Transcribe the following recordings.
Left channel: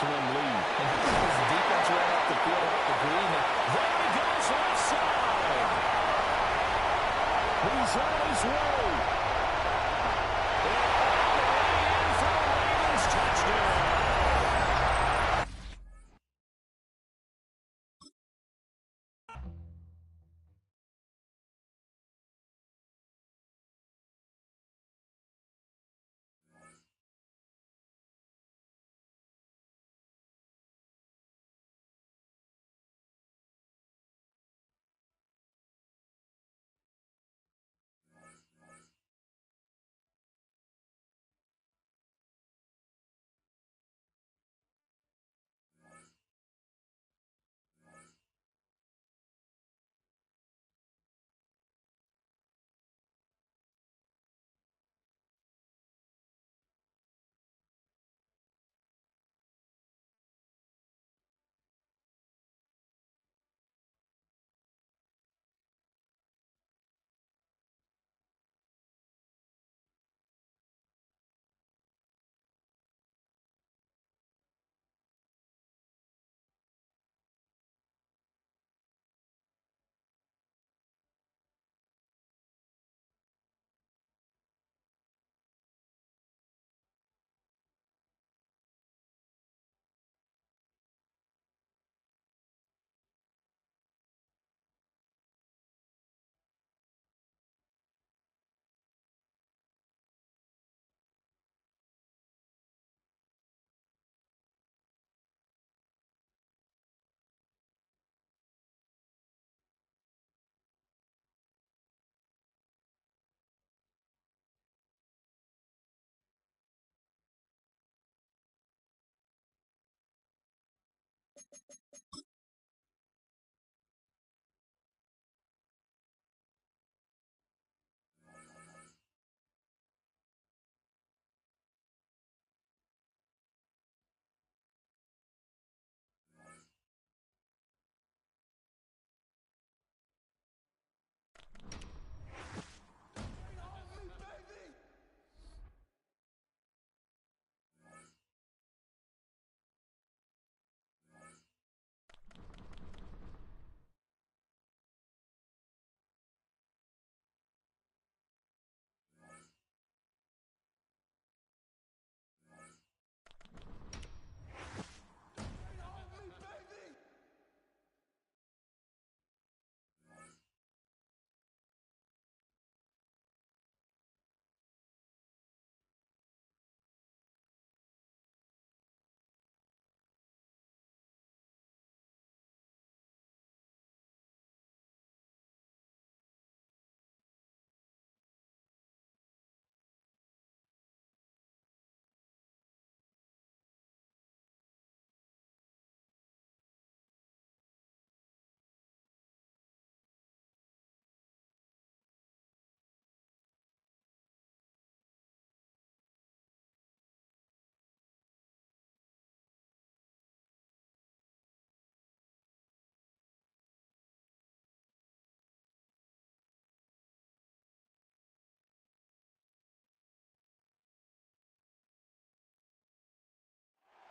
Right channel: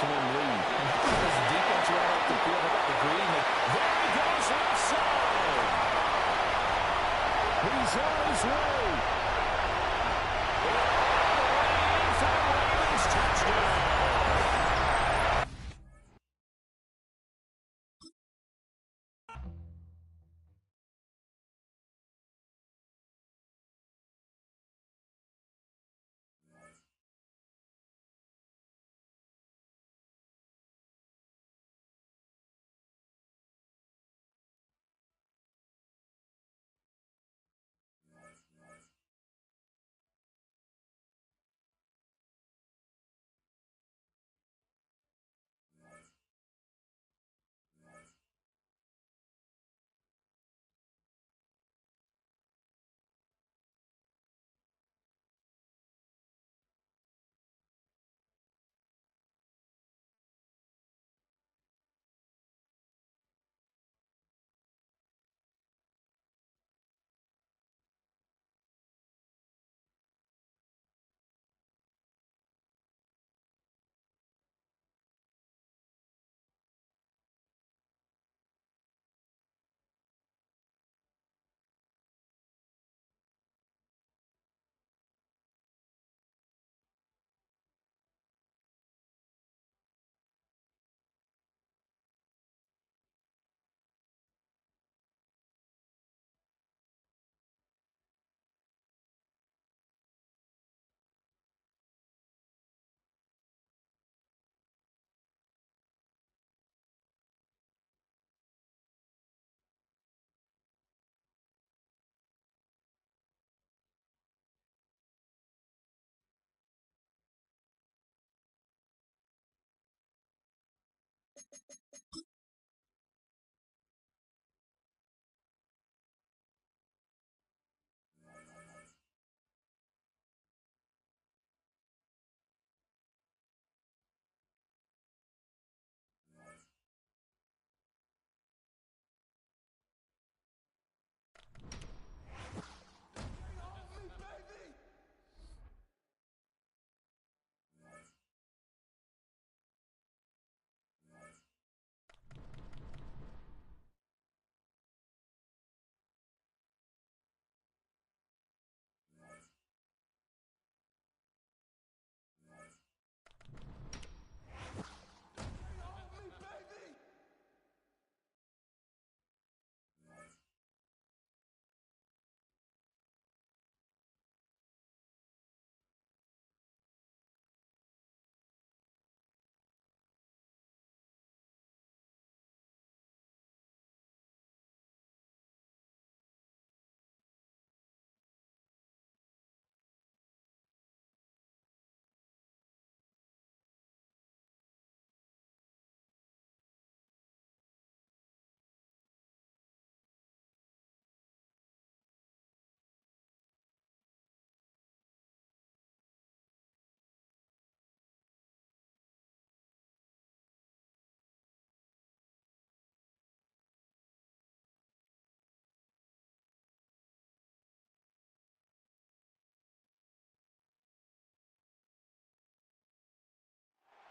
4-swim lead. And how does the defense run off the field? How about the green? There he goes, left side. He's on his way. And all the way in for the Ravens touchdown.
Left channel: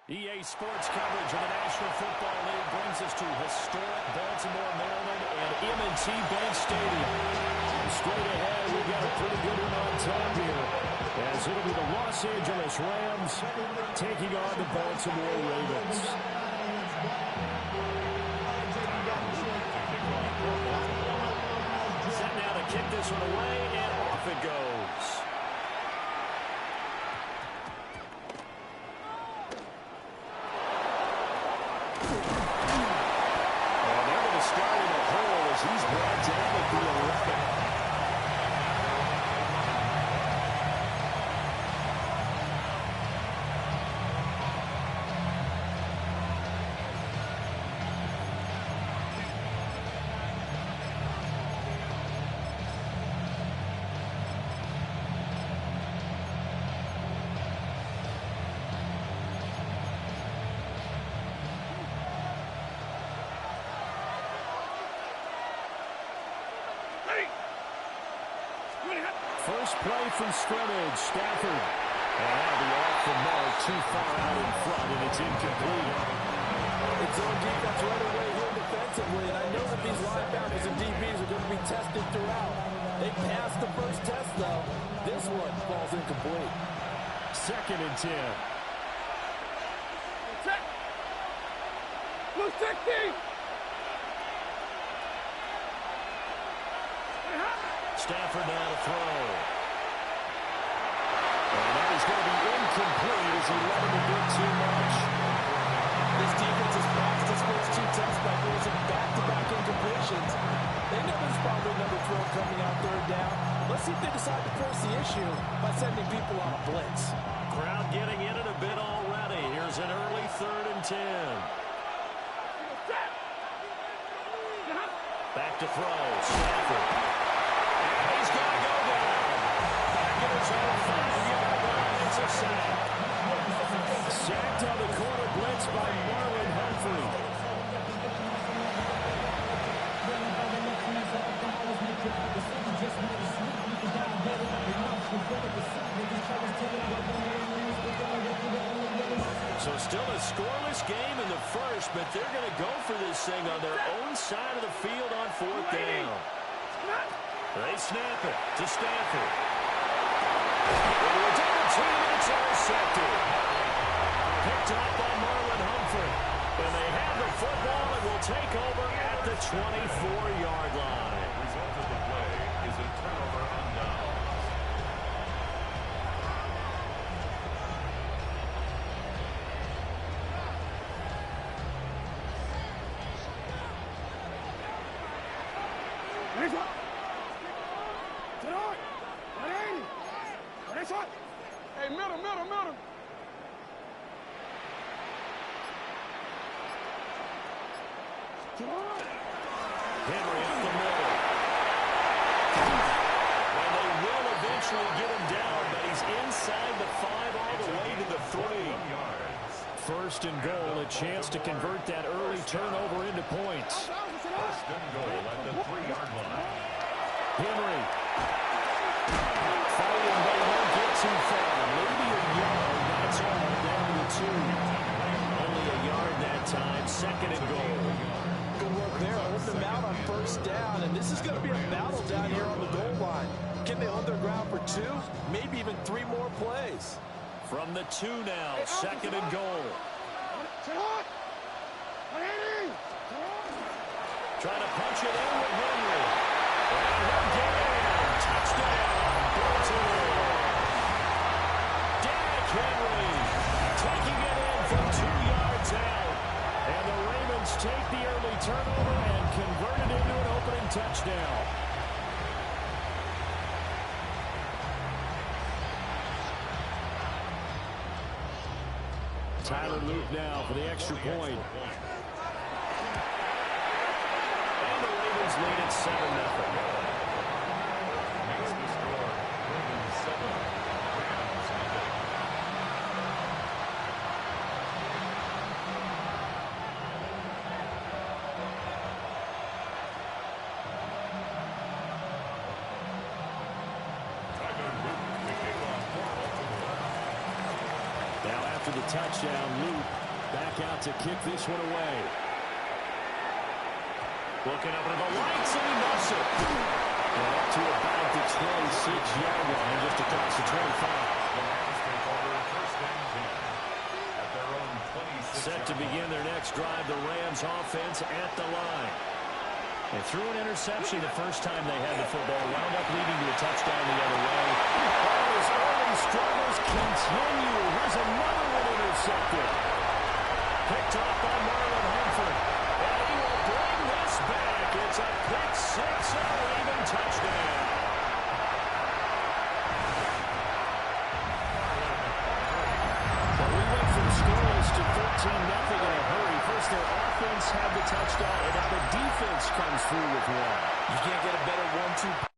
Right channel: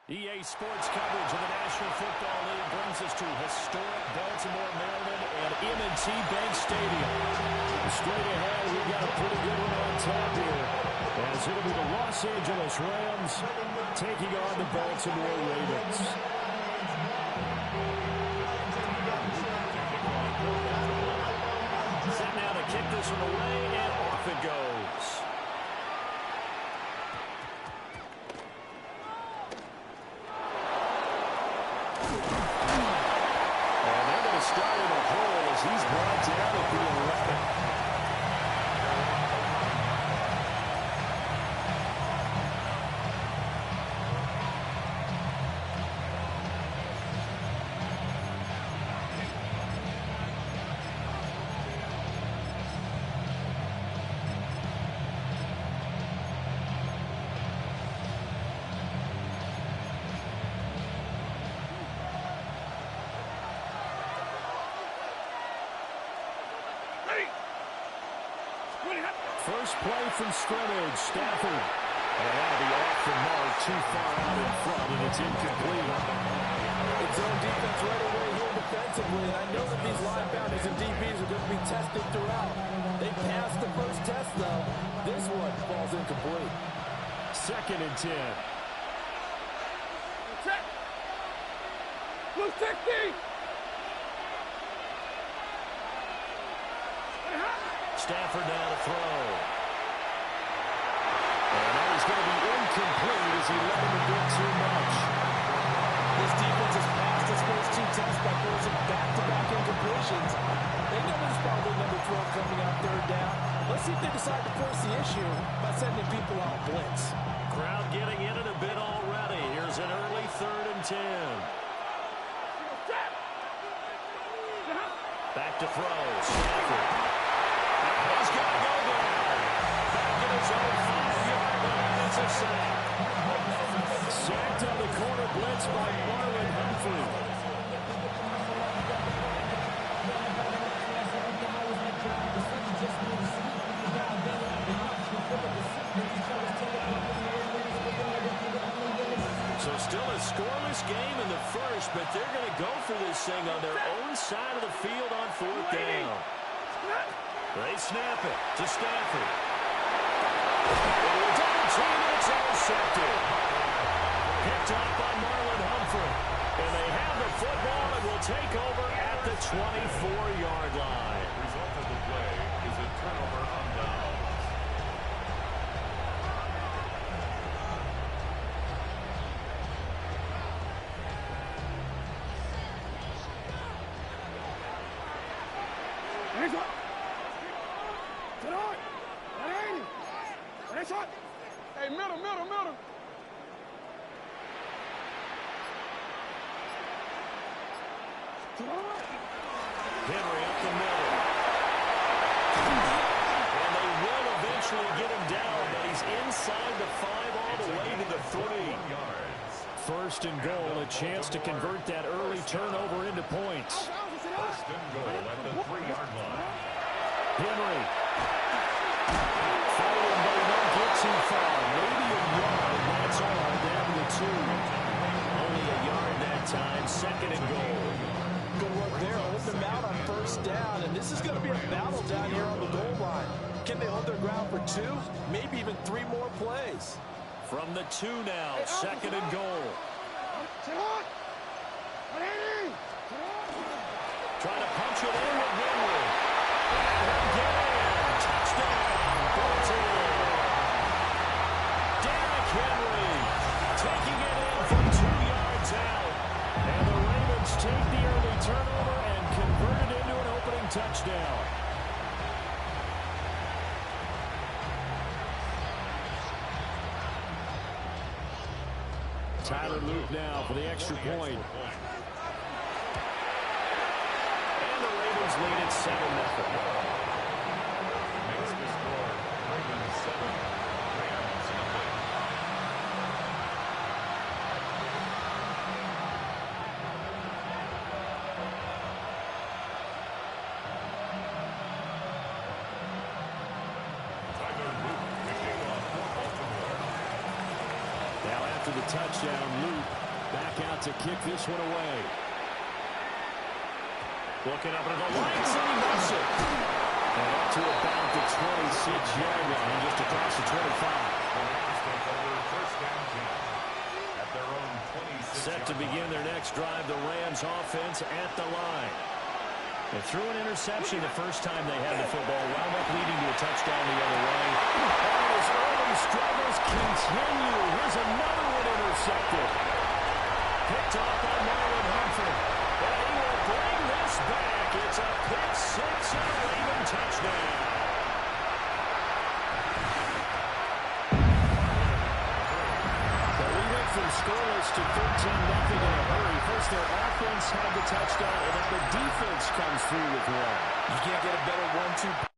EA Sports coverage of the National Football League brings us to historic Baltimore, Maryland, and M&T Bank Stadium. Straight ahead, we've got a pretty good one on tap here, as it'll be the Los Angeles Rams taking on the Baltimore Ravens. Set now to kick this one away, and off it goes. Starting a hole as he's brought down at the 11. First play from scrimmage, Stafford. And that'll be off the mark, too far out in front, and It's incomplete. It's zone defense right away here defensively, and I know that these linebackers and DBs are going to be tested throughout. They passed the first test, though. This one falls incomplete. 2nd and 10. Check. Blue 60. Stafford now to throw. And that is going to be incomplete as he let him a bit too much. This defense has passed its first 2 tests by forcing back-to-back incompletions. They know there's probably another throw coming out 3rd down. Let's see if they decide to force the issue by sending people on a blitz. Crowd getting in it a bit already. Here's an early 3rd and 10. Back to throw. Stafford. And he's got to go down. Back at his own 5-yard line. It's a sack. Sacked on the corner blitz by Marlon Humphrey. So still a scoreless game in the first, but they're going to go for this thing on their own side of the field on 4th down. They snap it to Stafford. Into a double team, and it's intercepted. Picked up by Marlon Humphrey. And they have the football and will take over at the 24-yard line. Result of the play is a turnover on downs. Hey, middle. Henry up the middle. And they will eventually get him down, but he's inside the 5 all the way to the 3. 1st and goal, a chance to convert that early turnover into points. 1st and goal at the 3-yard line. Henry. Fighting, but he won't get too far. Maybe a yard, that's all, down to the 2. Only a yard that time, 2nd and goal. Good work there, hold them out on 1st down, and this is going to be a battle down here on the goal line. Can they hold their ground for 2, maybe even 3 more plays? From the 2 now, 2nd and goal. Trying to punch it in with Henry. And he'll get in. Touchdown, Baltimore. Derrick Henry taking it in from 2 yards out. And the Ravens take the early turnover and convert it into an opening touchdown. Tyler Luke now for the extra point. And the Ravens lead at 7-0. Makes the score Ravens 7, Rams nothing. Tyler Luke picking off for Baltimore. Now after the touchdown, Luke back out to kick this one away. Looking up into the lights, and he muffs it. And up to about the 26-yard line, just across the 25. The Rams take over 1st and 10 at their own 26. Set to begin their next drive, the Rams offense at the line. They threw an interception the first time they had the football, wound up leading to a touchdown the other way. All his early struggles continue. Here's another one intercepted. Picked off by Marlon Humphrey. And he will bring this back. It's a pick 6 and a Raven touchdown. But we went from scoreless to 13-0 in a hurry. First, their offense had the touchdown, and now the defense comes through with one. You can't get a better 1-2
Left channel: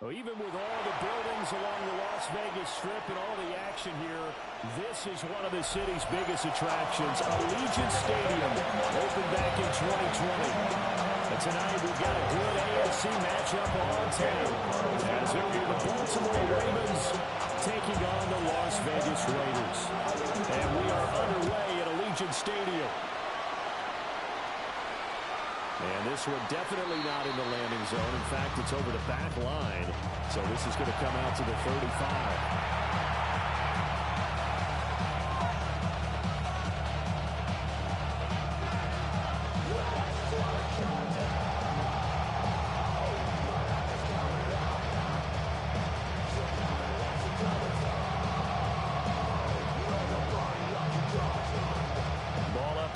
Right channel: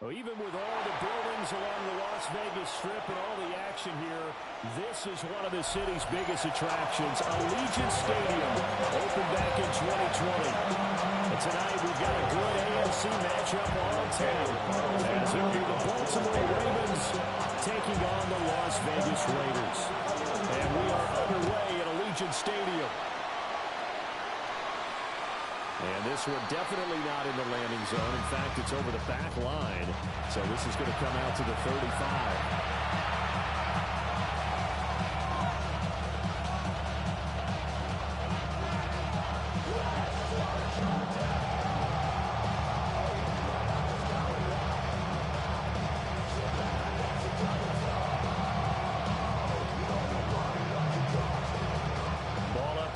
Well, even with all the buildings along the Las Vegas Strip and all the action here, this is one of the city's biggest attractions. Allegiant Stadium opened back in 2020. And tonight we've got a good AFC matchup on tap, as it will be the Baltimore Ravens taking on the Las Vegas Raiders. And we are underway at Allegiant Stadium. And this one definitely not in the landing zone. In fact, it's over the back line. So this is going to come out to the 35.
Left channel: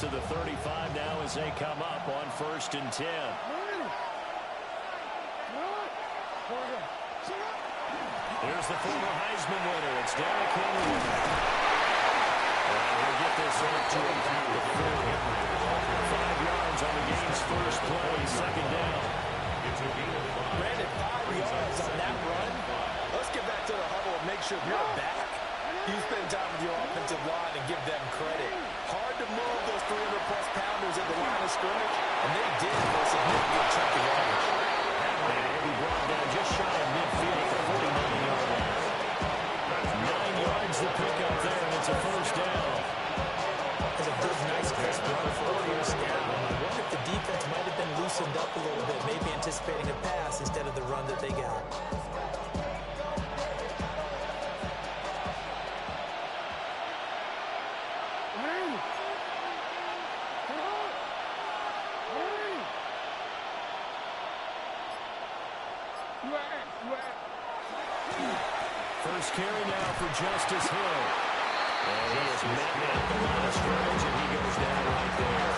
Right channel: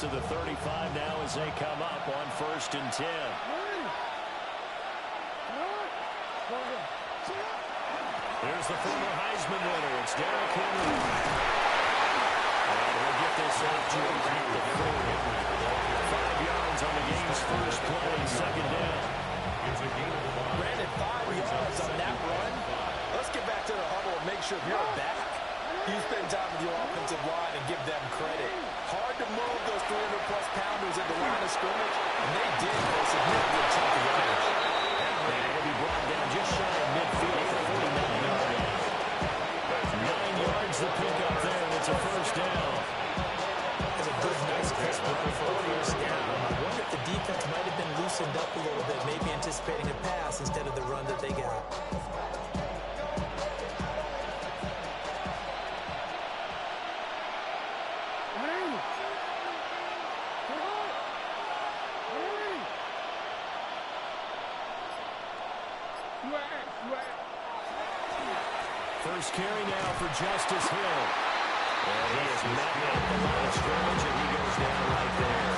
To the 35 now as they come up on 1st and 10. Here's the former Heisman winner. It's Derrick Henry. And he'll get this up to about the 40. 5 yards on the game's first play, 2nd down. Brandon, 5 yards on that run. Let's get back to the huddle and make sure you're back. You spend time with your offensive line and give them credit. Hard to move those 300-plus pounders at the line of scrimmage, and they did for a significant chunk of yardage. And he'll be brought down just shy of midfield at the 49-yard line. 9 yards to pick up there, and it's a 1st down. It's a good, nice, crisp run for a 1st down. I wonder if the defense might have been loosened up a little bit, maybe anticipating a pass instead of the run that they got. First carry now for Justice Hill. And he is met at the line of scrimmage, and he goes down right there.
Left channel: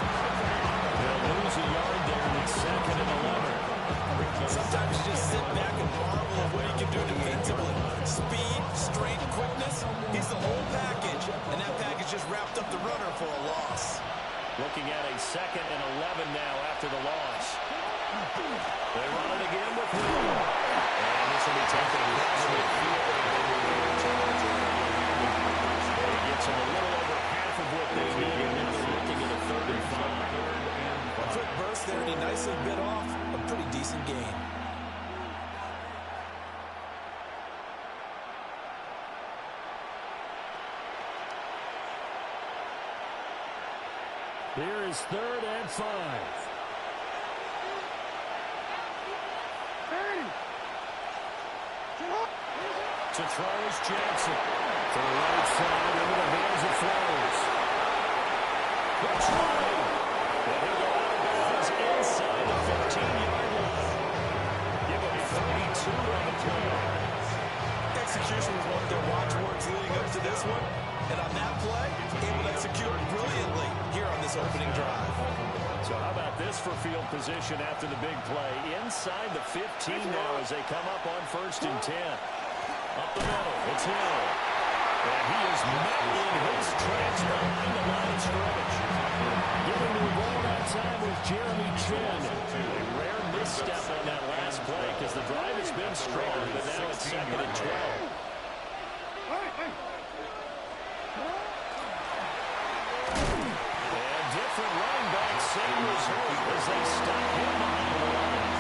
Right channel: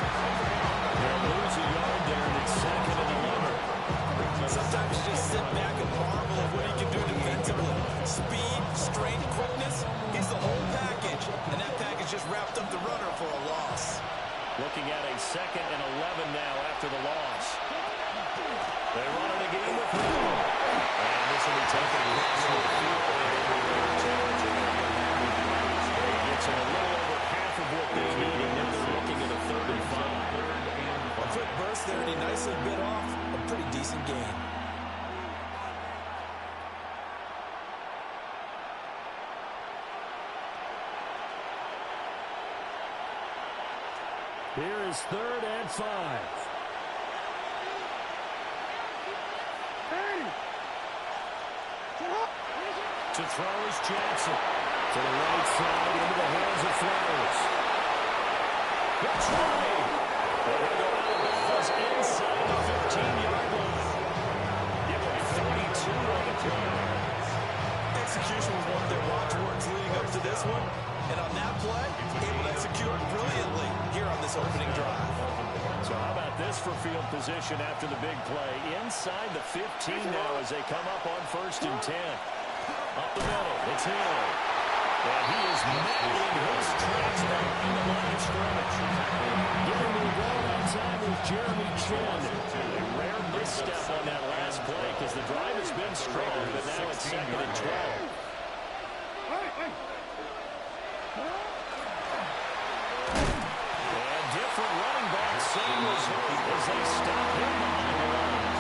They'll lose a yard there, and it's 2nd and 11. Sometimes you just sit back and marvel at what he can do defensively. Speed, strength, quickness, he's the whole package. And that package just wrapped up the runner for a loss. Looking at a 2nd and 11 now after the loss. They run it again with Hill. And this will be taken across midfield and into their territory. He gets them a little over half of what they needed. Now they're looking at a 35. A quick burst there, and he nicely bit off a pretty decent gain. Here is 3rd and 5. To throw is Jackson. To the right side, into the hands of Flowers. Good try. And he'll go out of bounds inside the 15-yard line. Give him 32 on the play. Execution was one of their watchwords leading up to this one. And on that play, able to execute brilliantly here on this opening drive. So how about this for field position after the big play? Inside the 15 now as they come up on 1st and 10. Up the middle, it's Hill. And he is met in his tracks behind the line of scrimmage. Getting the ball that time with Jeremy Chin. A rare misstep on that last play because the drive has been strong, but now it's 2nd and 12. And different running back, same result as they stop him behind the line.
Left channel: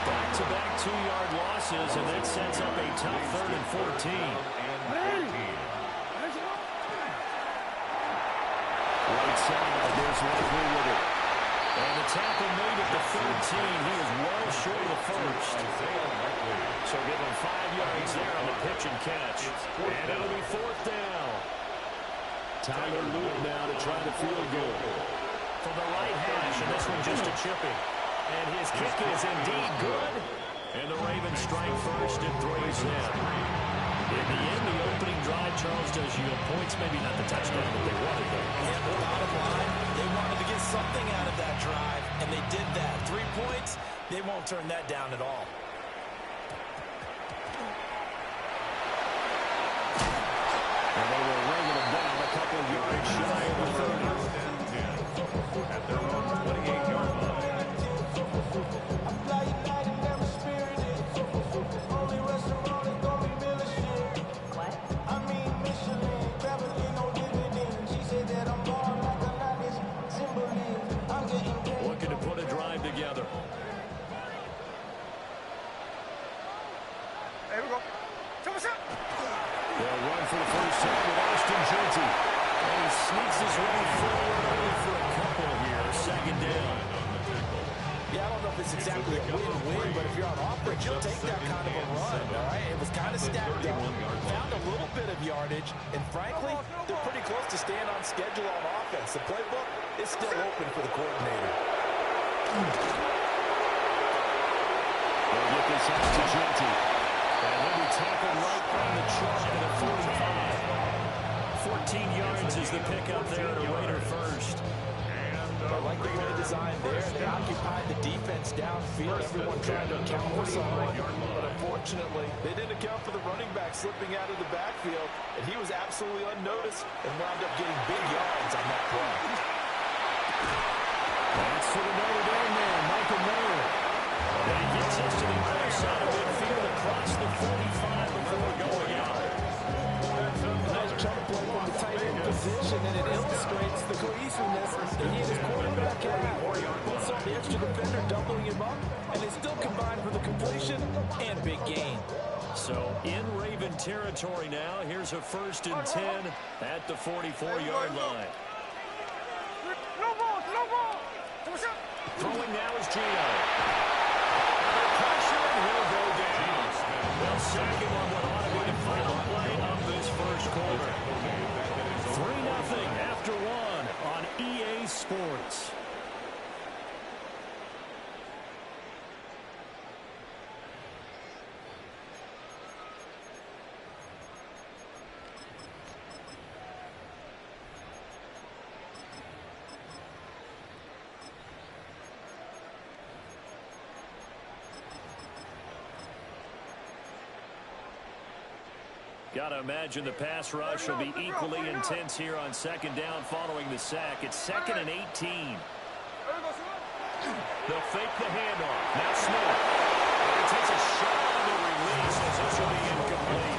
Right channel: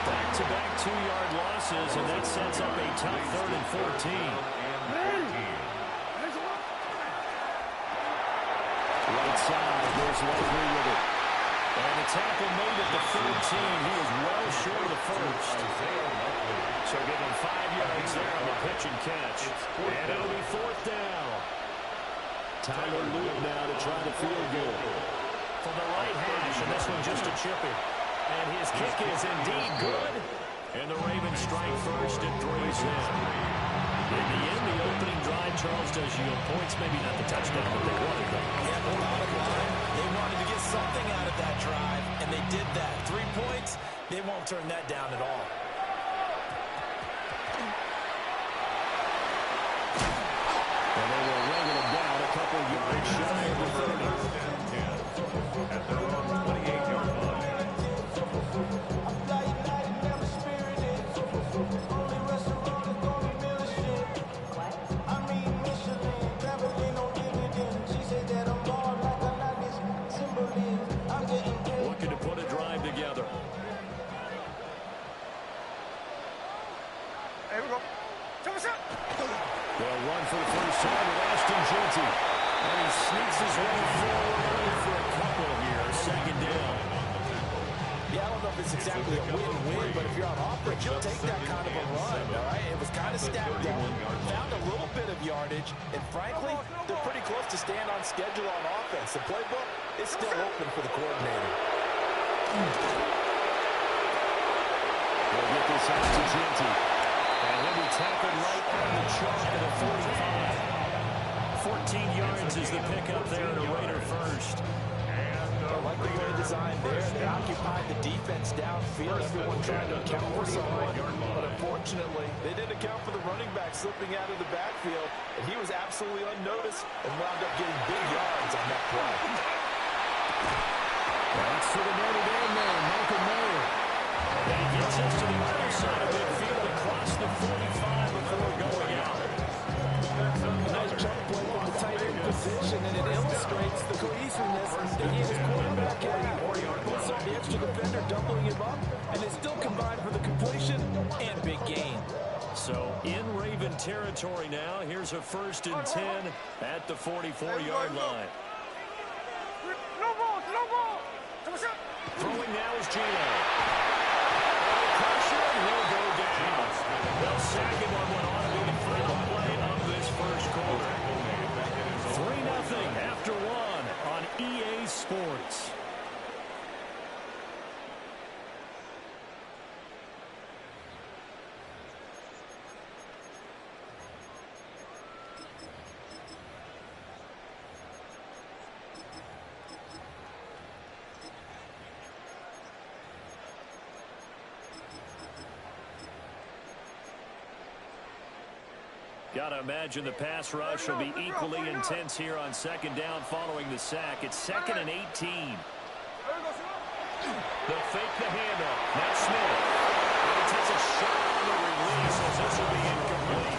Back-to-back 2-yard losses, and that sets up a tough 3rd and 14. Right side, there's Likely with it. And the tackle made at the 13. He is well short of the 1st. So give him 5 yards there on the pitch and catch. And it'll be 4th down. Tyler Luke now to try the field goal. From the right hash, and this one just a chipping. And his kick is indeed good. And the Ravens strike first and 3's in. In the end, the opening drive, Charles, does yield points. Maybe not the touchdown that they wanted, though. Yeah, but bottom line, they wanted to get something out of that drive, and they did that. 3 points, they won't turn that down at all. And they will wrangle them down a couple yards shy of the 30. At their own 28-yard line. I fly united, never spirited. Only They'll run for the first time with Ashton Jeanty. And he sneaks his way forward early for a couple here. Second down. Yeah, I don't know if it's exactly a win-win, but if you're on offense, you'll take that kind of a run, all right? It was kind of stacked up, found a little bit of yardage, and frankly, they're pretty close to staying on schedule on offense. The playbook is still open for the coordinator. They'll get this out to Jeanty. And he'll be tackled right on the chalk at a 45. 14 yards is the pickup there at a Raider first. I like the play design there. They occupied the defense downfield. Everyone trying to account for someone. But unfortunately, they didn't account for the running back slipping out of the backfield. And he was absolutely unnoticed and wound up getting big yards on that play. That's to the Notre Dame man, Michael Mayer. And he gets us to the other side of midfield across the 45 before going out. A nice jump play from the tight end position, and it illustrates the cohesiveness that he and his quarterback have. Both saw the extra defender doubling him up, and they still combined for the completion and big gain. So in Raven territory now, here's a 1st and 10 at the 44-yard line. No ball, no ball. Throwing now is Gino. Under pressure, and he'll go down. They'll sack him on what ought to be the final play of this first quarter. 3-0 after 1 on EA Sports. Got to imagine the pass rush will be equally intense here on second down following the sack. It's 2nd and 18. They'll fake the handoff. Now Smith. And he takes a shot on the release as this will be incomplete.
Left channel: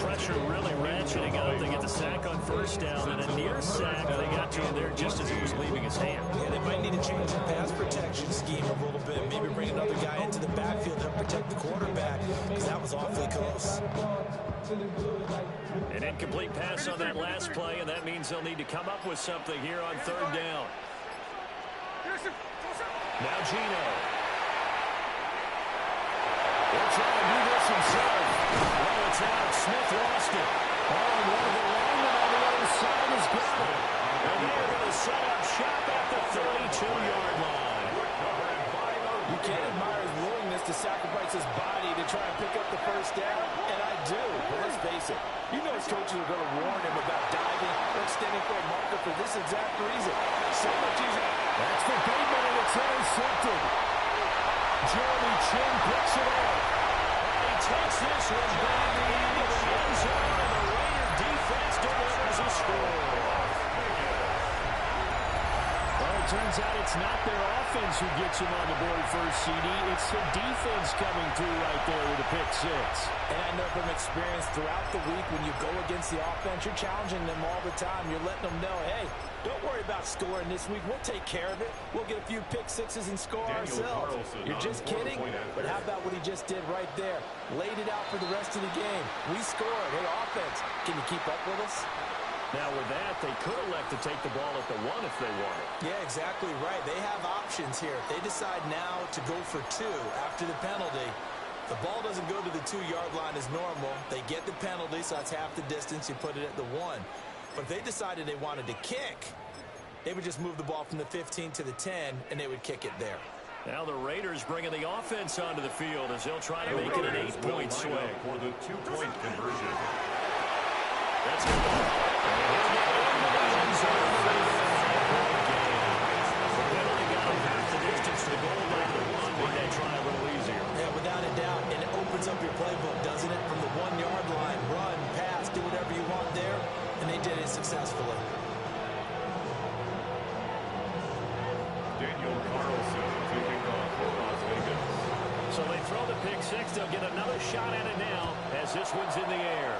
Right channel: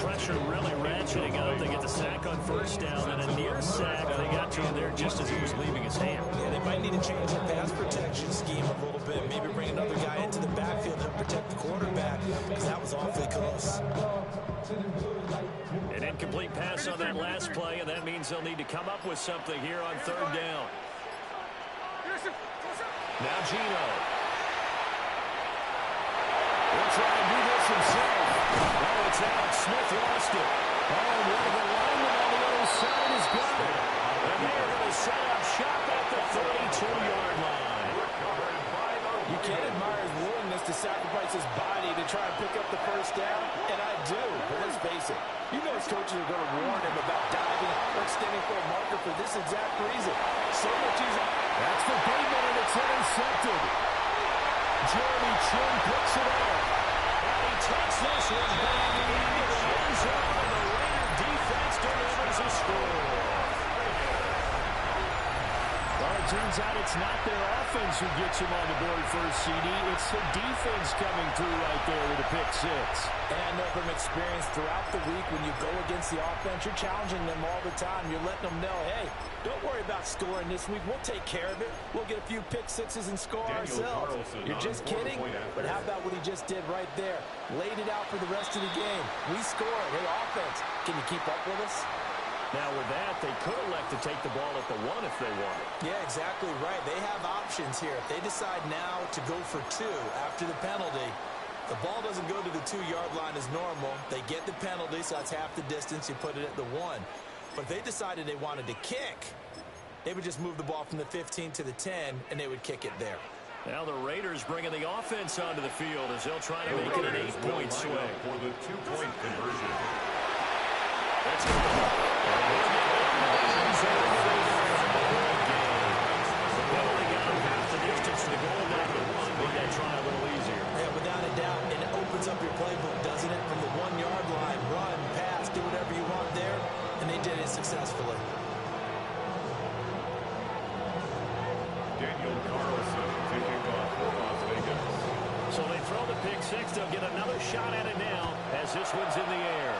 Pressure really ratcheting up. They get the sack on first down, and a near sack. They got to him there just as he was leaving his hand. Yeah, they might need to change their pass protection scheme a little bit. Maybe bring another guy into the backfield to help protect the quarterback, because that was awfully close. An incomplete pass on that last play, and that means they'll need to come up with something here on third down. Now Gino. He'll try to do this himself. Oh, it's out. Smith lost it. Oh, and one of the linemen on the other side has got it. And they are going to set up shop at the 32-yard line. You can't admire his willingness to sacrifice his body to try and pick up the first down, and I do. But let's face it, you know his coaches are going to warn him about diving or extending for a marker for this exact reason. So much easier. That's for Bateman, and it's intercepted. Jeremy Chin picks it up. And he takes this one back into the end zone, and the Raider defense delivers a score. Well, it turns out it's not their offense who gets him on the board first, CD. It's the defense coming through right there with a pick six. And I know from experience throughout the week, when you go against the offense, you're challenging them all the time. You're letting them know, hey, don't worry about scoring this week. We'll take care of it. We'll get a few pick sixes and score ourselves. You're just kidding? But how about what he just did right there? Laid it out for the rest of the game. We scored. Hey, offense, can you keep up with us? Now, with that, they could elect to take the ball at the 1 if they wanted. Yeah, exactly right. They have options here. If they decide now to go for 2 after the penalty, the ball doesn't go to the 2-yard line as normal. They get the penalty, so that's half the distance. You put it at the 1. But if they decided they wanted to kick, they would just move the ball from the 15 to the 10, and they would kick it there. Now the Raiders bringing the offense onto the field as they'll try to make it an 8-point swing. For the 2-point conversion. That's good. The penalty got him half the distance to the goal line. Made that try a little easier. Yeah, without a doubt. And it opens up your playbook, doesn't it? From the 1-yard line, run, pass, do whatever you want there. And they did it successfully. Daniel Carlson taking off for Las Vegas. So they throw the pick six. They'll get another shot at it now as this one's in the air.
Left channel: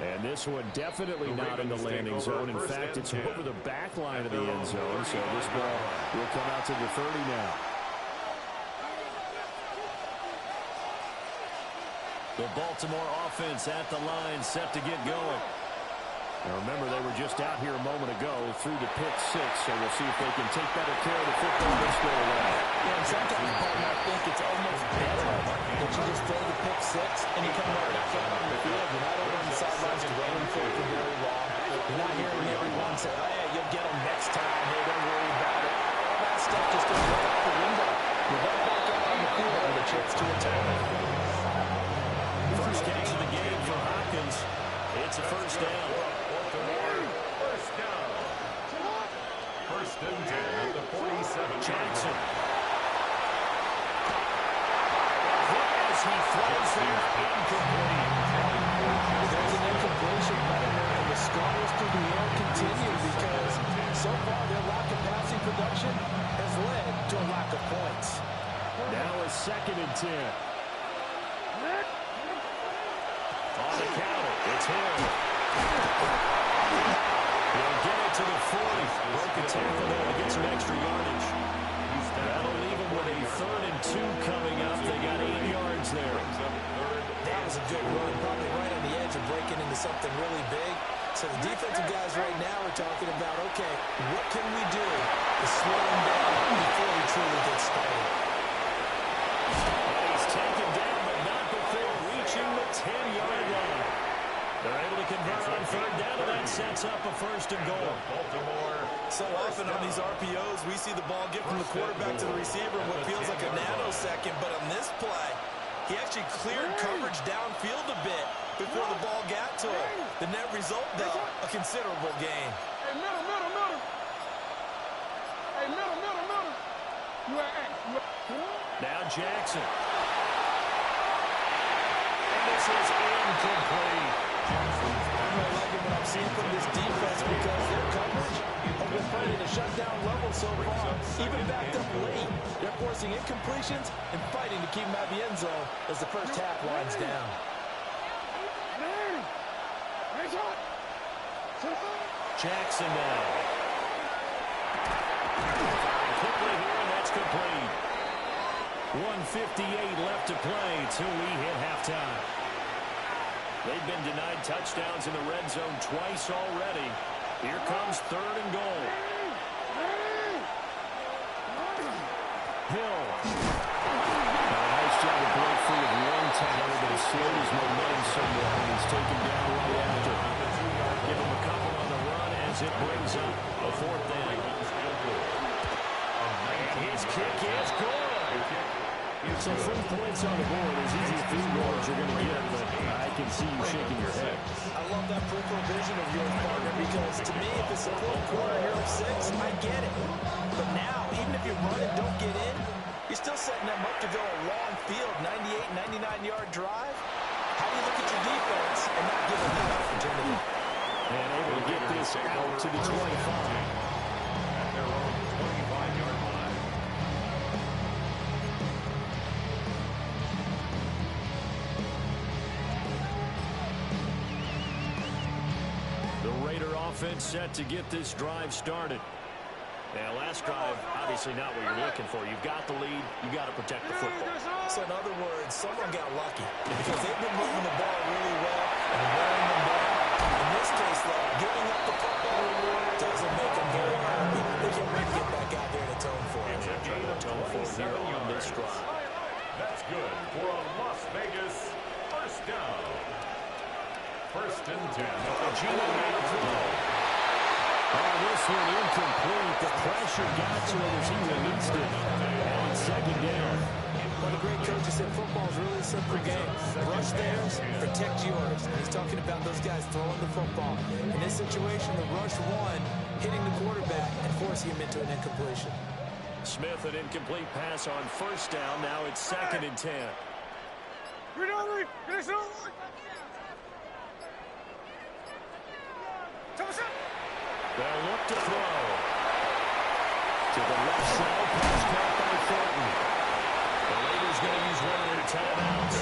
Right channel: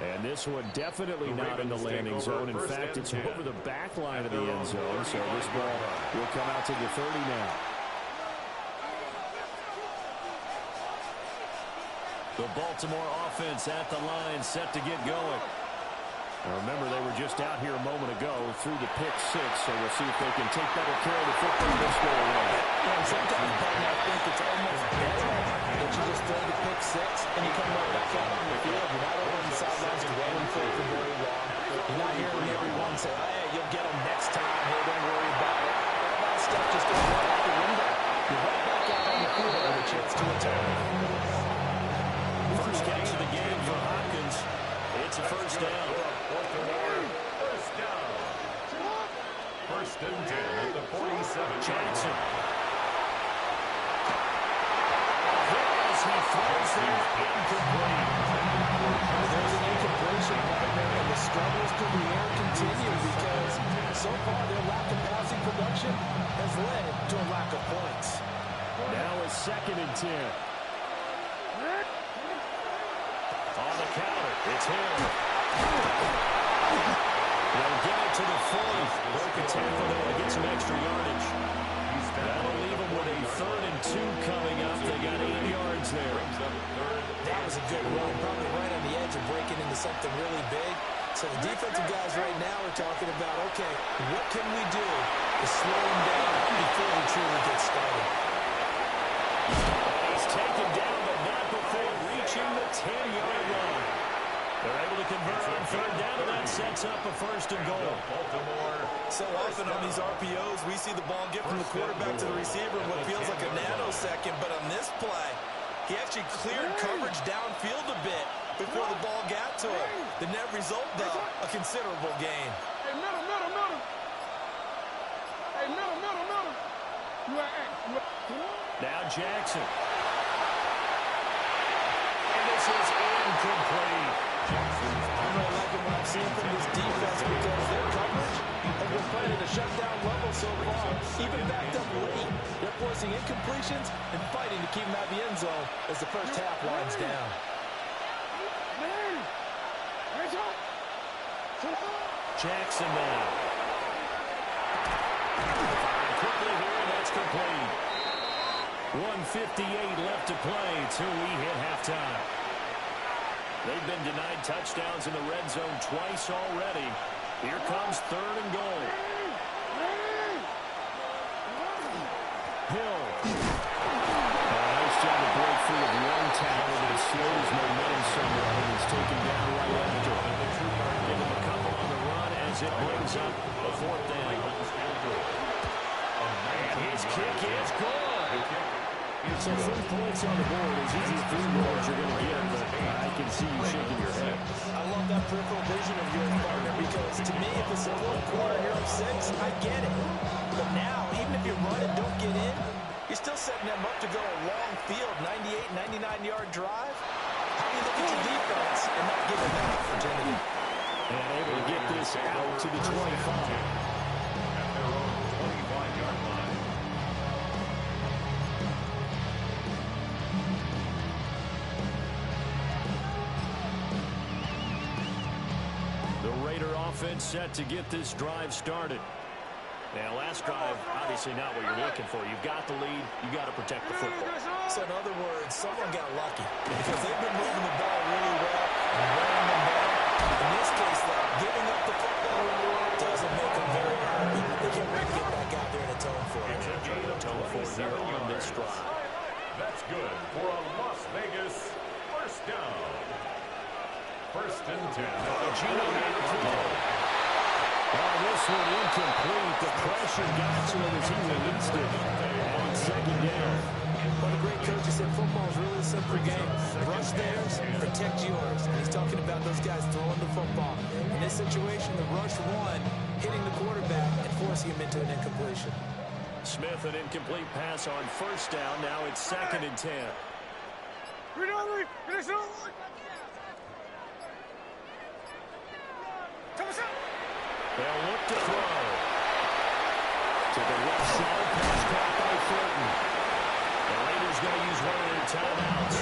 And this one definitely not in the landing zone. In fact, it's over the back line of the end zone. So this ball will come out to the 30 now. The Baltimore offense at the line, set to get going. Now remember, they were just out here a moment ago through the pick six, so we'll see if they can take better care of the football this go around. Yeah, and sometimes, Button, I think it's almost better that you just throw the pick six and you come right back out on the field. You're not over on the sidelines dwelling for very long. You're not hearing everyone say, hey, you'll get them next time. Hey, don't worry about it. All that stuff just goes right out the window. You're right back out on the field with a chance to attack. First catch of the game for Hopkins. It's a first down. First down. First and 10 at the 47. Jackson. Hit as he throws there, incomplete. There's an incompletion right there, and the struggles through the air continue because so far their lack of passing production has led to a lack of points. Now it's 2nd and 10. On the counter, it's Hill. He'll get it to the 40. Broke a tackle there to get some extra yardage. That'll leave him with a 3rd and 2 coming up. They got 8 yards there. That was a good run, probably right on the edge of breaking into something really big. So the defensive guys right now are talking about, okay, what can we do to slow him down before he truly gets started? And he's taken down, but not before reaching the 10-yard line. They're able to convert on 3rd down, and that sets up a 1st and goal. So often on these RPOs, we see the ball get from the quarterback to the receiver in what feels like a nanosecond, but on this play, he actually cleared coverage downfield a bit before the ball got to him. The net result, though, a considerable gain. Hey, middle. Hey, middle. Now Jackson. And this is incomplete. I'm really liking what I'm seeing from this defense because their coverage has been playing at a shutdown level so far, even backed up late. They're forcing incompletions and fighting to keep them out of the end zone as the first half winds down. Jackson now. Firing quickly here, and that's complete. 1:58 left to play till we hit halftime. They've been denied touchdowns in the red zone twice already. Here comes 3rd and goal. Hill. A nice job to break free of one tackle, but it slowed his momentum somewhat, and he's taken down right after. Give him a couple on the run as it brings up a 4th down. And his kick is good. So 3 points on the board, as easy as 3 goals you're going to get, but I can see you shaking your head. I love that peripheral vision of yours, partner, because to me, if it's the 4th quarter and you're up 6, I get it. But now, even if you run and don't get in, you're still setting them up to go a long field, 98, 99-yard drive. How do you look at your defense and not give them that opportunity? And able to get this out to the 25. At their own 25-yard line. The Raider offense set to get this drive started. Now, last drive, obviously not what you're looking for. You've got the lead. You've got to protect the football. So, in other words, someone got lucky because they've been moving the ball really well and wearing them down. In this case, though, giving up the football doesn't make them very happy. They can't wait to get back out there and atone for it. They're trying to atone for it here on this drive. That's good for a Las Vegas 1st down. 1st and 10. Gino made a throw. Oh, this one incomplete. The pressure got to him as he released it. And it's 2nd down. One of the great coaches said football is really a simple game. Rush theirs, protect yours. And he's talking about those guys throwing the football. In this situation, the rush one, hitting the quarterback and forcing him into an incompletion. Smith, an incomplete pass on 1st down. Now it's 2nd and 10. They'll look to throw. To the left side, pass caught by Thornton. The Raiders going to use one of their timeouts.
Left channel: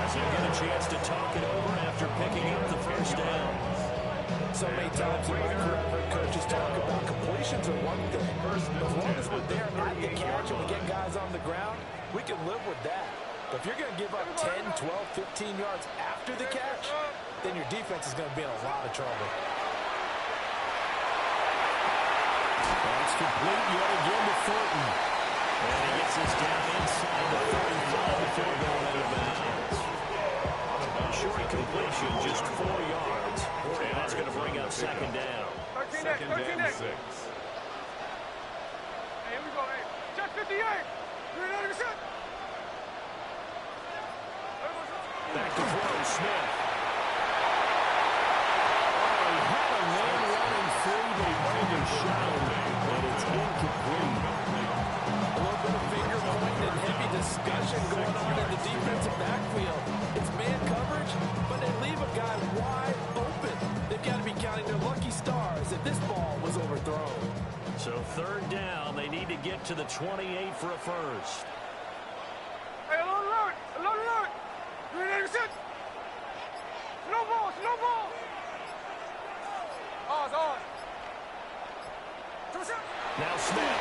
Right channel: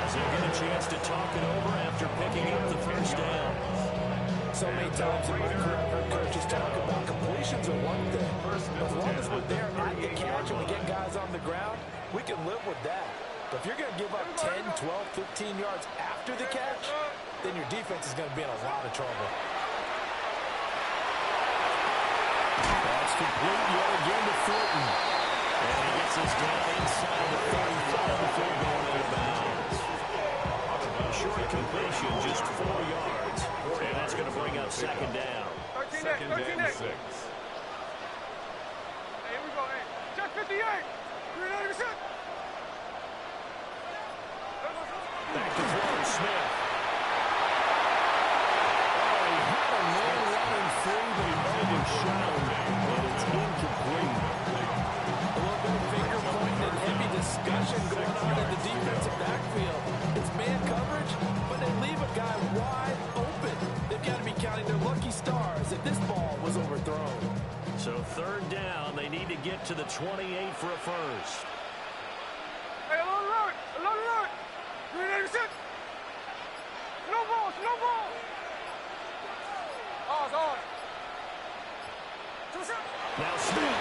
As he'll get a chance to talk it over after picking up the 1st down. So many times in my career, I've heard coaches talk about completions are one thing. But as long as we're there at the catch and we get guys on the ground, we can live with that. But if you're going to give up 10, 12, 15 yards after the catch, then your defense is going to be in a lot of trouble. That's complete yet again to Fulton. And he gets this down inside the 35 before going out of bounds. Short completion, just 4 yards. And that's going to bring up second down. Second and 6. Hey, here we go. Hey, check 58. 390%. Back to throw, Smith. Oh, he had a man running free, but he overshot him, and it's incomplete. A little bit of finger pointing and heavy discussion going on in the defensive backfield. It's man coverage, but they leave a guy wide open. They've got to be counting their lucky stars if this ball was overthrown. So third down, they need to get to the 28 for a first. Hey, along the line. Along the line. 390%. Slow ball. Slow ball. Ours, ours. Now Smith.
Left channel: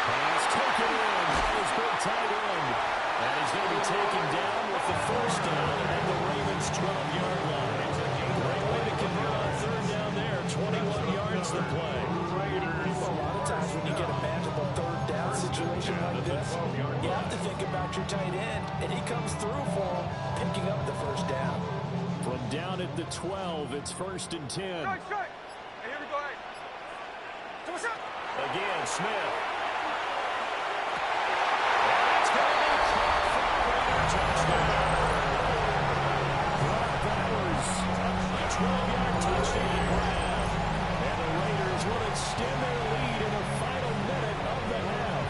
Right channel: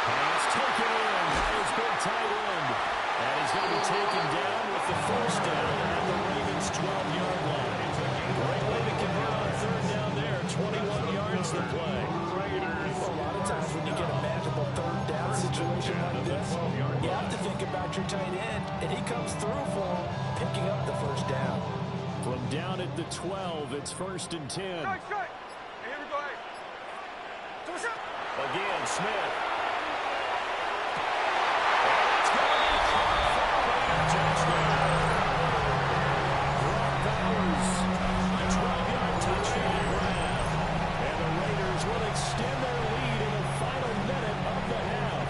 Pass taken in by his big tight end. And he's going to be taken down with the first down at the Ravens' 12-yard line. Great way to convert on third down there. 21 yards to play. A lot of times when you get a manageable third down situation like this, you have to think about your tight end, and he comes through for him, picking up the first down. From down at the 12, it's first and 10. Strike, strike. Hey, here we go. Hey. Again, Smith. And that's going to be caught for a Raider touchdown. Brock Bowers, a 12-yard touchdown grab. And the Raiders will extend their lead in the final minute of the half.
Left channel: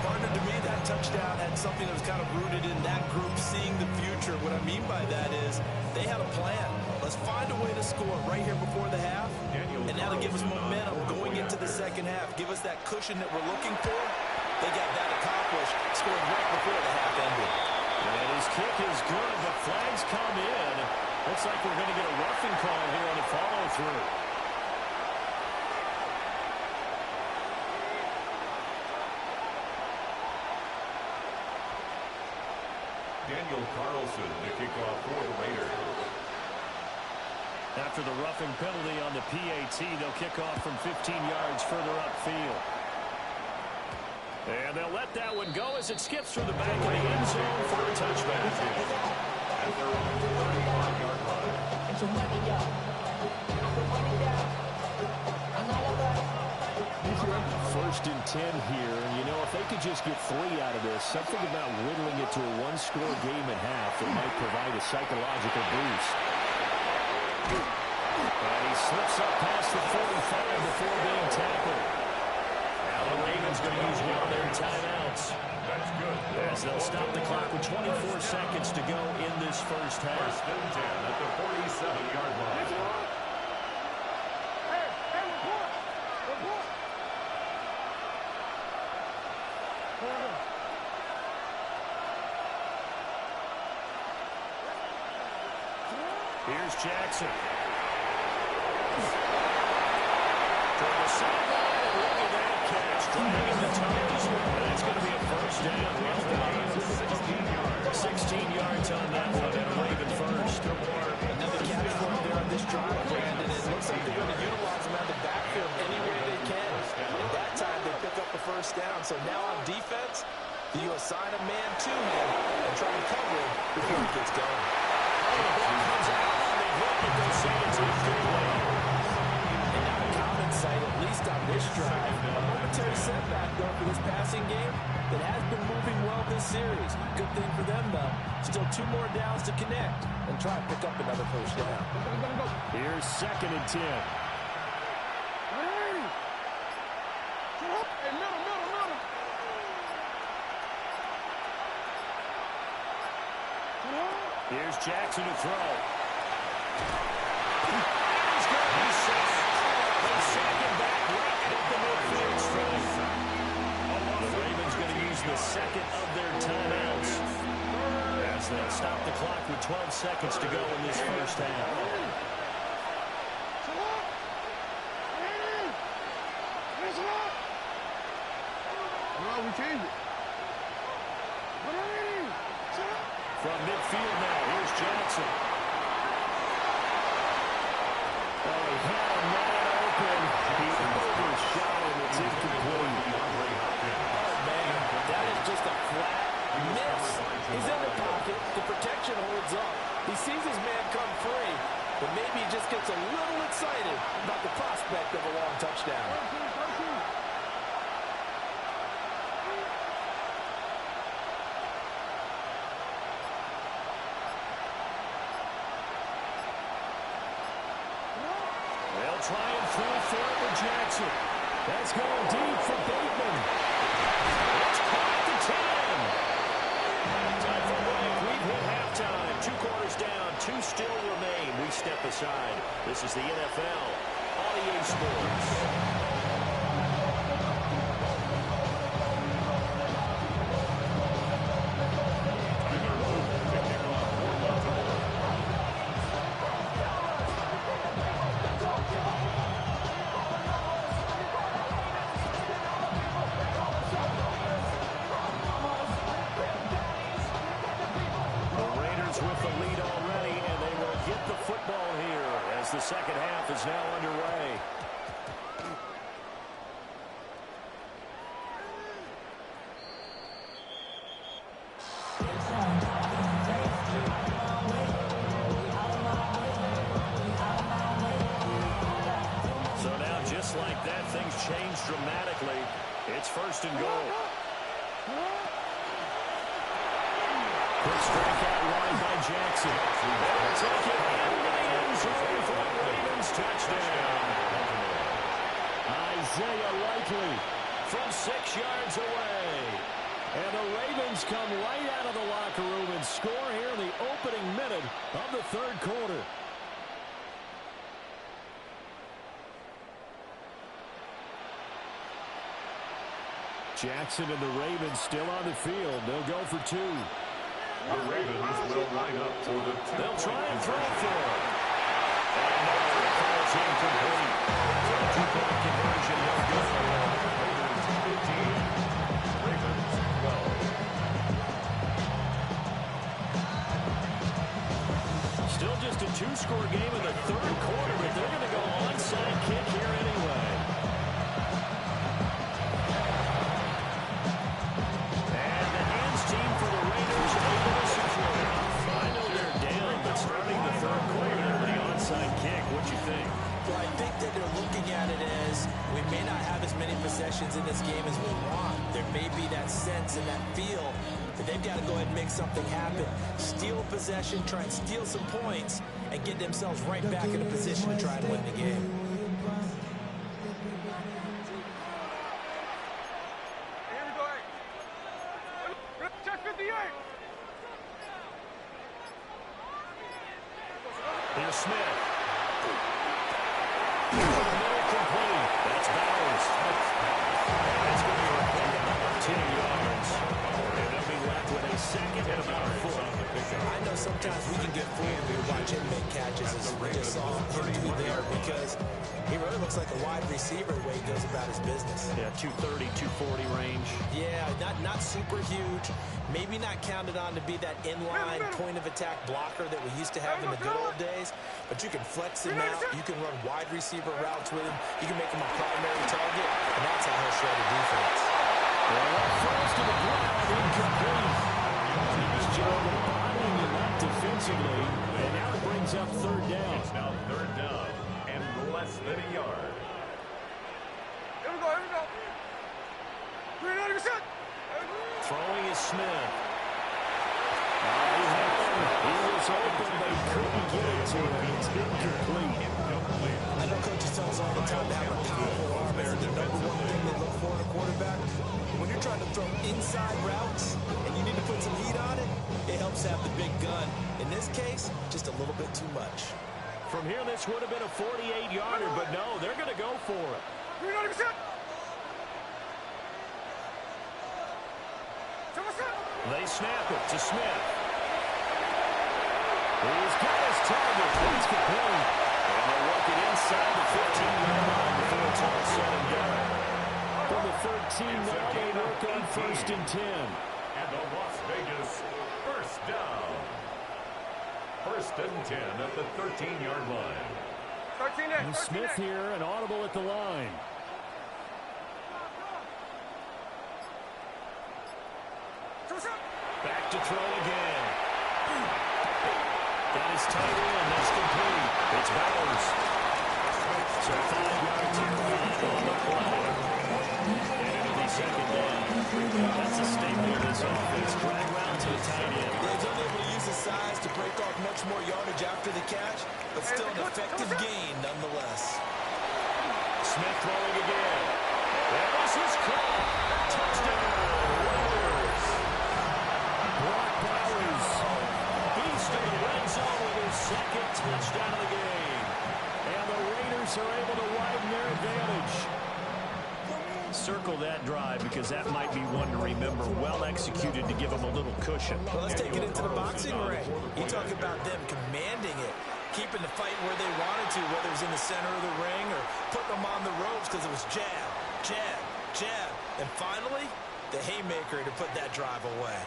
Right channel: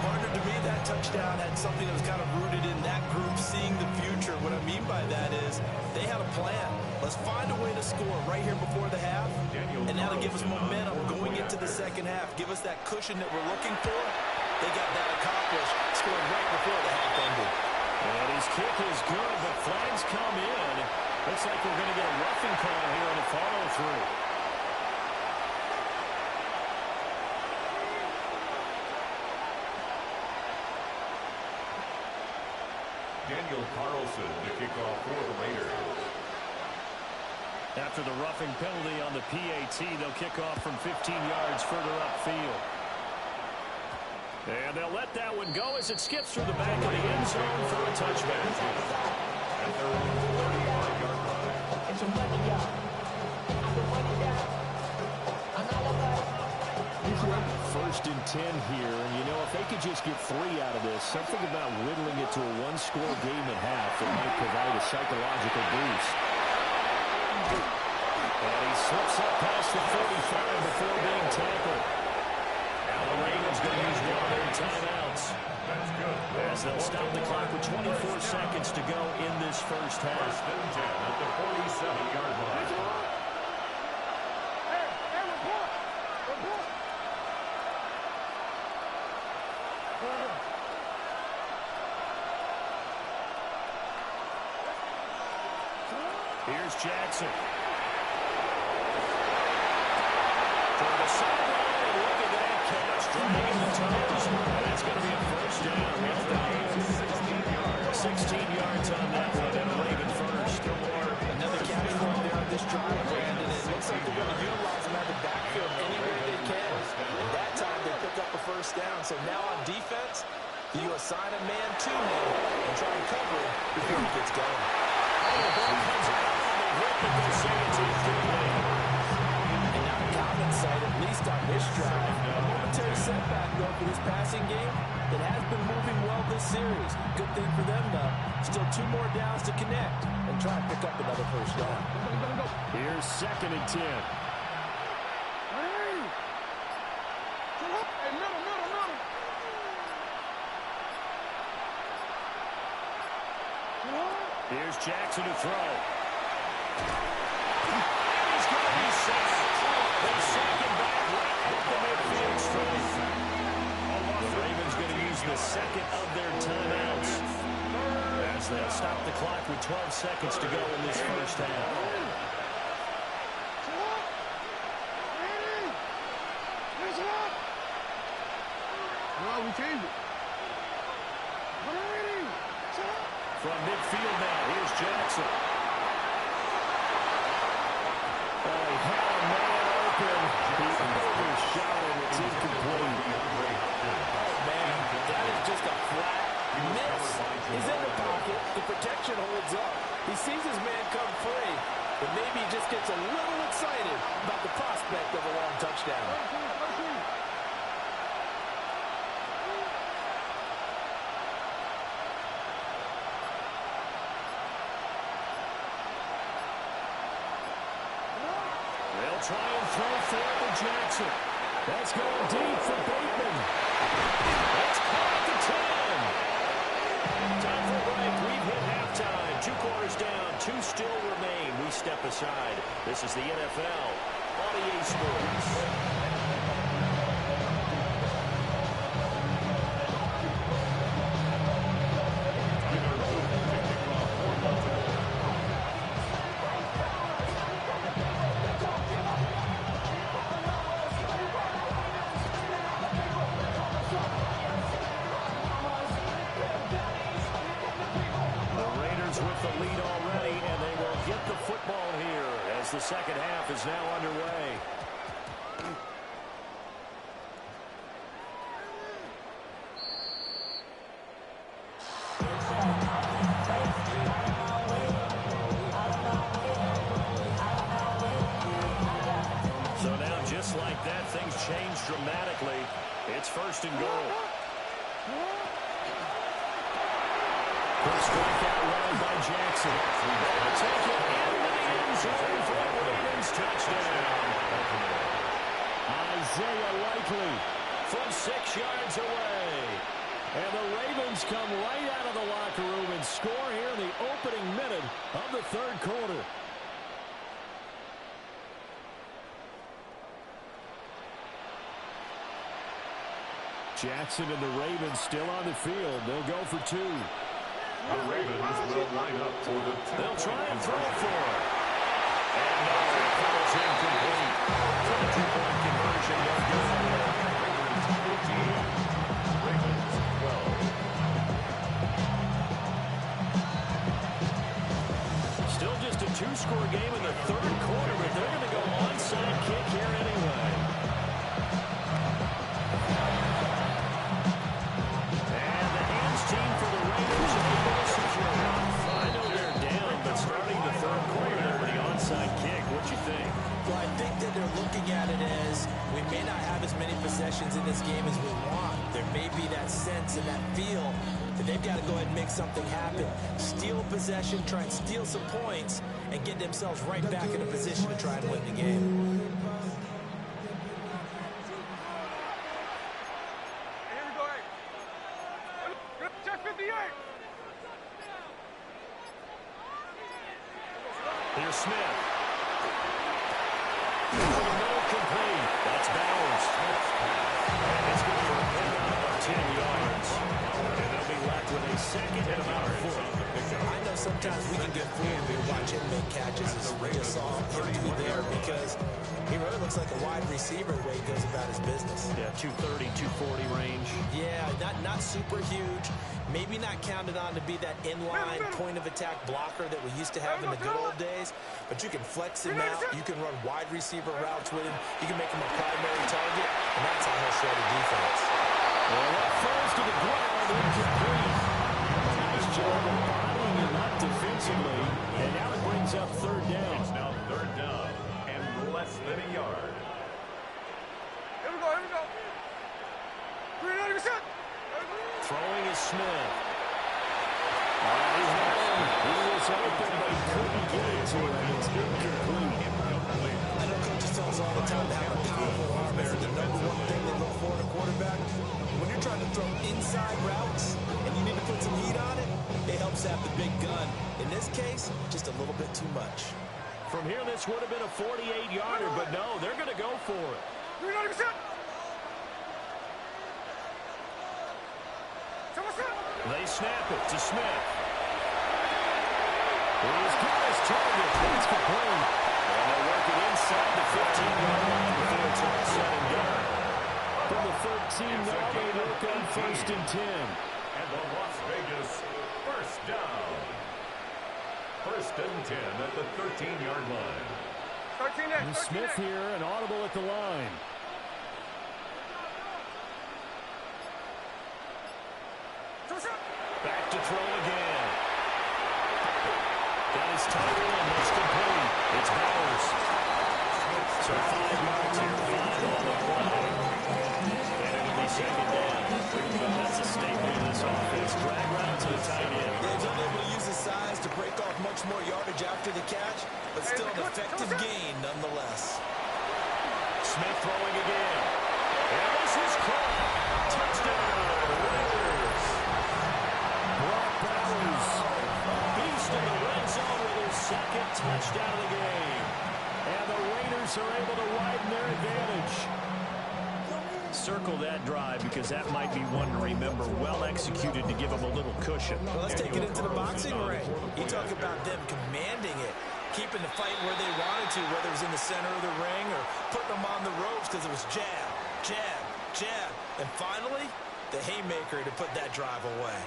Partner, to me, that touchdown had something that was kind of rooted in that group seeing the future. What I mean by that is they had a plan. Let's find a way to score right here before the half, and that'll give us momentum going into the second half. Give us that cushion that we're looking for. They got that accomplished, scoring right before the half ended. And his kick is good, but flags come in. Looks like we're going to get a roughing call here on the follow-through. Daniel Carlson to kick off for the Raiders. After the roughing penalty on the PAT, they'll kick off from 15 yards further upfield. And they'll let that one go as it skips through the back of the end zone for a touchback. At their own 35-yard line. It's your money, y'all. I put money down. I'm not about First and 10 here, and you know, if they could just get 3 out of this, something about whittling it to a one-score game at half that might provide a psychological boost. And he slips up past the 45 before being tackled. Now the Ravens going to use one of their timeouts. That's good. As they'll stop the clock with 24 seconds to go in this first half. First and 10 at the 47-yard line. Hey, hey, report. Report. Here's Jackson. Toward the sideline, and look at that catch. Dragging the toes. And that's going to be a first down. Well done. 16 yards on that one, and a Raven first. Another catch for him there on this drive, Brandon. It looks like they're going to utilize him out of the backfield any way they can. And that time, they pick up a first down. So now on defense, do you assign a man to him and try and cover him before he gets going? Oh, the ball comes out on the hip, but they say it's incomplete. And not a common sight, at least on this drive. A momentary setback, though, for this passing game that has been moving well this series. Good thing for them, though. Still 2 more downs to connect and try and pick up another first down. Here's second and 10. Hey, middle, middle, middle. Here's Jackson to throw. And he's going to be sacked. They sack him back right at the midfield stripe. The Ravens going to use the second of their timeouts as they'll stop the clock with 12 seconds to go in this first half. No, we changed it. From midfield now, here's Jackson. Oh, he had a man open. He overshot him. It's incomplete. Oh, man, that is just a flat miss. He's in the pocket. The protection holds up. He sees his man come free, but maybe he just gets a little excited about the prospect of a long touchdown. They'll try and throw for it with Jackson. That's going deep for Bateman. It's caught at the 10. Time for a break. We've hit halftime. 2 quarters down. 2 still remain. We step aside. This is the NFL on EA Sports. With the lead already, and they will get the football here as the second half is now underway. So now, just like that, things change dramatically. It's 1st and goal. Quick strike out wide by Jackson. They'll take it into the end zone for a Ravens touchdown. Isaiah Likely from 6 yards away. And the Ravens come right out of the locker room and score here in the opening minute of the 3rd quarter. Jackson and the Ravens still on the field. They'll go for 2. The Ravens will line up for the 2-point They'll try and throw conversion. for it. And no, it falls incomplete. So the 2-point conversion, no good. Ravens 15, Ravens 12. Still just a 2-score game in the 3rd quarter, but they're going to go onside kick here anyway. And the hands team for the Raiders able to secure it. I know they're down, but starting the 3rd quarter with the onside kick, what you think? Well, I think that they're looking at it as we may not have as many possessions in this game as we want. There may be that sense and that feel that they've got to go ahead and make something happen. Steal possession, try and steal some points, and get themselves right back in a position to try and win the game. Here we go, hey. Check 58. Here's Smith. No complete. That's Bowers. And it's going to be a pickup of 10 yards. And they'll be left with a 2nd and about a 4. I know sometimes we can get fooled when we watch him make catches, as we just saw him do there, because he really looks like a wide receiver the way he goes about his business. Yeah, 230, 240 range. Yeah, not super huge. Maybe not counted on to be that inline point-of-attack blocker that we used to have in the good old days, but you can flex him out. You can run wide receiver routes with him. You can make him a primary target, and that's how he'll shred a defense. Well, that falls to the ground, incomplete. Nice job of bodying him up defensively, and now it brings up 3rd down. It's now 3rd down and less than a yard. Here we go, here we go. 390%. Throwing is Smith. He had him. He was open, but he couldn't get it to him. It's incomplete. I know coaches tell us all the time to have a powerful arm is the #1 thing they look for in a quarterback. When you're trying to throw inside routes and you need to put some heat on it, it helps have the big gun. In this case, just a little bit too much. From here, this would have been a 48-yarder, but no, they're going to go for it. 390%. They snap it to Smith. He's got his target. It's complete. And they work it inside the 15-yard line before it's all said and done. From the 13 now, they work on 1st and 10. And the Las Vegas 1st down. First and 10 at the 13-yard line. 13 And Smith here, an audible at the line. Back to throw again. Got his tight end. That's complete. It's Bowers. So 5 yards here. 5 on the play. And it'll be second down. That's a staple of this offense. Drag route to the tight end. Yeah, he's unable to use his size to break off much more yardage after the catch, but still an effective gain nonetheless. Smith throwing again. And this is caught. Touchdown, Raiders. Brock Bowers, beast in the red zone with his second touchdown of the game. And the Raiders are able to widen their advantage. Circle that drive because that might be one to remember. Well executed to give them a little cushion. Well, let's take it into the boxing ring. You talk about them commanding it, keeping the fight where they wanted to, whether it was in the center of the ring or putting them on the ropes because it was jab, jab, jab. And finally, the haymaker to put that drive away.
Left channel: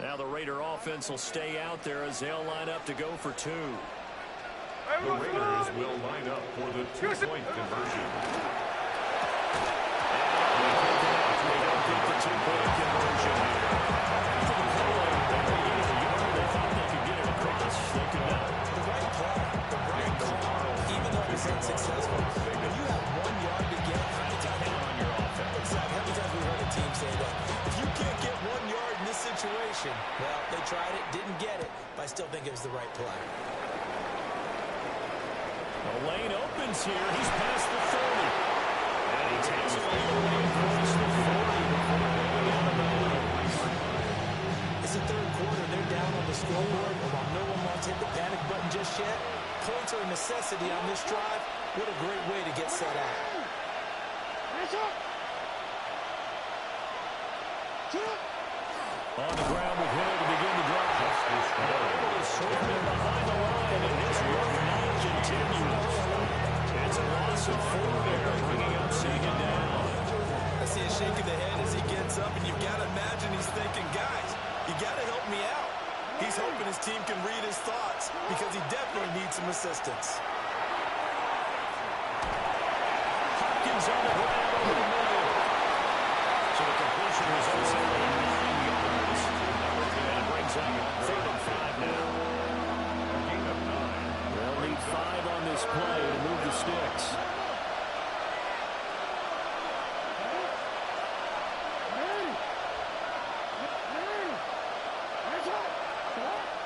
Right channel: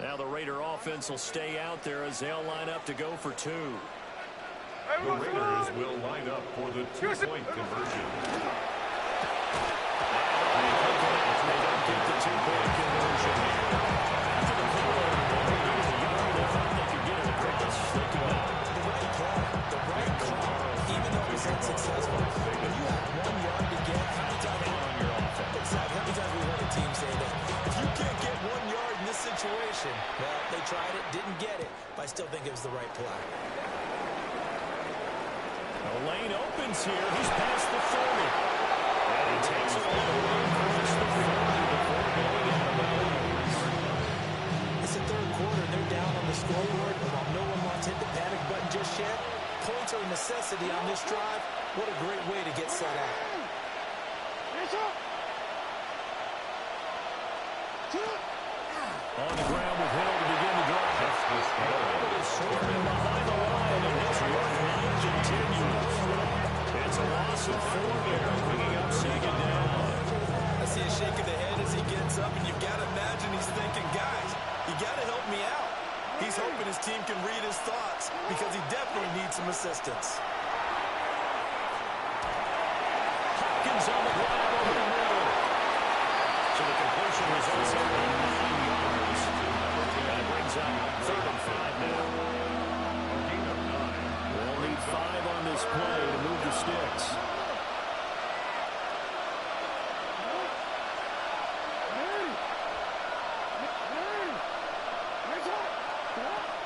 Now the Raider offense will stay out there as they'll line up to go for 2. The Raiders will line up for the 2-point conversion. They don't get the 2-point conversion here. After the penalty, they needed a yard. They thought they could get it across. They could not. The right play, the right call, even though it was unsuccessful. When you have 1 yard to get, how many times on your offense? Exactly. How many times we heard a team say that? If you can't get 1 yard in this situation, well, they tried it, didn't get it, but I still think it was the right play. The lane opens here. He's past the 30. And he takes it all the way across the 40 before going out of bounds. It's the third quarter, and they're down on the scoreboard. And while no one wants to hit the panic button just yet, points are a necessity on this drive. What a great way to get set out. On the ground with Hill to begin the drive. They're able to swarm him behind the line, and his rough night continues. It's a loss of 4 there, bringing up second down. I see a shake of the head as he gets up, and you've got to imagine he's thinking, guys, you got to help me out. He's hoping his team can read his thoughts because he definitely needs some assistance. Hopkins on the grab over the middle. So the completion results in 9 yards. And it brings up 3rd and 5 now. A gain of 9. They'll need 5 on this play to move the sticks.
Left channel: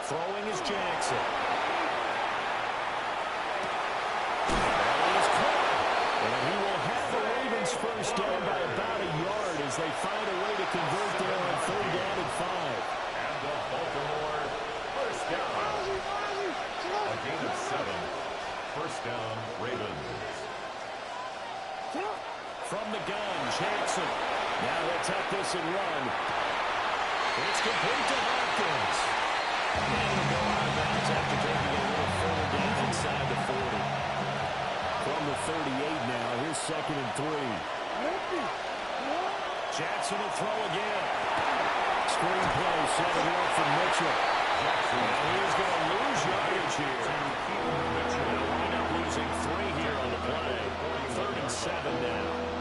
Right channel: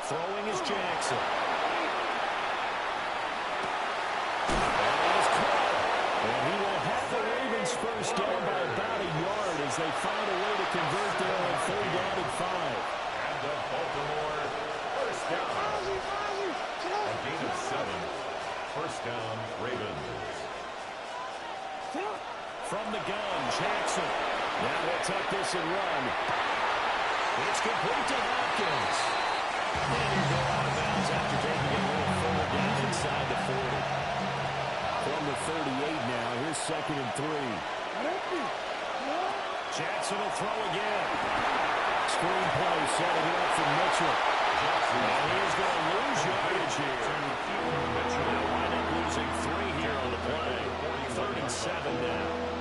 Throwing is Jackson. And he is caught. And he will have the Ravens first down by about a yard as they find a way to convert there on 3rd down and 5. And the Baltimore first down. A gain of 7. First down, Ravens. From the gun, Jackson. Now they'll tuck this and run. It's complete to Hopkins. And he'll go out of bounds after taking it a little further down inside the 40. From the 38 now, here's 2nd and 3. Jackson will throw again. Screen play setting it up for Mitchell. And he's going to lose yardage here. They'll wind up losing 3 here on the play. 3rd and 7 now.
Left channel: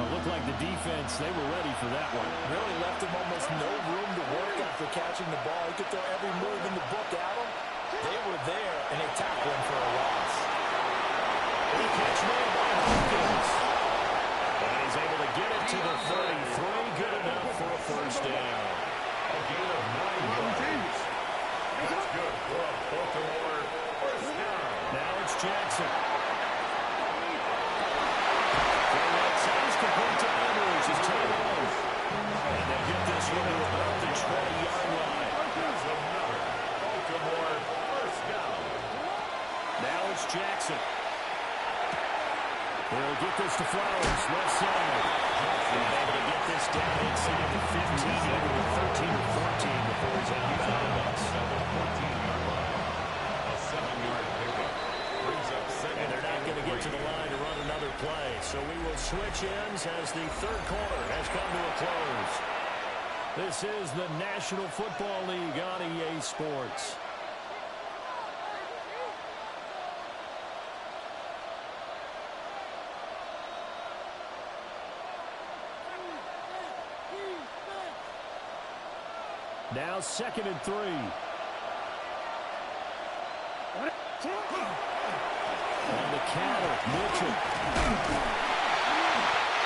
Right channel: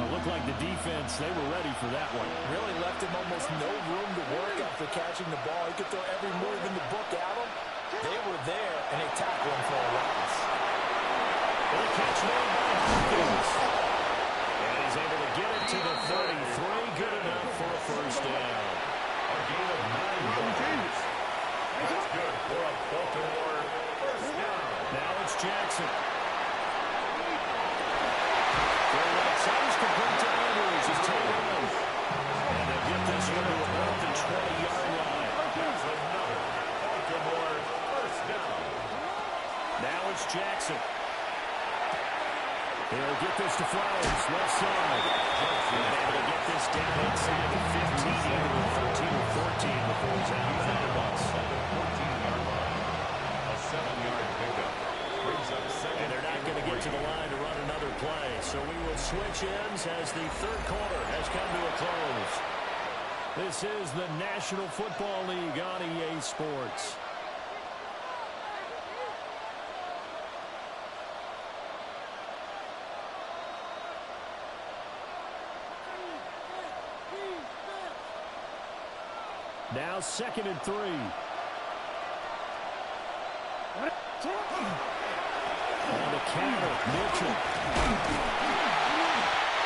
It looked like the defense, they were ready for that one. Really left him almost no room to work after catching the ball. He could throw every move in the book at him. They were there, and they tackled him for a loss. And a catch made by Hopkins. And he's able to get it to the 33. Good enough for a first down. A gain of 9 yards. That's good for a Baltimore first down. Now it's Jackson. Throw right side is complete to Andrews. His tail on. And they get this one to about the 20-yard line. That's another Baltimore first down. Now it's Jackson. He'll get this to Flowers, left side. And able to get this down inside the 15, either the 13 or 14 before he's out of bounds. At the 14-yard line. A 7-yard pickup. back to the line to run another play. So we will switch ends as the third quarter has come to a close. This is the National Football League on EA Sports. Now 2nd and 3. On the counter, Mitchell.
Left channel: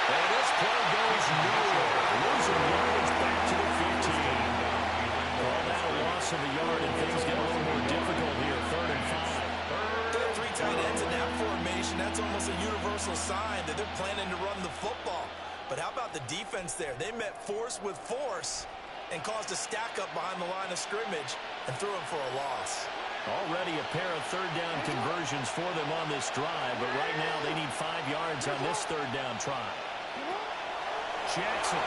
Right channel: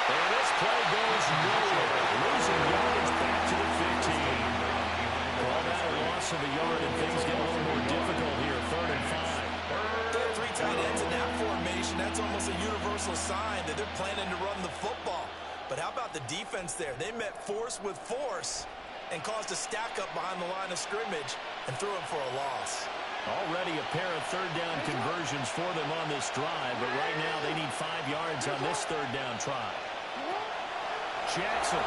And this play goes nowhere. Losing yardage back to the 15. Call that a loss of a yard, and things get a little more difficult here. 3rd and 5. There are 3 tight ends in that formation. That's almost a universal sign that they're planning to run the football. But how about the defense there? They met force with force and caused a stack up behind the line of scrimmage and threw him for a loss. Already a pair of 3rd down conversions for them on this drive, but right now they need 5 yards on this 3rd down try. Jackson.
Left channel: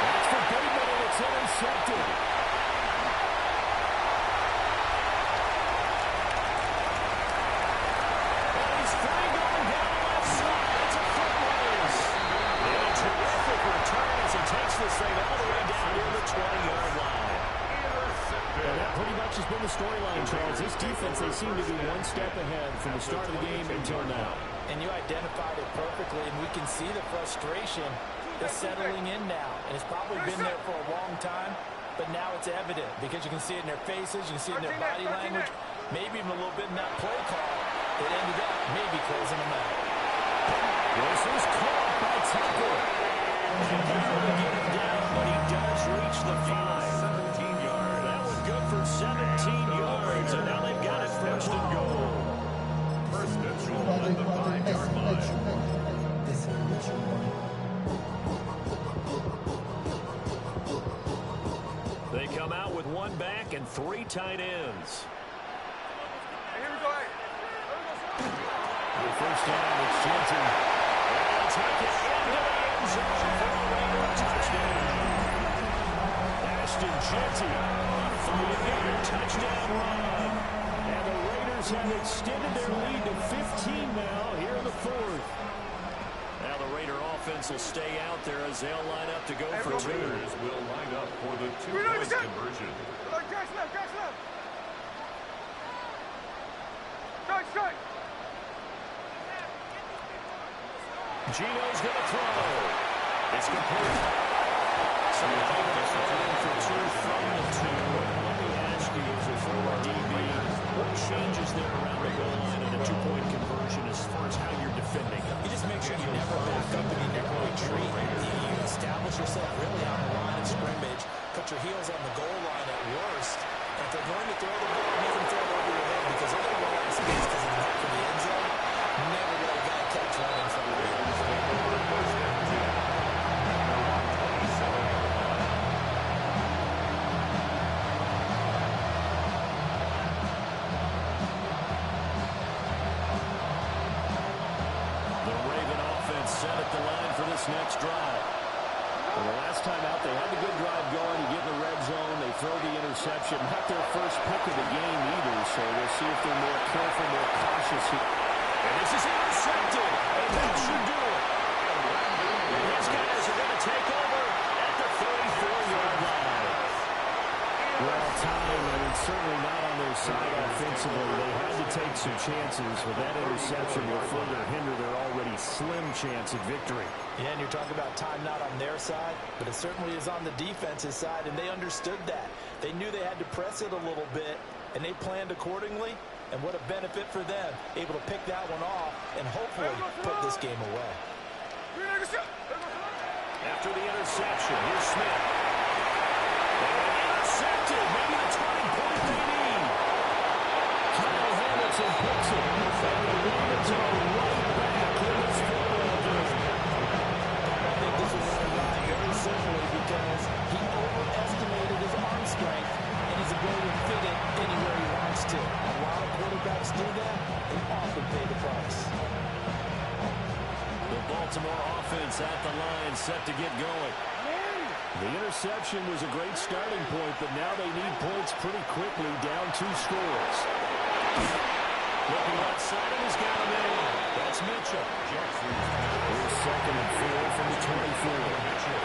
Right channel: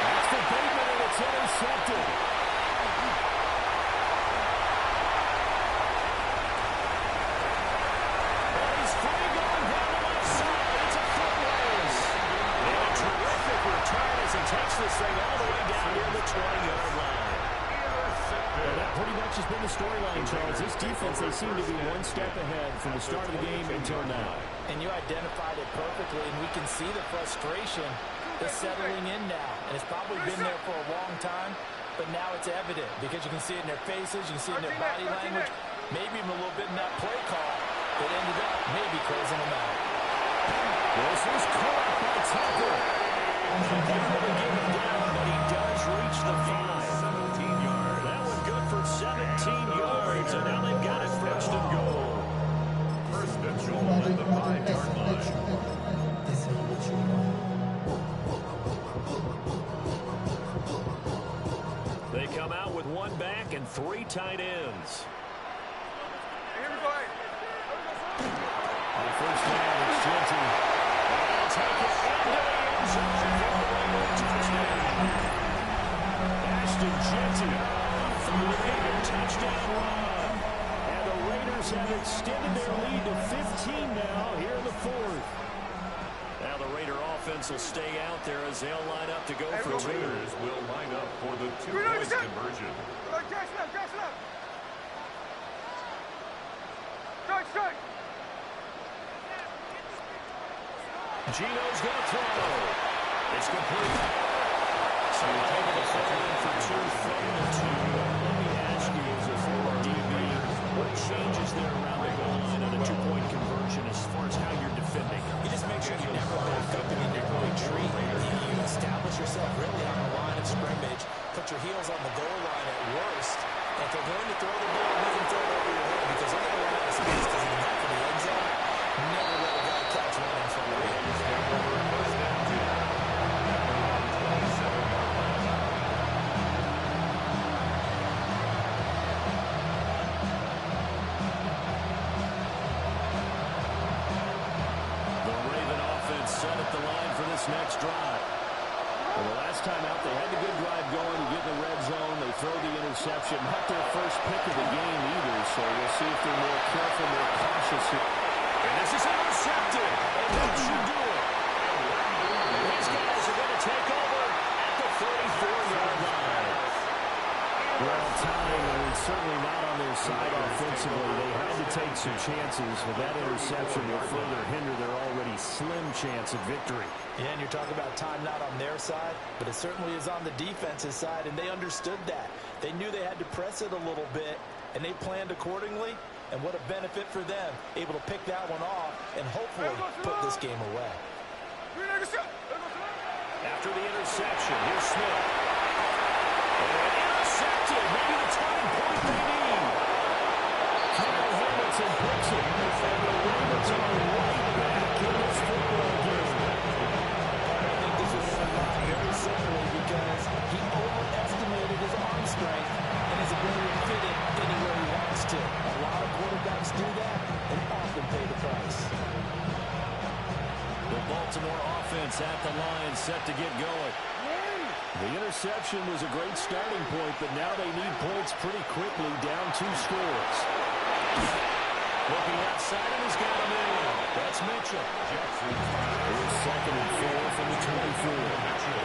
That's for Bateman, and it's intercepted. And he's free going down the left side. It's a foot race. And a terrific return as he takes this thing all the way down near the 20-yard line. And that pretty much has been the storyline, Charles. This defense, they seem to be one step ahead from the start of the game until now. And you identified it perfectly, and we can see the frustration is settling in now. And it's probably been there for a long time, but now it's evident because you can see it in their faces, you can see it in their body language, maybe even a little bit in that play call that ended up maybe closing them out. This is caught by Tucker. And able to get him down, but he does reach the 5. 17 yards. That one good for 17 yards, and now they've got it 1st and goal. 1st and goal at the 5-yard line. This is what you want. They come out with 1 back and 3 tight ends. Here we go, hey. On 1st down, it's Genty. And they'll take it into the end zone for a Raider touchdown. Ashton Genty, a 5-yard touchdown run. And the Raiders have extended their lead to 15 now here in the 4th. Now the Raider offense will stay out there as they'll line up to go for 2. Raiders will line up for the 2-point conversion. Jackson up, Jackson up. Strike, strike. Gino's going to throw. It's complete. So you're able to throw in for 2 from the 2. Let me ask you, as a former DB, what changes there around the goal line on a 2-point conversion as far as how you're defending? You just make sure you never back up and you never retreat. You establish yourself really on the line of scrimmage, put your heels on the goal line at worst, and if they're going to throw the ball, make them throw it over your head because they're going to run out of space because of the back of the end zone. Never let a guy catch one in front of you. Take over 1st and 10 at their 27-yard line. The Raven offense set at the line for this next drive. Well, the last time out, they had the good drive going. You get in the red zone, they throw the interception. Not their first pick of the game either, so we'll see if they're more careful, more cautious here. And this is intercepted, and that should do it. And these guys are going to take over at the 34-yard line. Well, time, I mean, certainly not on their side offensively. They had to take some chances, but that interception will further hinder their already slim chance at victory. Yeah, and you're talking about time not on their side, but it certainly is on the defense's side, and they understood that. They knew they had to press it a little bit, and they planned accordingly. And what a benefit for them, able to pick that one off and hopefully put this game away. After the interception, here's Smith. And intercepted, maybe the turning point they need. Kyle Hamilton picks it, and the Ravens are right back in this football game. I think this was won by very simply because he overestimated his arm strength and his ability to fit it anywhere he wants to. A lot of quarterbacks do that and often pay the price. The Baltimore offense at the line set to get going. The interception was a great starting point, but now they need points pretty quickly, down 2 scores. Looking left side, and he's got him in. That's Mitchell. Here's 2nd and 4 from the 24. Mitchell.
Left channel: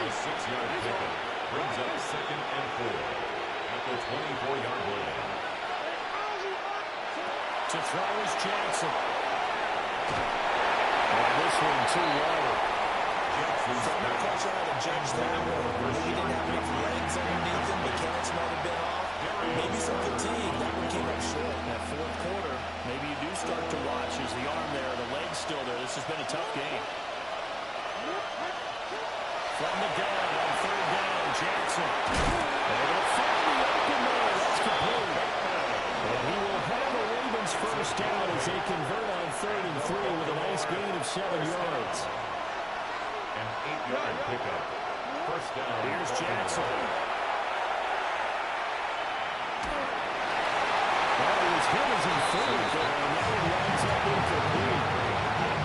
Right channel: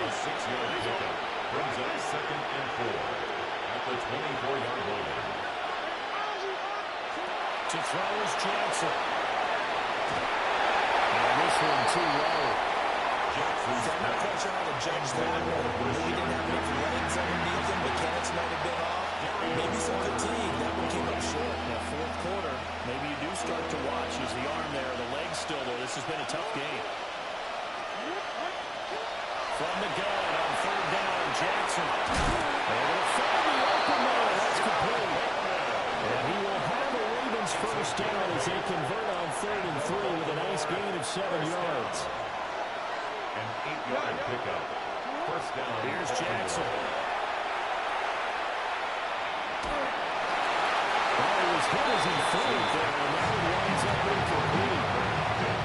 A 6-yard pickup brings up 2nd and 4 at the 24-yard line. To throw is Jackson. And this one too low. I'm not quite sure how to judge that one. Maybe he didn't have enough legs underneath him. Mechanics might have been off. Maybe some fatigue. That one came up short. That 4th quarter, maybe you do start to watch. Is the arm there, the leg's still there? This has been a tough game. From the gun on 3rd down, Jackson. Able to find the open man. That's complete. And he will have a Ravens 1st down as they convert on 3rd and 3 with a nice gain of 7 yards. An 8-yard pickup. 1st down. Here's Jackson. Well, he was hit as he threw it there, and that one winds up incomplete.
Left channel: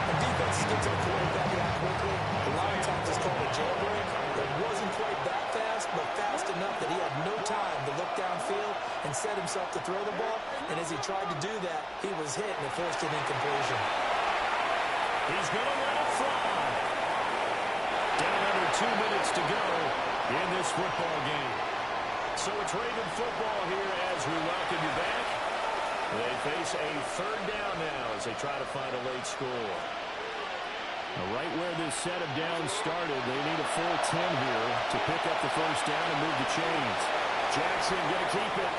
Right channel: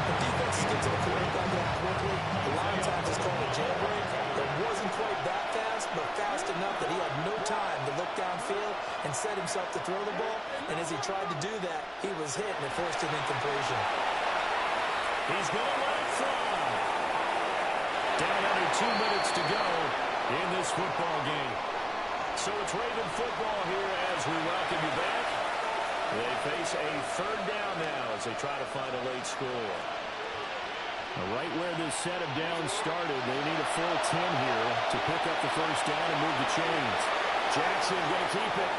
When defenses get to the quarterback that quickly, a lot of times it's called a jailbreak. It wasn't quite that fast, but fast enough that he had no time to look downfield and set himself to throw the ball. And as he tried to do that, he was hit, and it forced an incompletion. He's going to let it fly. Down under 2 minutes to go in this football game. So it's Raven football here as we welcome you back. They face a 3rd down now as they try to find a late score. Now, right where this set of downs started, they need a full 10 here to pick up the 1st down and move the chains. Jackson going to keep it.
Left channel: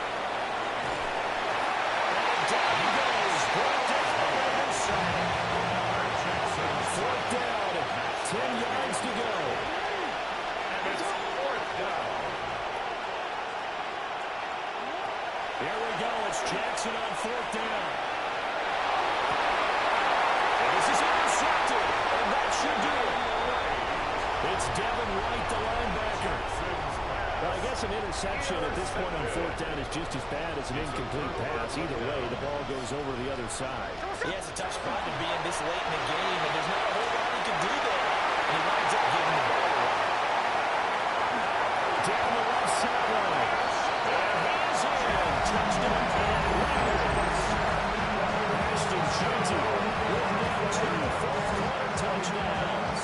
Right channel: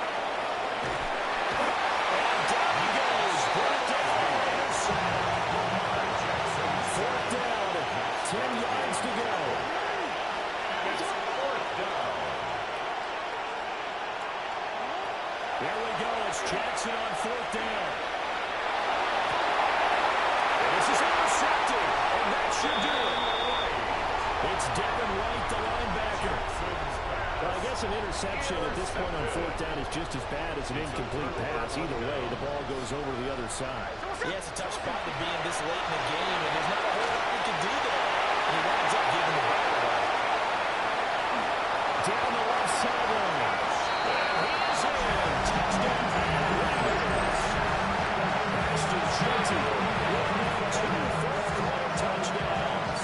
And down he goes. Brought down the Raiders side. 4th down, 10 yards to go. And it's 4th down. Here we go. It's Jackson on 4th down. And this is intercepted. And that should do it. It's Devin White, the linebacker. Well, I guess an interception at this point on 4th down is just as bad as an incomplete pass. Either way, the ball goes over to the other side. Yeah, it's a tough spot to be in this late in the game, and there's not a whole lot he can do there. And he winds up giving the ball away. Down the left sideline. And he is in. Touchdown. Raiders. Ashton Shelton with now 2 4th-quarter touchdowns.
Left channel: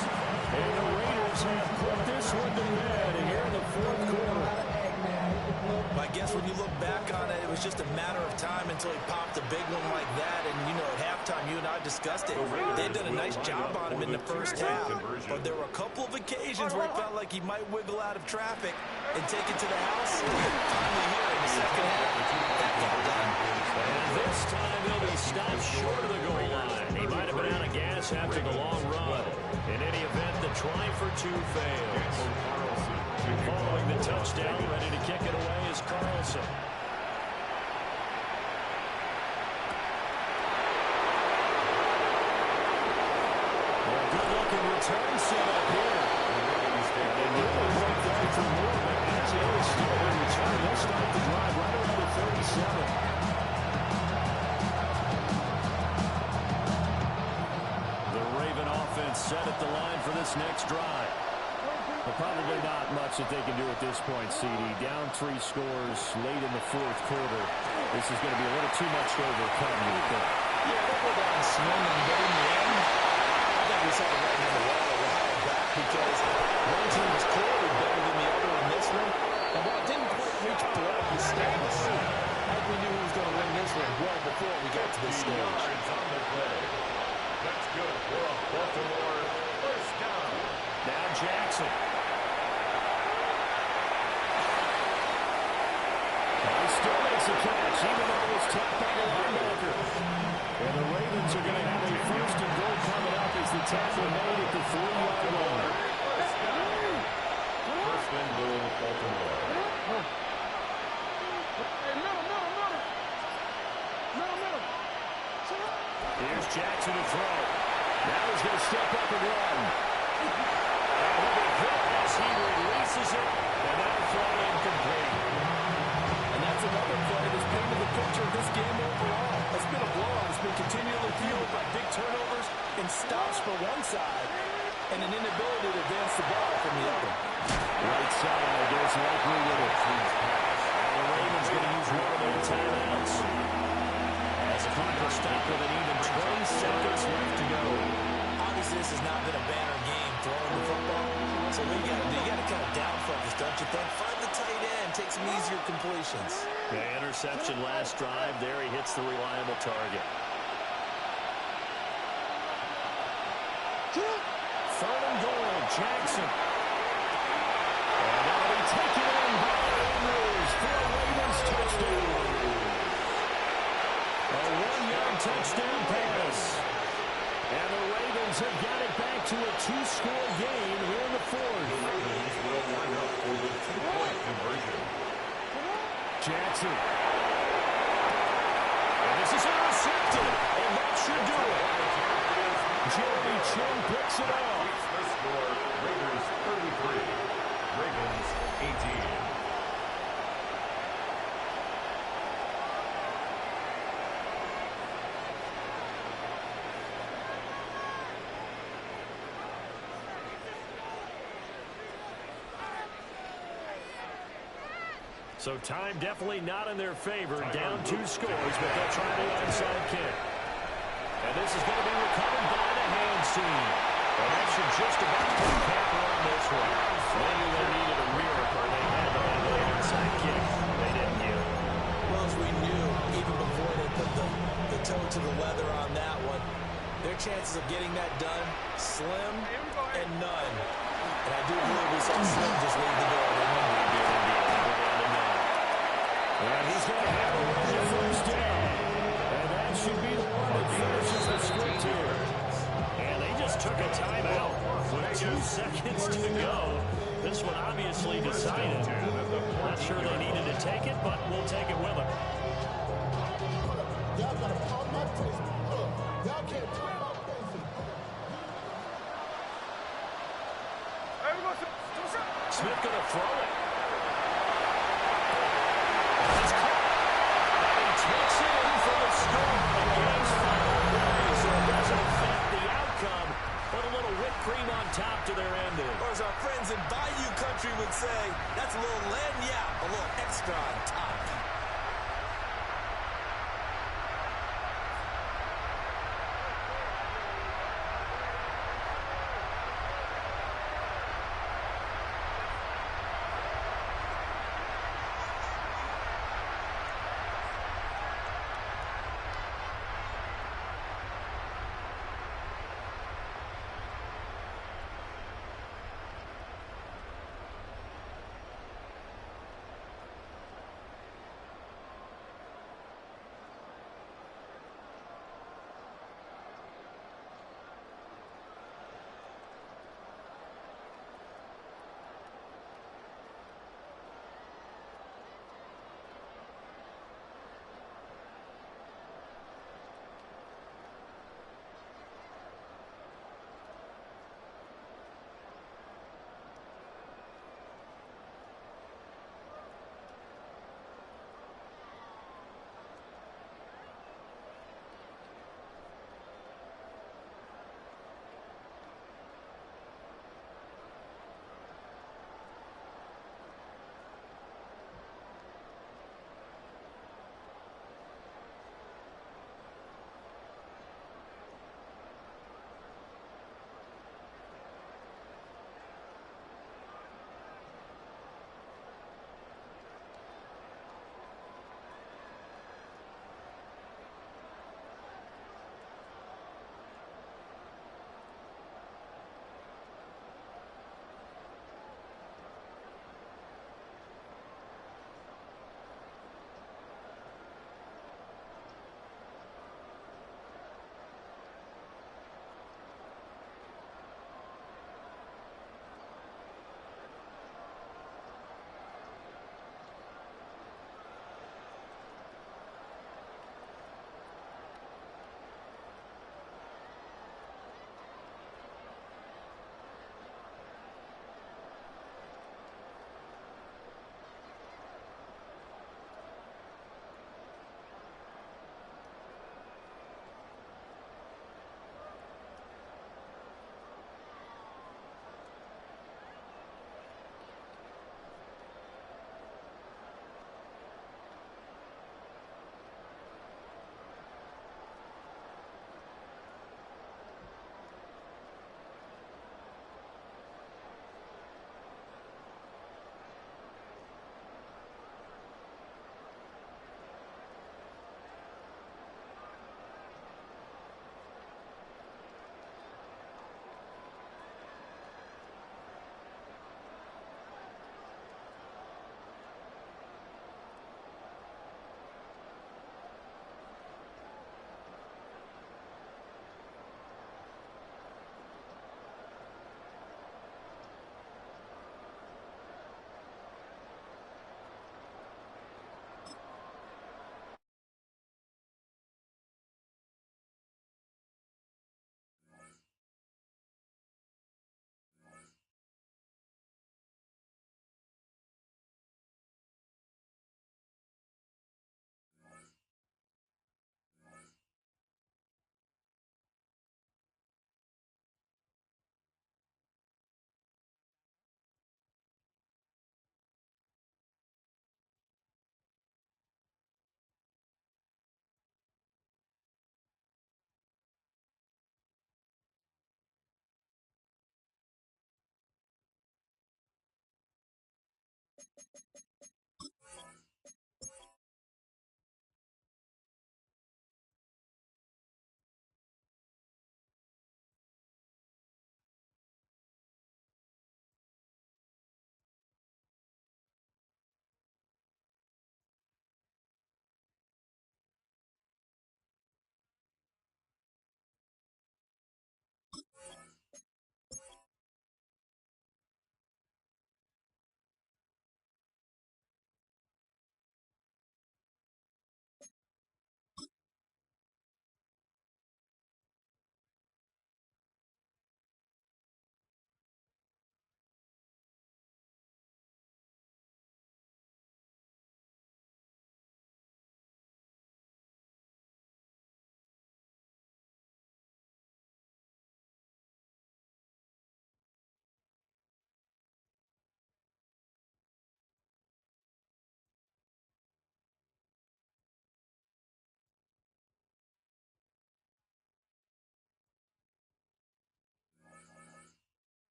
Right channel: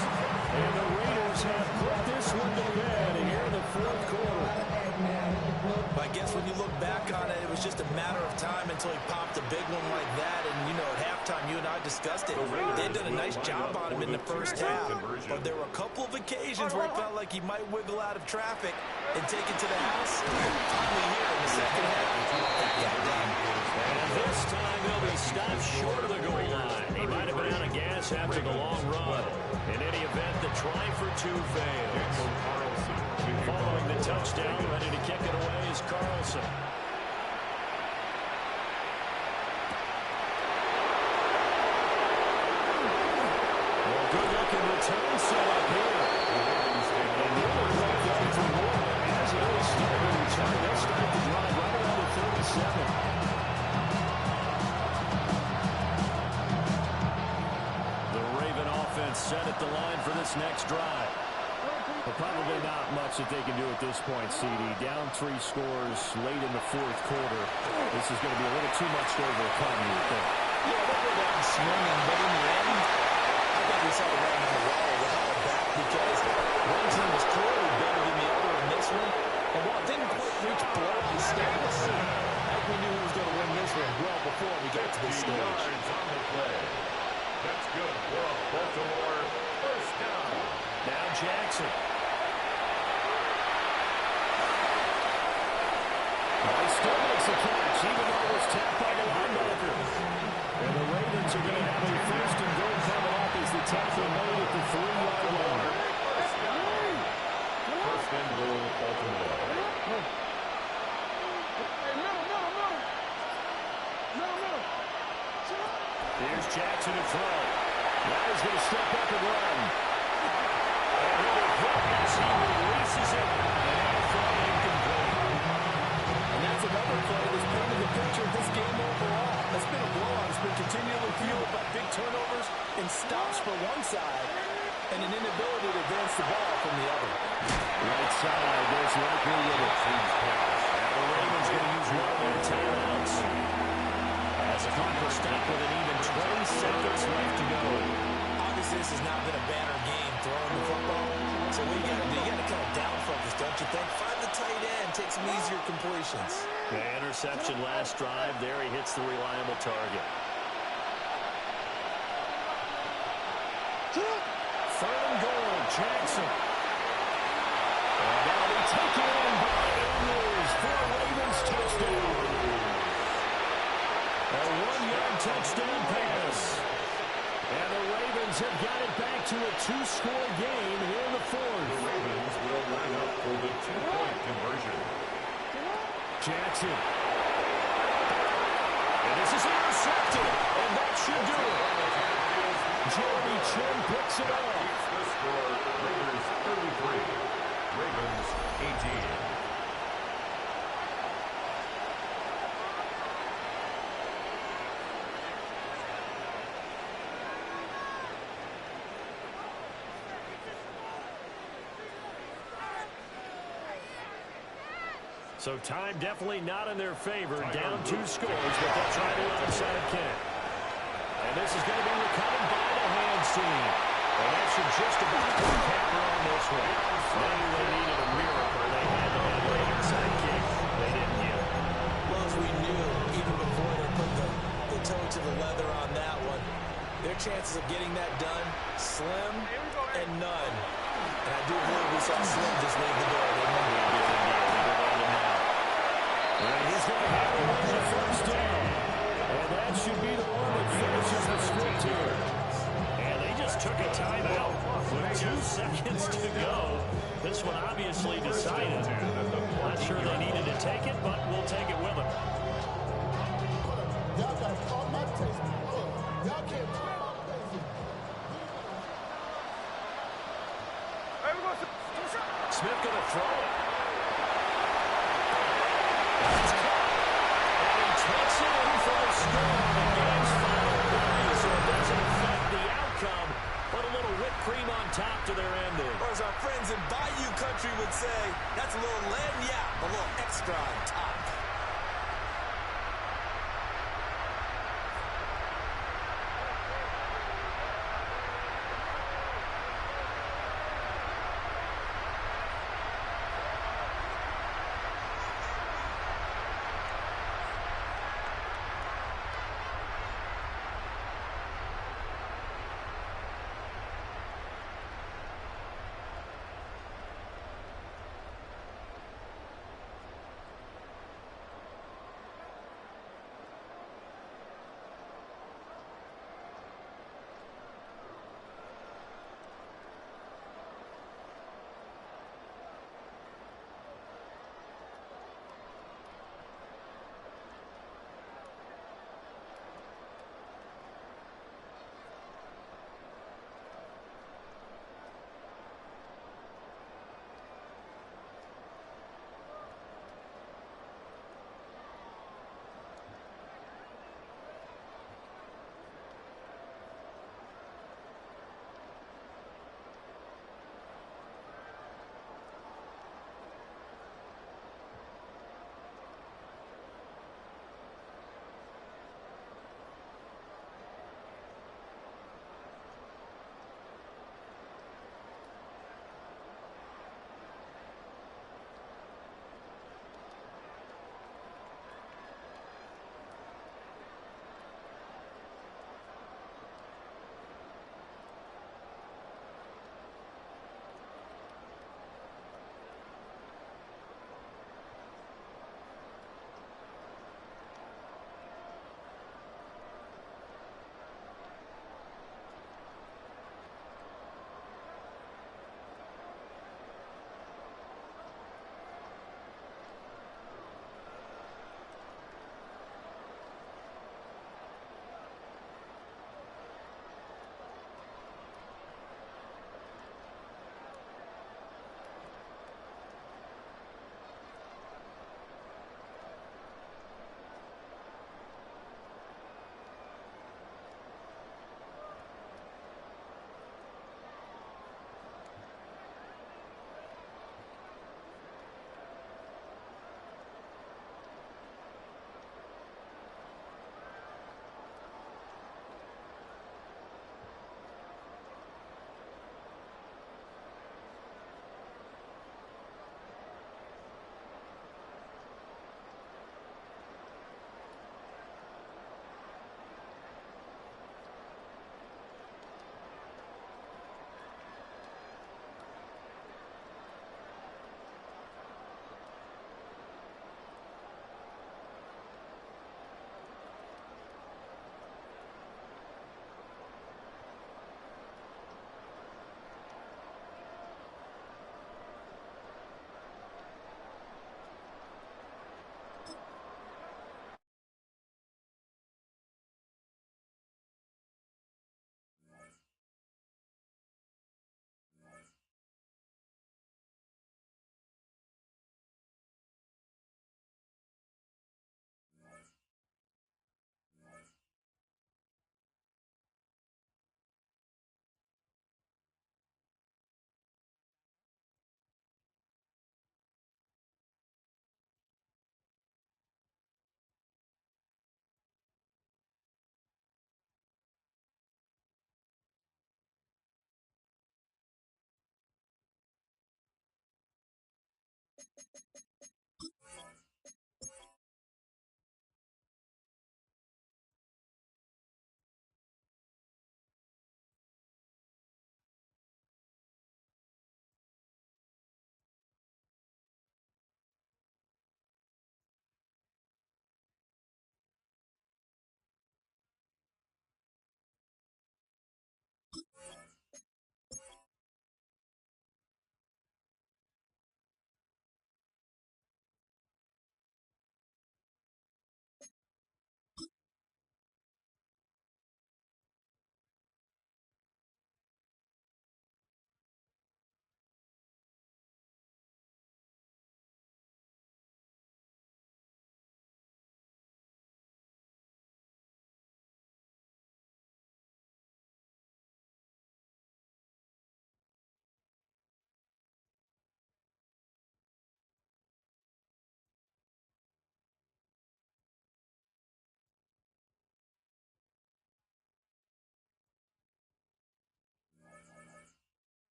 And the Raiders have put this one to bed here in the 4th quarter. I guess when you look back on it, it was just a matter of time until he popped a big one like that. And, you know, at halftime, you and I discussed it. They'd done a nice job on him in the 1st half. But there were a couple of occasions where it felt like he might wiggle out of traffic and take it to the house. Finally here in the 2nd half, that got done. And this time he'll be stopped short of the goal line. He might have been out of gas after the long run. In any event, the try for 2 fails. Following the touchdown, ready to kick it away is Carlson. Well, good-looking return set up here. And nearly broke down for more, but as it is still a return, they'll start the drive right around the 37. The Raven offense set at the line for this next drive. But probably not much that they can do at this point, CD. Down 3 scores late in the 4th quarter. This is going to be a little too much to overcome, you would think. Yeah, they'll go down swinging, but in the end, I think we saw the writing on the wall. We'll have it back because one team was clearly better than the other in this one. And while it didn't quite reach blowout status, I think we knew who was going to win this one well before we got to this stage. Yards on the play. That's good for a Baltimore 1st down. Now Jackson. He still makes a catch, even though it was tapped by the linebacker. And the Ravens are going to have a 1st and goal coming up as the tackle made at the 3-yard line. 1st and goal, Baltimore. Here's Jackson to throw. Now he's going to step up and run. And he'll be hit as he releases it. And that'll fall incomplete. And that's another play that's painted the picture of this game overall. It's been a blowout. It's been continually fueled by big turnovers and stops for one side and an inability to advance the ball from the other. Right side, there's likely with it. Now the Ravens going to use one of their timeouts. clock will stop with an even 20 seconds left to go. Obviously, this has not been a banner game throwing the football. So what you got to do, you got to kind of down focus, don't you think? Find the tight end, take some easier completions. The interception last drive. There he hits the reliable target. Third and goal, Jackson. And that'll be taken in by Andrews for a Ravens touchdown. A 1-yard touchdown pass. And the Ravens have got it back to a 2-score game here in the fourth. The Ravens will line up for the 2-point conversion. Jackson. And this is intercepted. And that should do it. Jeremy Chin picks it off. Keeps the score. Raiders 33. Ravens 18. So time definitely not in their favor. Down 2 scores, but they'll try the onside kick. And this is going to be recovered by the hands team. And that should just about put a capper on this one. They knew they needed a miracle. They had to have an onside kick. They didn't get it. Well, as we knew, even before they put the toe to the leather on that one, their chances of getting that done, slim and none. And I do believe we saw Slim just leave the door, didn't we? We did indeed. They go down to 9. And he's going to have a win the first down. And that should be the one that finishes the script here. And they just took a timeout with 2 seconds to go. This one obviously decided. Not sure they needed to take it, but we'll take it with them. Y'all got to pop my taste. Look, y'all can't put my face in. Smith going to throw it. It's caught. And he takes it in for the score on the game's final play. So it doesn't affect the outcome, but a little whipped cream on top to their ending. Or as our friends in Bayou Country would say, that's a little lagniappe, a little extra on top.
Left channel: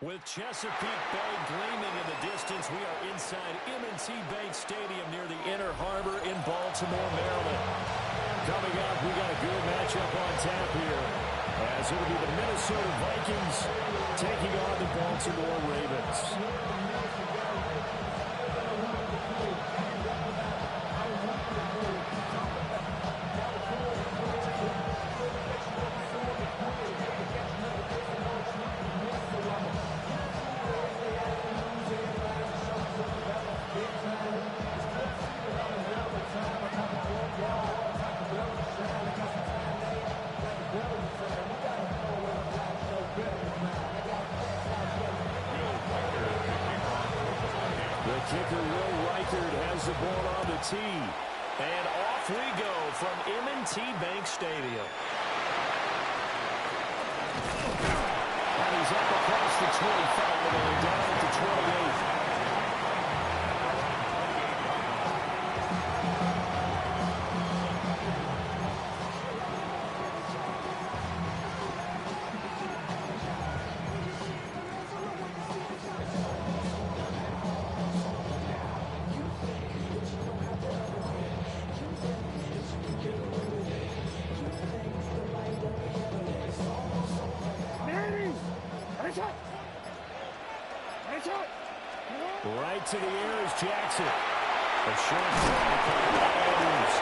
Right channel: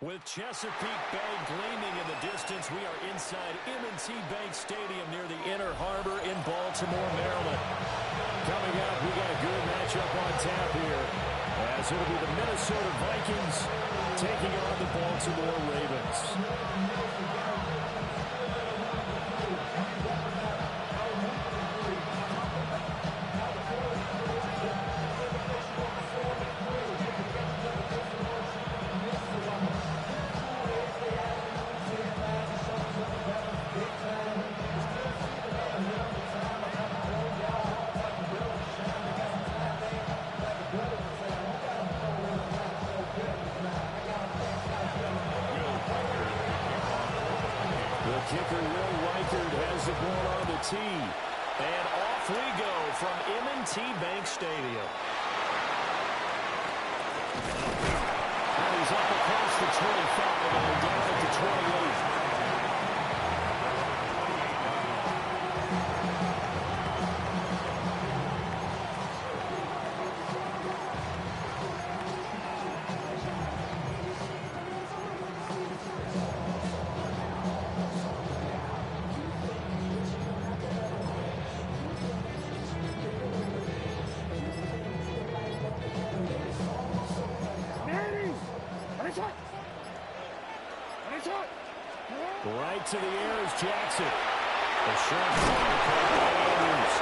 With Chesapeake Bay gleaming in the distance, we are inside M&T Bank Stadium near the Inner Harbor in Baltimore, Maryland. Coming up, we got a good matchup on tap here, as it'll be the Minnesota Vikings taking on the Baltimore Ravens. Kicker Will Reichard has the ball on the tee. And off we go from M&T Bank Stadium. And he's up across the 25 and down at the 28. Right to the air is Jackson. A short ball caught by Andrews.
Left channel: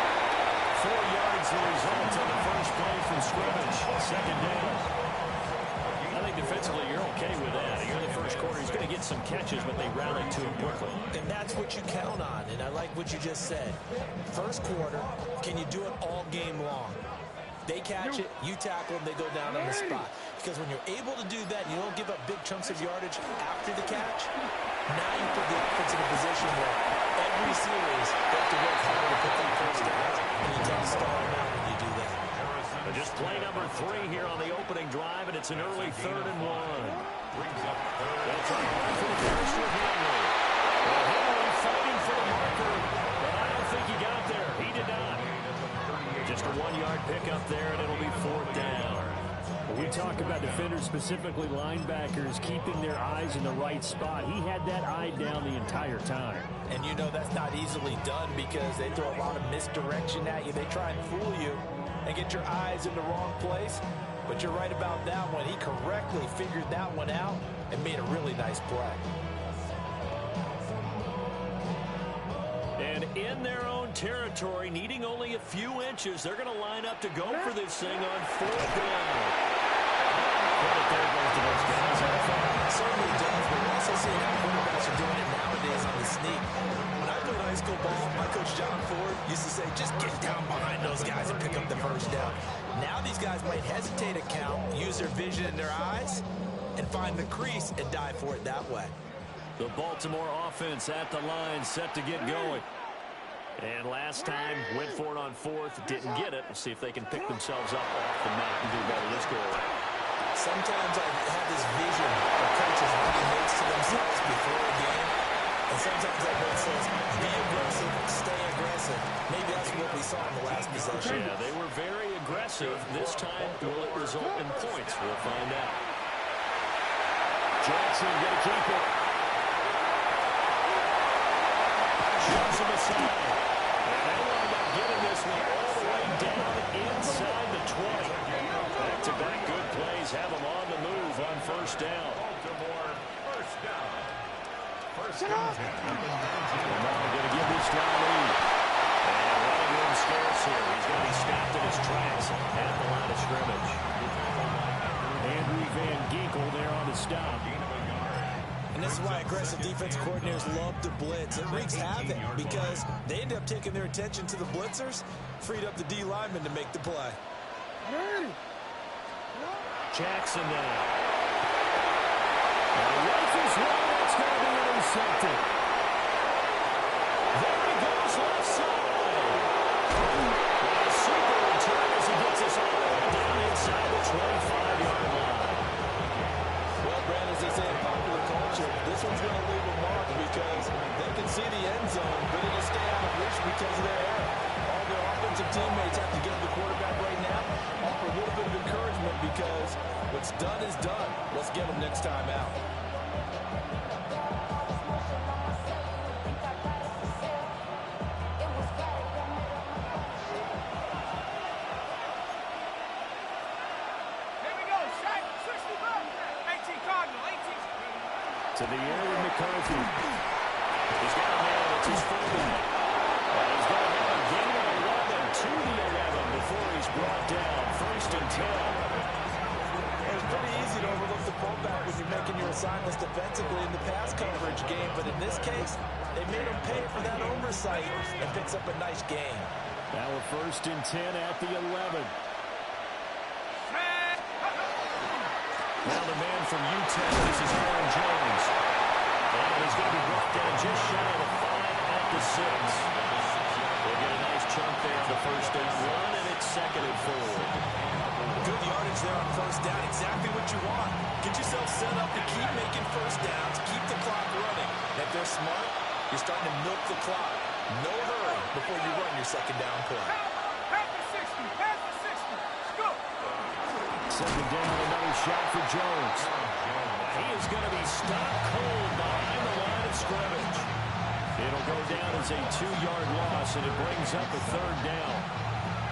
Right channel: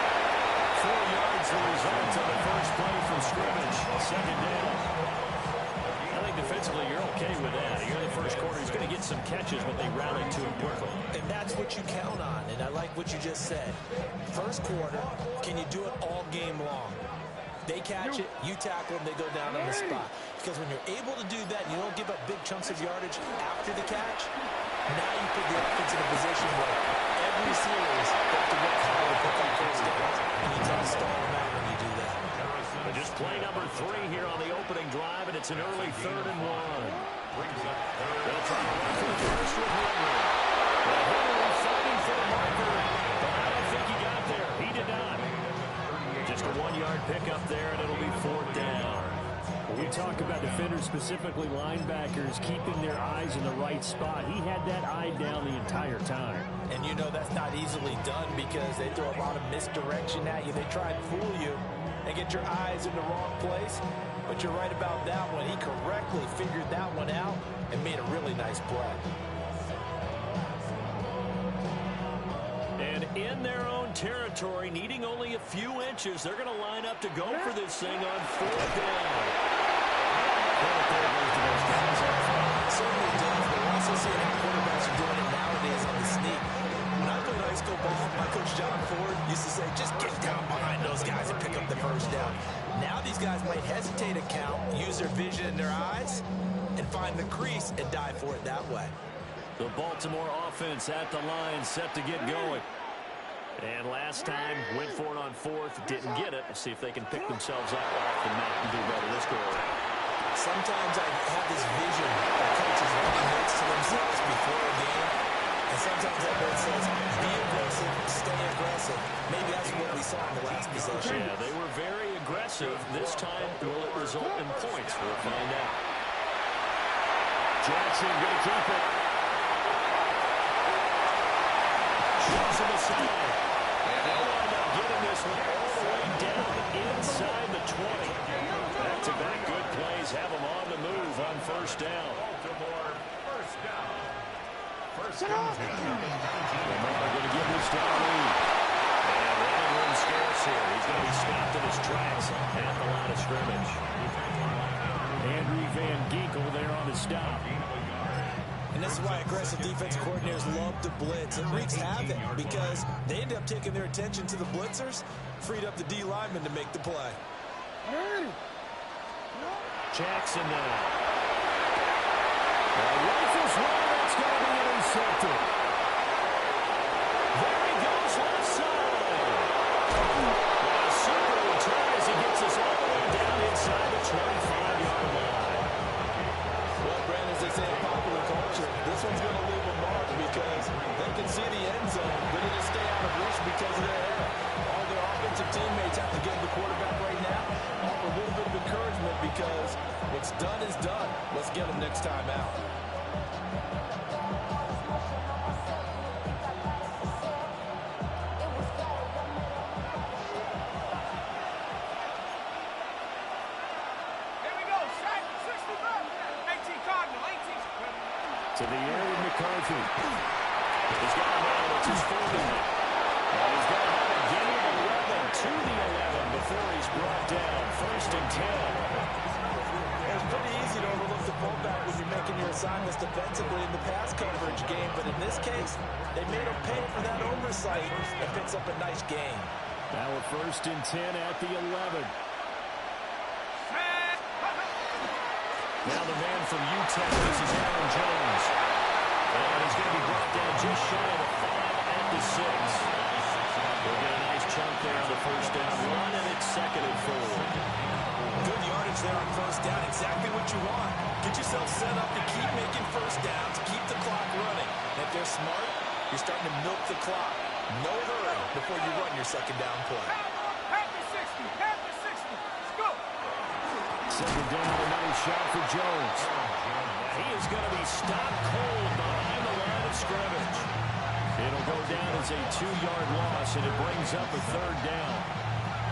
4 yards the result on the first play from scrimmage. Second down. I think defensively you're okay with that. You're in the first quarter. He's going to get some catches, but they rallied to him quickly. And that's what you count on. And I like what you just said. First quarter, can you do it all game long? They catch it, you tackle them, they go down on the spot. Because when you're able to do that, and you don't give up big chunks of yardage after the catch, now you put the offense in a position where every series they have to work hard to put that first down, and you tend to stall them out when you do that. But just play number 3 here on the opening drive, and it's an early 3rd and 1. They'll try to run for the first with Henry. Well, Henry fighting for the marker, but I don't think he got there. He did not. Just a 1-yard pickup there, and it'll be 4th down. When we talk about defenders, specifically linebackers, keeping their eyes in the right spot, he had that eye down the entire time. And you know that's not easily done because they throw a lot of misdirection at you. They try and fool you and get your eyes in the wrong place. But you're right about that one. He correctly figured that one out and made a really nice play. And in their own territory, needing only a few inches, they're going to line up to go for this thing on 4th down. Credit there goes to those guys on front. Certainly does, but we're also seeing how quarterbacks are doing it nowadays on the sneak. When I played high school ball, my coach John Ford used to say, just get down behind those guys and pick up the first down. Now these guys might hesitate to count, use their vision in their eyes, and find the crease and dive for it that way. The Baltimore offense at the line, set to get going. And last time, went for it on 4th, didn't get it. We'll see if they can pick themselves up off the mat and do better this go around. Sometimes I have this vision of coaches writing notes to themselves before a game. And sometimes that note says, be aggressive, stay aggressive. Maybe that's what we saw in the last possession. Yeah, they were very aggressive. This time, will it result in points? We'll find out. Jackson going to keep it. Shoves him aside. And they'll wind up getting this one all the way down inside the 20. Back-to-back good plays have them on the move on 1st down. Baltimore, 1st down. 1st and 10. Lamar going to give this to Ali. And running room scarce here. He's going to be stopped in his tracks at the line of scrimmage. Andrew Van Ginkel there on the stop. And this is why aggressive defense coordinators love to blitz. It wreaks havoc because they end up taking their attention to the blitzers, freed up the D lineman to make the play. Jackson now. Rifles one, that's going to be intercepted. There he goes, left side. And a super return as he gets us all the way down inside the 25-yard line. Well, Brandon, as they say in popular culture, this one's going to leave a mark because they can see the end zone, but it'll stay out of reach because of their error. All their offensive teammates have to give the quarterback right now, offer a little bit of encouragement because what's done is done. Let's get them next time out. To the air with McCarthy. He's got a man. It's his fullback. He's going to have a gain of 11 to the 11 before he's brought down. 1st and 10. It's pretty easy to overlook the fullback when you're making your assignments defensively in the pass coverage game, but in this case, they made him pay for that oversight and picks up a nice gain. Now a 1st and 10 at the 11. Now the man from Utah, this is Aaron Jones. And he's going to be brought down just shy of the 5 at the 6. We'll get a nice chunk there on the 1st down run, and it's 2nd and 4. Good yardage there on 1st down, exactly what you want. Get yourself set up to keep making 1st downs, keep the clock running. And if they're smart, you're starting to milk the clock. No hurry before you run your 2nd down play. Half the 60, half the 60. Let's go. 2nd down, another shot for Jones. He is going to be stopped cold behind the line of scrimmage. It'll go down as a 2-yard loss, and it brings up a 3rd down.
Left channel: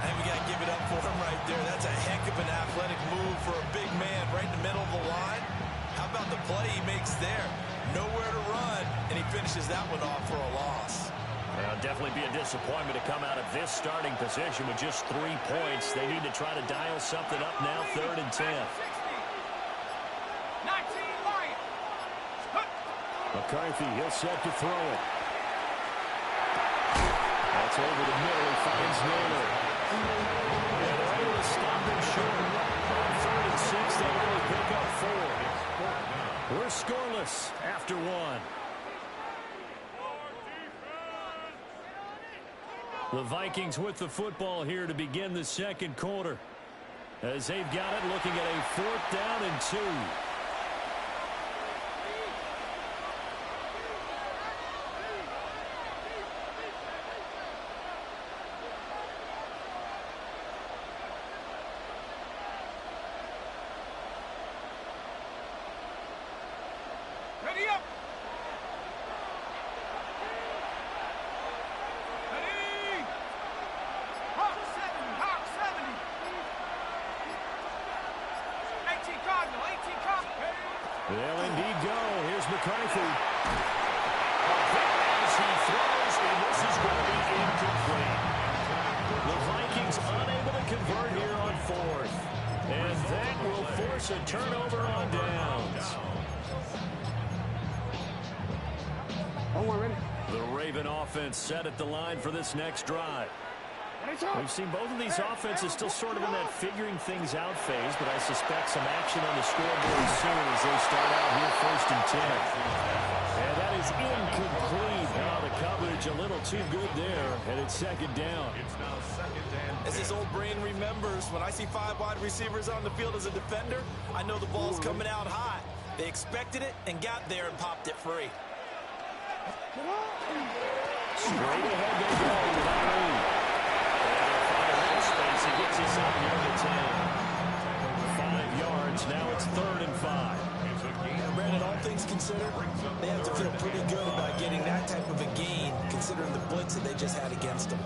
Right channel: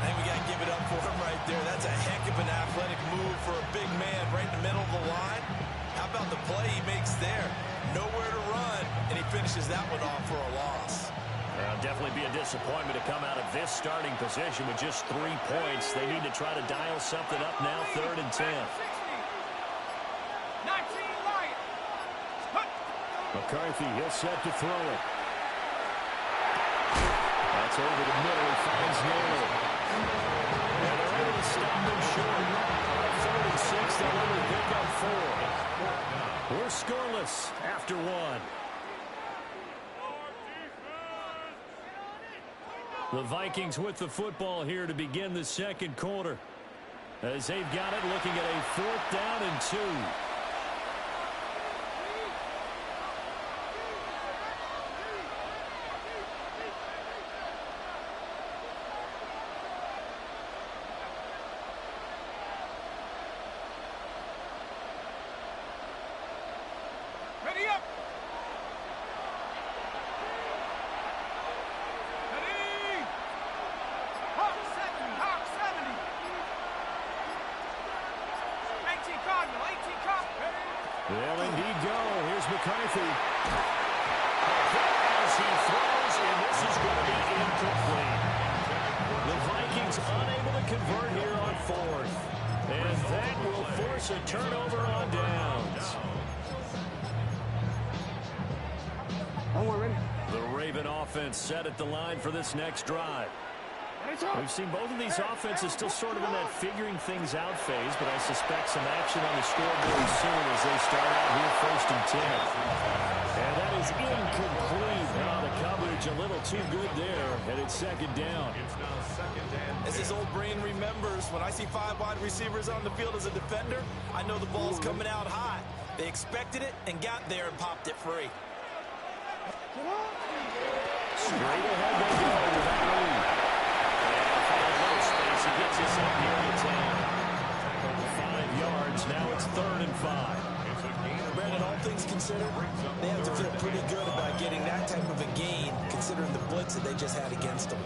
I think we got to give it up for him right there. That's a heck of an athletic move for a big man right in the middle of the line. How about the play he makes there? Nowhere to run, and he finishes that one off for a loss. Well, definitely be a disappointment to come out of this starting position with just 3 points. They need to try to dial something up now, 3rd and 10. 19 Lions. McCarthy, he'll set to throw it. That's over the middle. He finds Na-illy. And they're able to stop him short. On 3rd and 6, they'll only pick up 4. We're scoreless after 1. The Vikings with the football here to begin the 2nd quarter. As they've got it, looking at a 4th down and 2. Ready up. Ready. Hawk 70, Hawk 70. 18 Cardinal, 18 Cardinal. They'll indeed go. Here's McCarthy. A hit as he throws, and this is going to be incomplete. The Vikings unable to convert here on 4th. And that will force a turnover on downs. The Raven offense set at the line for this next drive. We've seen both of these offenses still sort of in that figuring things out phase, but I suspect some action on the scoreboard soon as they start out here 1st and 10. And that is incomplete. Now the coverage a little too good there, and it's 2nd down. It's now 2nd and As his old brain remembers, when I see 5 wide receivers on the field as a defender, I know the ball's coming out hot. They expected it and got there and popped it free. Straight ahead they go with Na-illy. And he'll find a little space. He gets us up near the 10. 5 yards. Now it's 3rd and 5. Brandon, all things considered, they have to feel pretty good about getting that type of a gain, considering the blitz that they just had against them.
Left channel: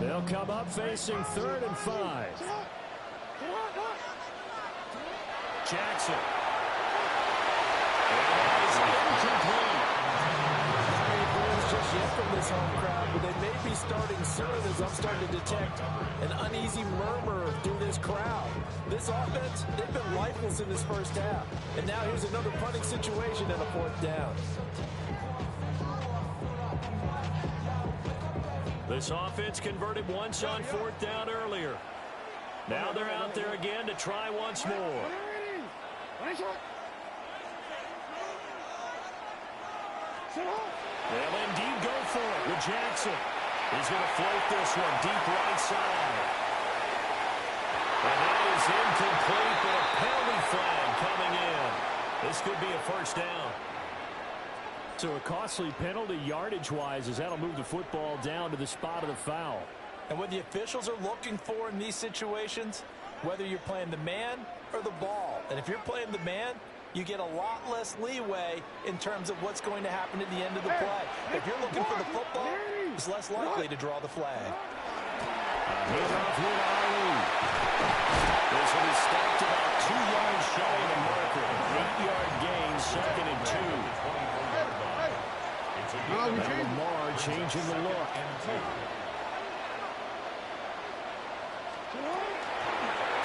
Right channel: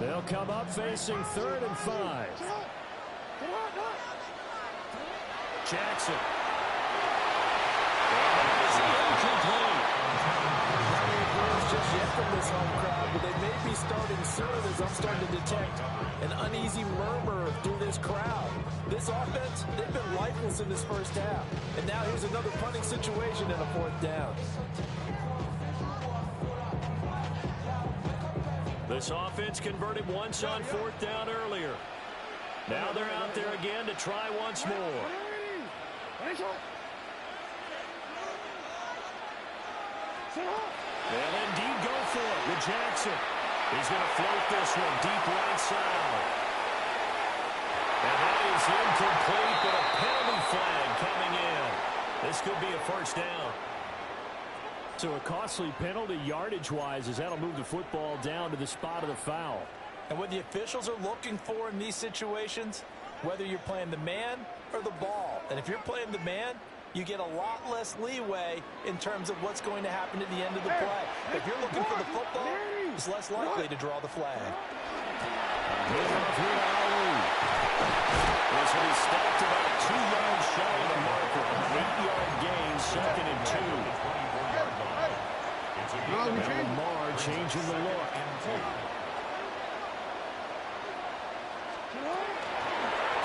They'll come up facing 3rd and 5. Jackson. And that is incomplete. Not many goals just yet from this home crowd, but they may be starting soon as I'm starting to detect an uneasy murmur through this crowd. This offense, they've been lifeless in this 1st half. And now here's another punting situation and a 4th down. This offense converted once on 4th down earlier. Now they're out there again to try once more. They'll indeed go for it with Jackson. He's going to float this one deep right side. And that is incomplete, but a penalty flag coming in. This could be a 1st down. So a costly penalty yardage-wise, as that'll move the football down to the spot of the foul. And what the officials are looking for in these situations, whether you're playing the man or the ball. And if you're playing the man, you get a lot less leeway in terms of what's going to happen at the end of the play. If you're looking for the football, it's less likely to draw the flag. Handoff here to Na-illy. This will be stopped about 2 yards shy of the marker. 2nd and 2. Now Lamar changing the look.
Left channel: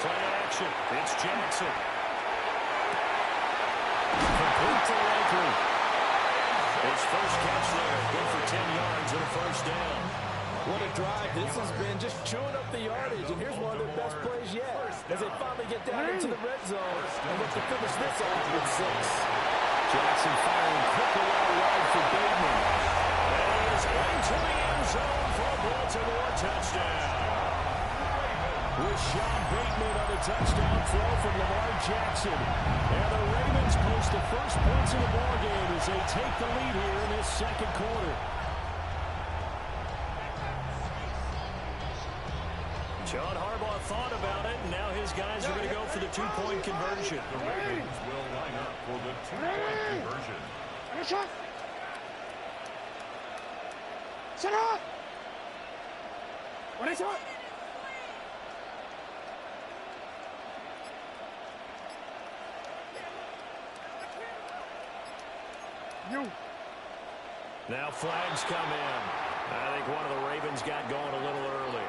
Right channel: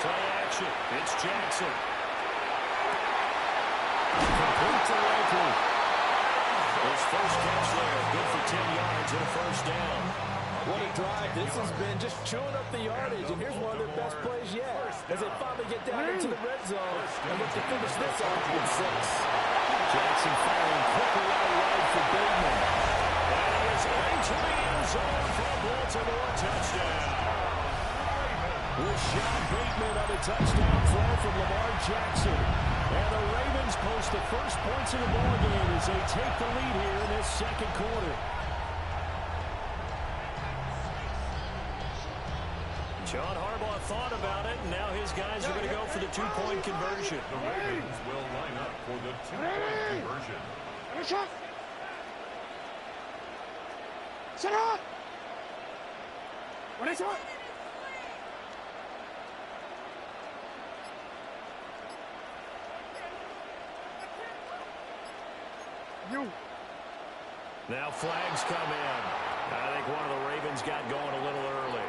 Play action. It's Jackson. Complete to Likely. His first catch there. Good for 10 yards and a first down. What a drive. This has been just chewing up the yardage, and here's one of their best plays yet as they finally get down into the red zone and look to finish this off with 6. Jackson firing quickly out wide for Bateman. And he is into the end zone for a Baltimore touchdown. Rashad Bateman on a touchdown throw from Lamar Jackson. And the Ravens post the first points of the ballgame as they take the lead here in this second quarter. John Harbaugh thought about it, and now his guys are going to go for the two-point conversion. The Ravens will line up for the two-point conversion. Set up! What is it? You. Now flags come in. I think one of the Ravens got going a little early.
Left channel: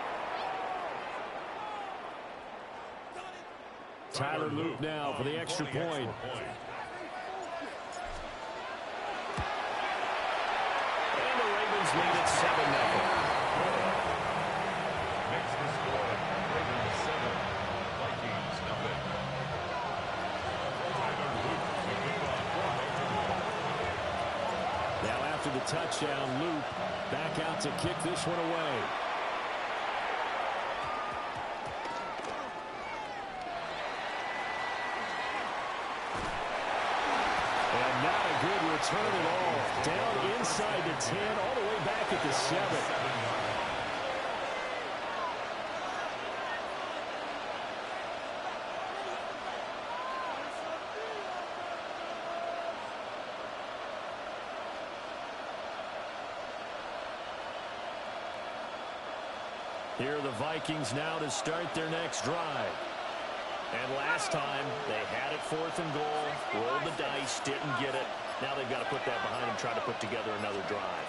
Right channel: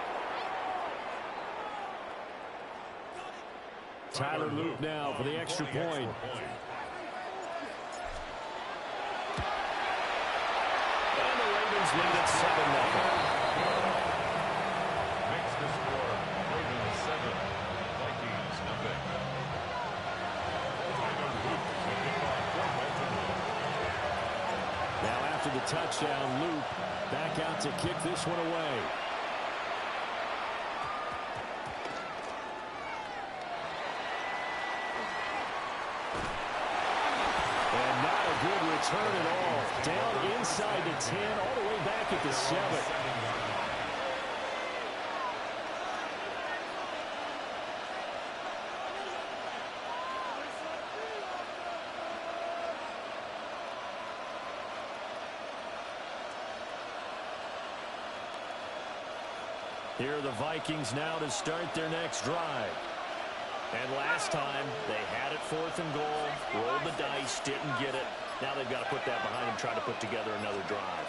Tyler Luke now for the extra point. And the Ravens lead at 7-0. Makes the score Ravens 7, Vikings nothing. Tyler Luke to kick off for Baltimore. Now after the touchdown, Luke back out to kick this one away. And not a good return at all. Down inside the 10, all the way back at the 7. Here are the Vikings now to start their next drive. And last time, they had it 4th and goal, rolled the dice, didn't get it. Now they've got to put that behind them, try to put together another drive.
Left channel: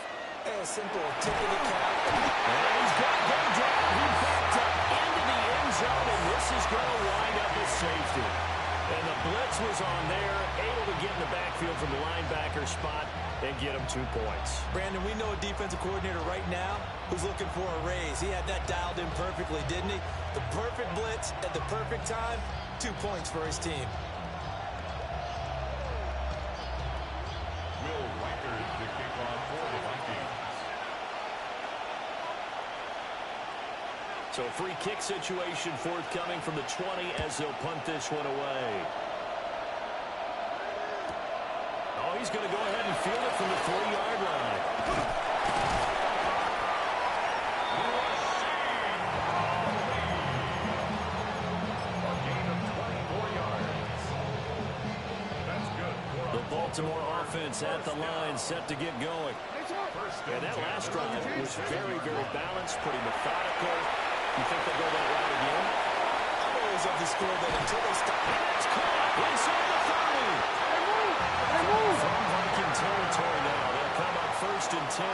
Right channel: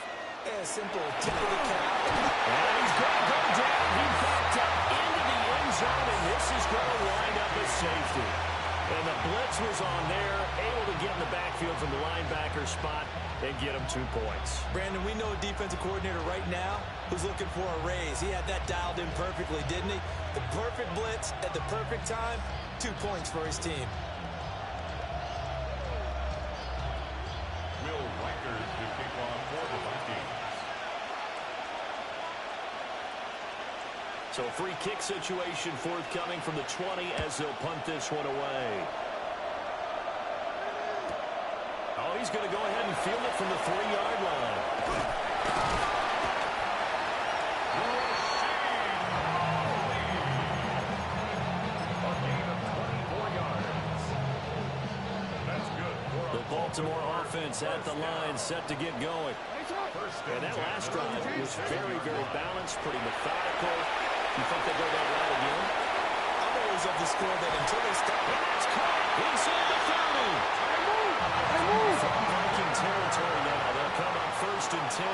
Simple, tip of the cap. And he's going to go down. He backed up into the end zone, and this is going to wind up as safety. And the blitz was on there, able to get in the backfield from the linebacker spot and get him 2 points. Brandon, we know a defensive coordinator right now who's looking for a raise. He had that dialed in perfectly, didn't he? The perfect blitz at the perfect time, 2 points for his team. Will Reichard to kick off for the Vikings. So a free kick situation forthcoming from the 20 as they'll punt this one away. Oh, he's going to go ahead and field it from the 3-yard line. A gain of 24 yards. That's good. The Baltimore offense at the line, set to get going. And that last drive was very, very balanced, pretty methodical. You think they go that route again? I'm always of the score that until they stop. And that's caught inside the 30. From Viking territory now, they'll come up 1st and 10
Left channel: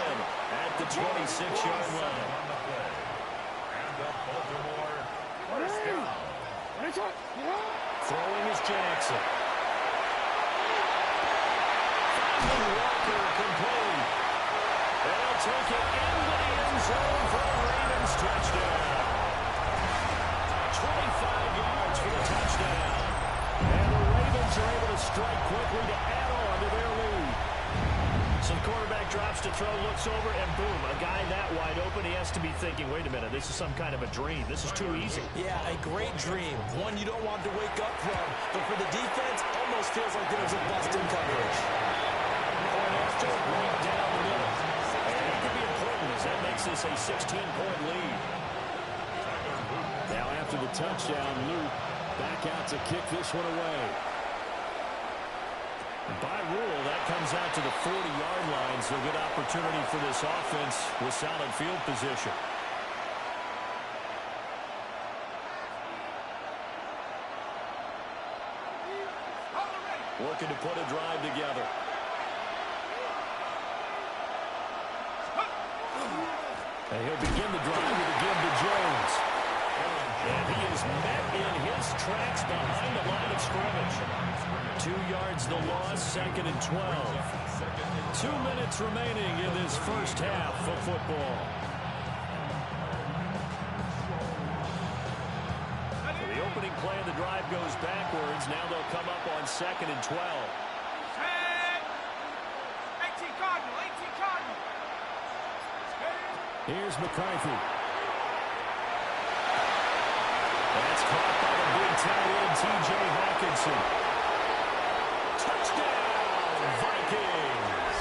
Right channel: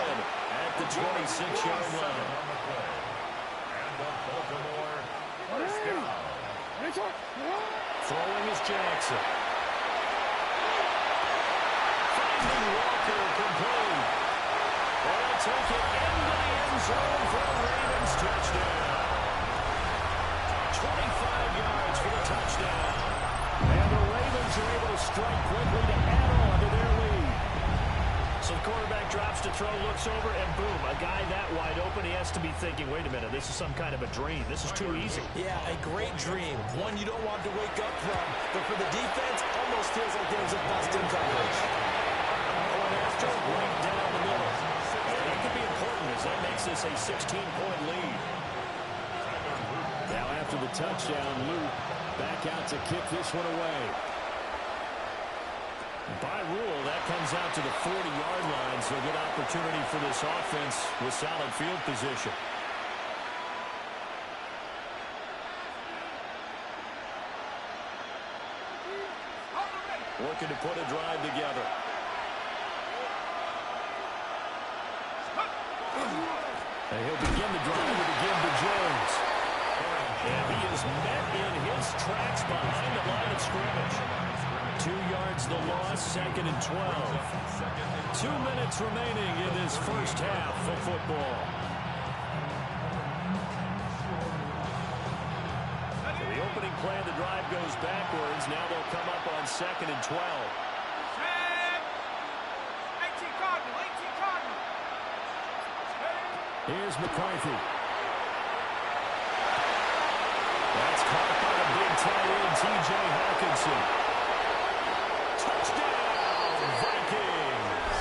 at the 26-yard line. On the play. And the Baltimore first down. Throwing is Jackson. Finding Walker complete. And he'll take it into the end zone for a Ravens touchdown. 25 yards for the touchdown. And the Ravens are able to strike quickly to add on to their lead. So the quarterback drops to throw, looks over, and boom, a guy that wide open, he has to be thinking, wait a minute, this is some kind of a dream. This is too easy. Yeah, a great dream. One you don't want to wake up from. But for the defense, almost feels like there was a bust in coverage. Point after, right down the middle. And that could be important as that makes this a 16-point lead. Now after the touchdown, Luke back out to kick this one away. By rule, that comes out to the 40-yard line, so a good opportunity for this offense with solid field position. looking to put a drive together. And he'll begin the drive with a give to Jones. And he is met in his tracks behind the line of scrimmage. 2 yards the loss, 2nd and 12. 2 minutes remaining in this first half of football. So the opening play of the drive goes backwards. Now they'll come up on 2nd and 12. 18 Cardinal, 18 Cardinal. Here's McCarthy. That's caught by the big tight end, T.J. Hawkinson. Touchdown, Vikings.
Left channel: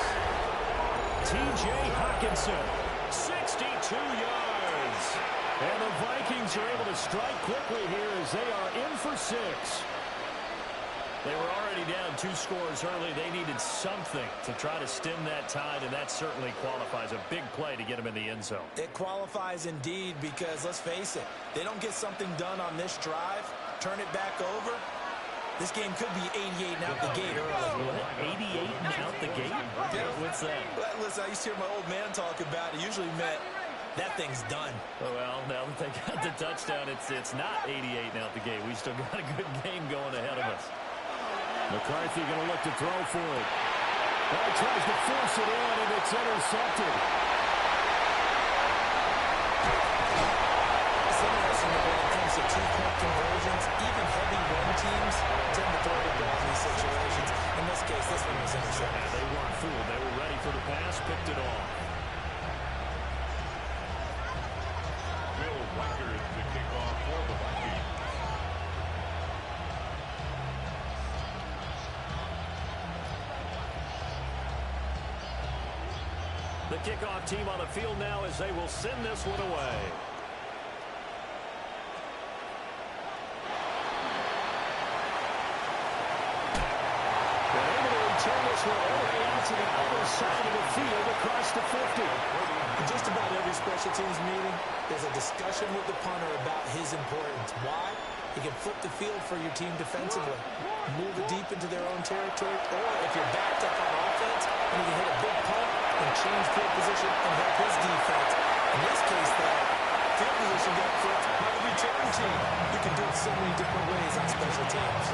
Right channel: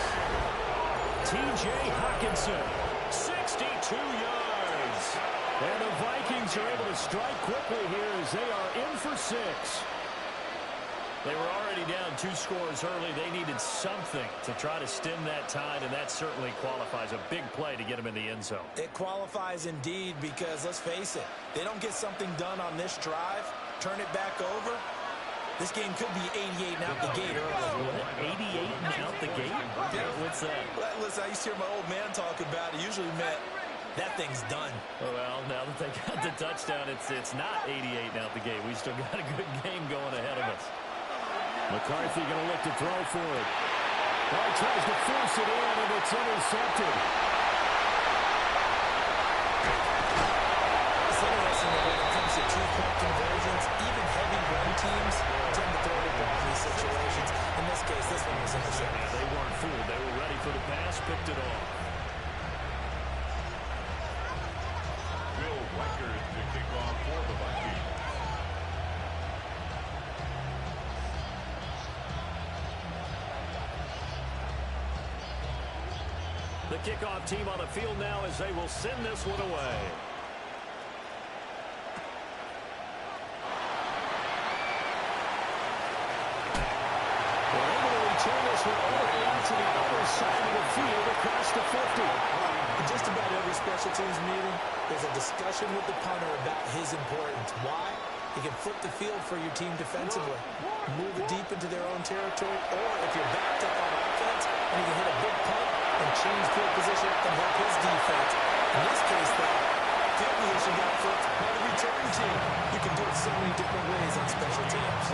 T.J. Hawkinson, 62 yards. And the Vikings are able to strike quickly here as they are in for 6. They were already down 2 scores early. They needed something to try to stem that tide, and that certainly qualifies. A big play to get them in the end zone. It qualifies indeed because, let's face it, they don't get something done on this drive, turn it back over, this game could be 88 and out the gate early. What? 88 and out the gate? What's that? Listen, I used to hear my old man talk about it. Usually meant that thing's done. Oh, well, now that they got the touchdown, it's not 88 and out the gate. We still got a good game going ahead of us. McCarthy going to look to throw for it. Oh, he tries to force it in, and it's intercepted. It's interesting that when it comes to 2-point conversions, even heavy run teams tend to throw the ball in these situations. In this case, this one was intercepted. Yeah, they weren't fooled. They were ready for the pass, picked it off. Will Reichard to kick off for the Vikings. The kickoff team on the field now as they will send this one away. They're able to return this one all the way out to the other side of the field across the 50. In just about every special teams meeting, there's a discussion with the punter about his importance. Why? He can flip the field for your team defensively, move it deep into their own territory, or if you're backed up on offense, and he can hit a big punt and change field position and help his defense. In this case, though, field position got flipped by the return team. You can do it so many different ways on special teams.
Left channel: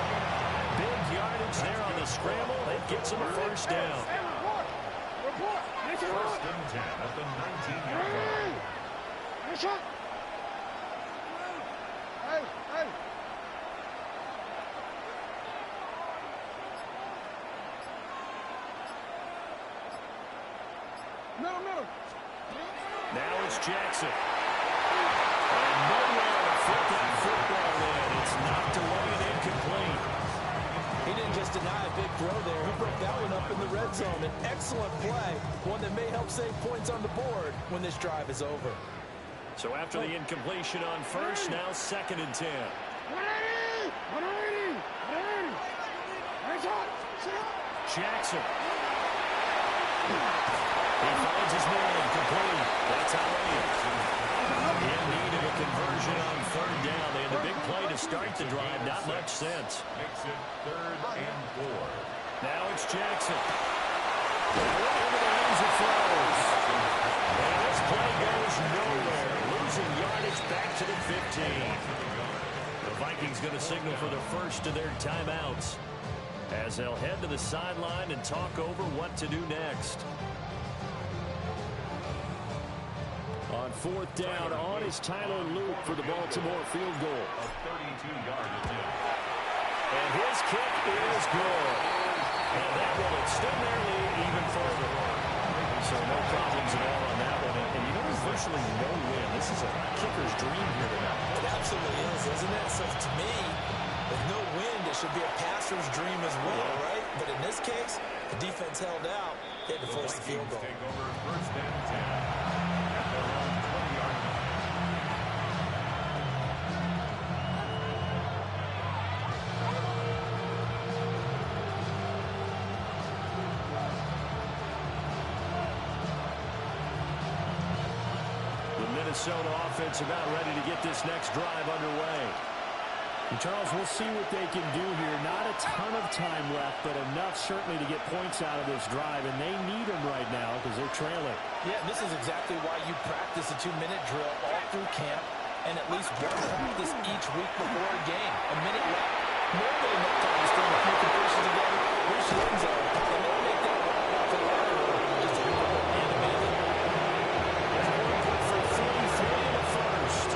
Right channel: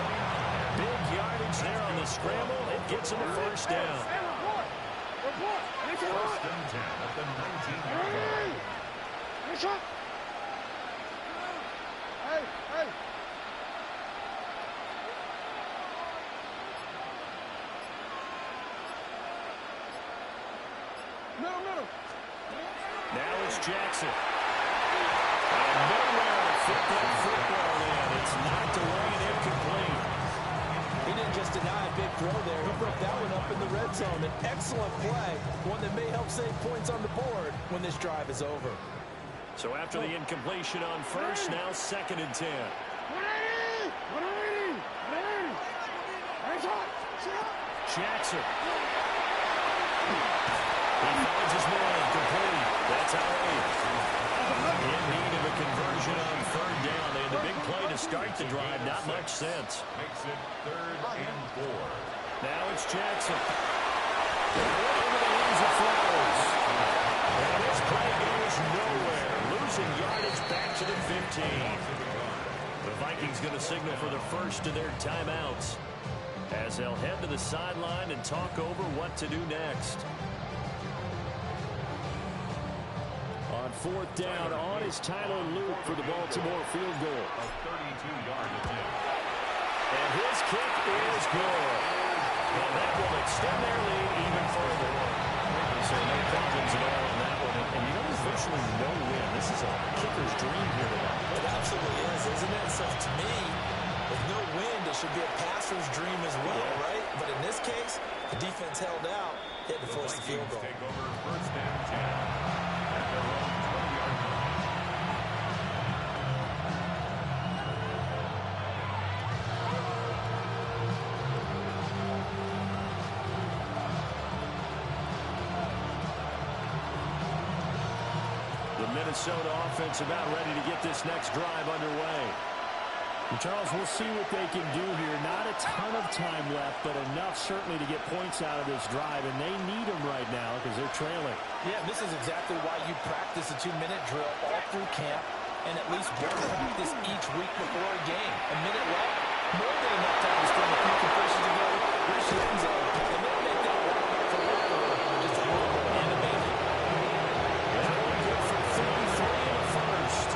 Big yardage there on the scramble. It gets them a first down. Report. First and 10 at the 19-yard line. Hey, shot. Hey. Middle. Now it's Jackson. And nowhere to fit that football in. It's knocked away and incomplete. He didn't just deny a big throw there. He broke that one up in the red zone. An excellent play, one that may help save points on the board when this drive is over. So after the incompletion on first, now 2nd and 10. 180. Jackson. He finds his man, complete. That's Na-illy. In need of a conversion on 3rd down. They had the big play to start the drive. Not much sense. Makes it 3rd and 4. Now it's Jackson. Into the hands of Flowers. And this play goes nowhere. Losing yardage back to the 15. The Vikings going to signal for the first of their timeouts as they'll head to the sideline and talk over what to do next. On 4th down, on is Tyler Luke for the Baltimore field goal. A 32-yard attempt. And his kick is good. And that will extend their lead even further. So no problems at all on that one. And you know, there's virtually no win. This is a kicker's dream here tonight. It absolutely is, isn't it? So to me, with no wind, it should be a passer's dream as well, right? But in this case, the defense held out. They had to force the field goal. Take over 1st and 10 at their own 20-yard line. The Minnesota offense about ready to get this next drive underway. And Charles, we'll see what they can do here. Not a ton of time left, but enough certainly to get points out of this drive, and they need them right now because they're trailing. Yeah, this is exactly why you practice a 2-minute drill all through camp and at least one practice each week before a game. A minute left, more than enough time to string a few completions together, reach the end zone, and then make that walk back to the locker room just a little more animated. That one good for 33 in the first.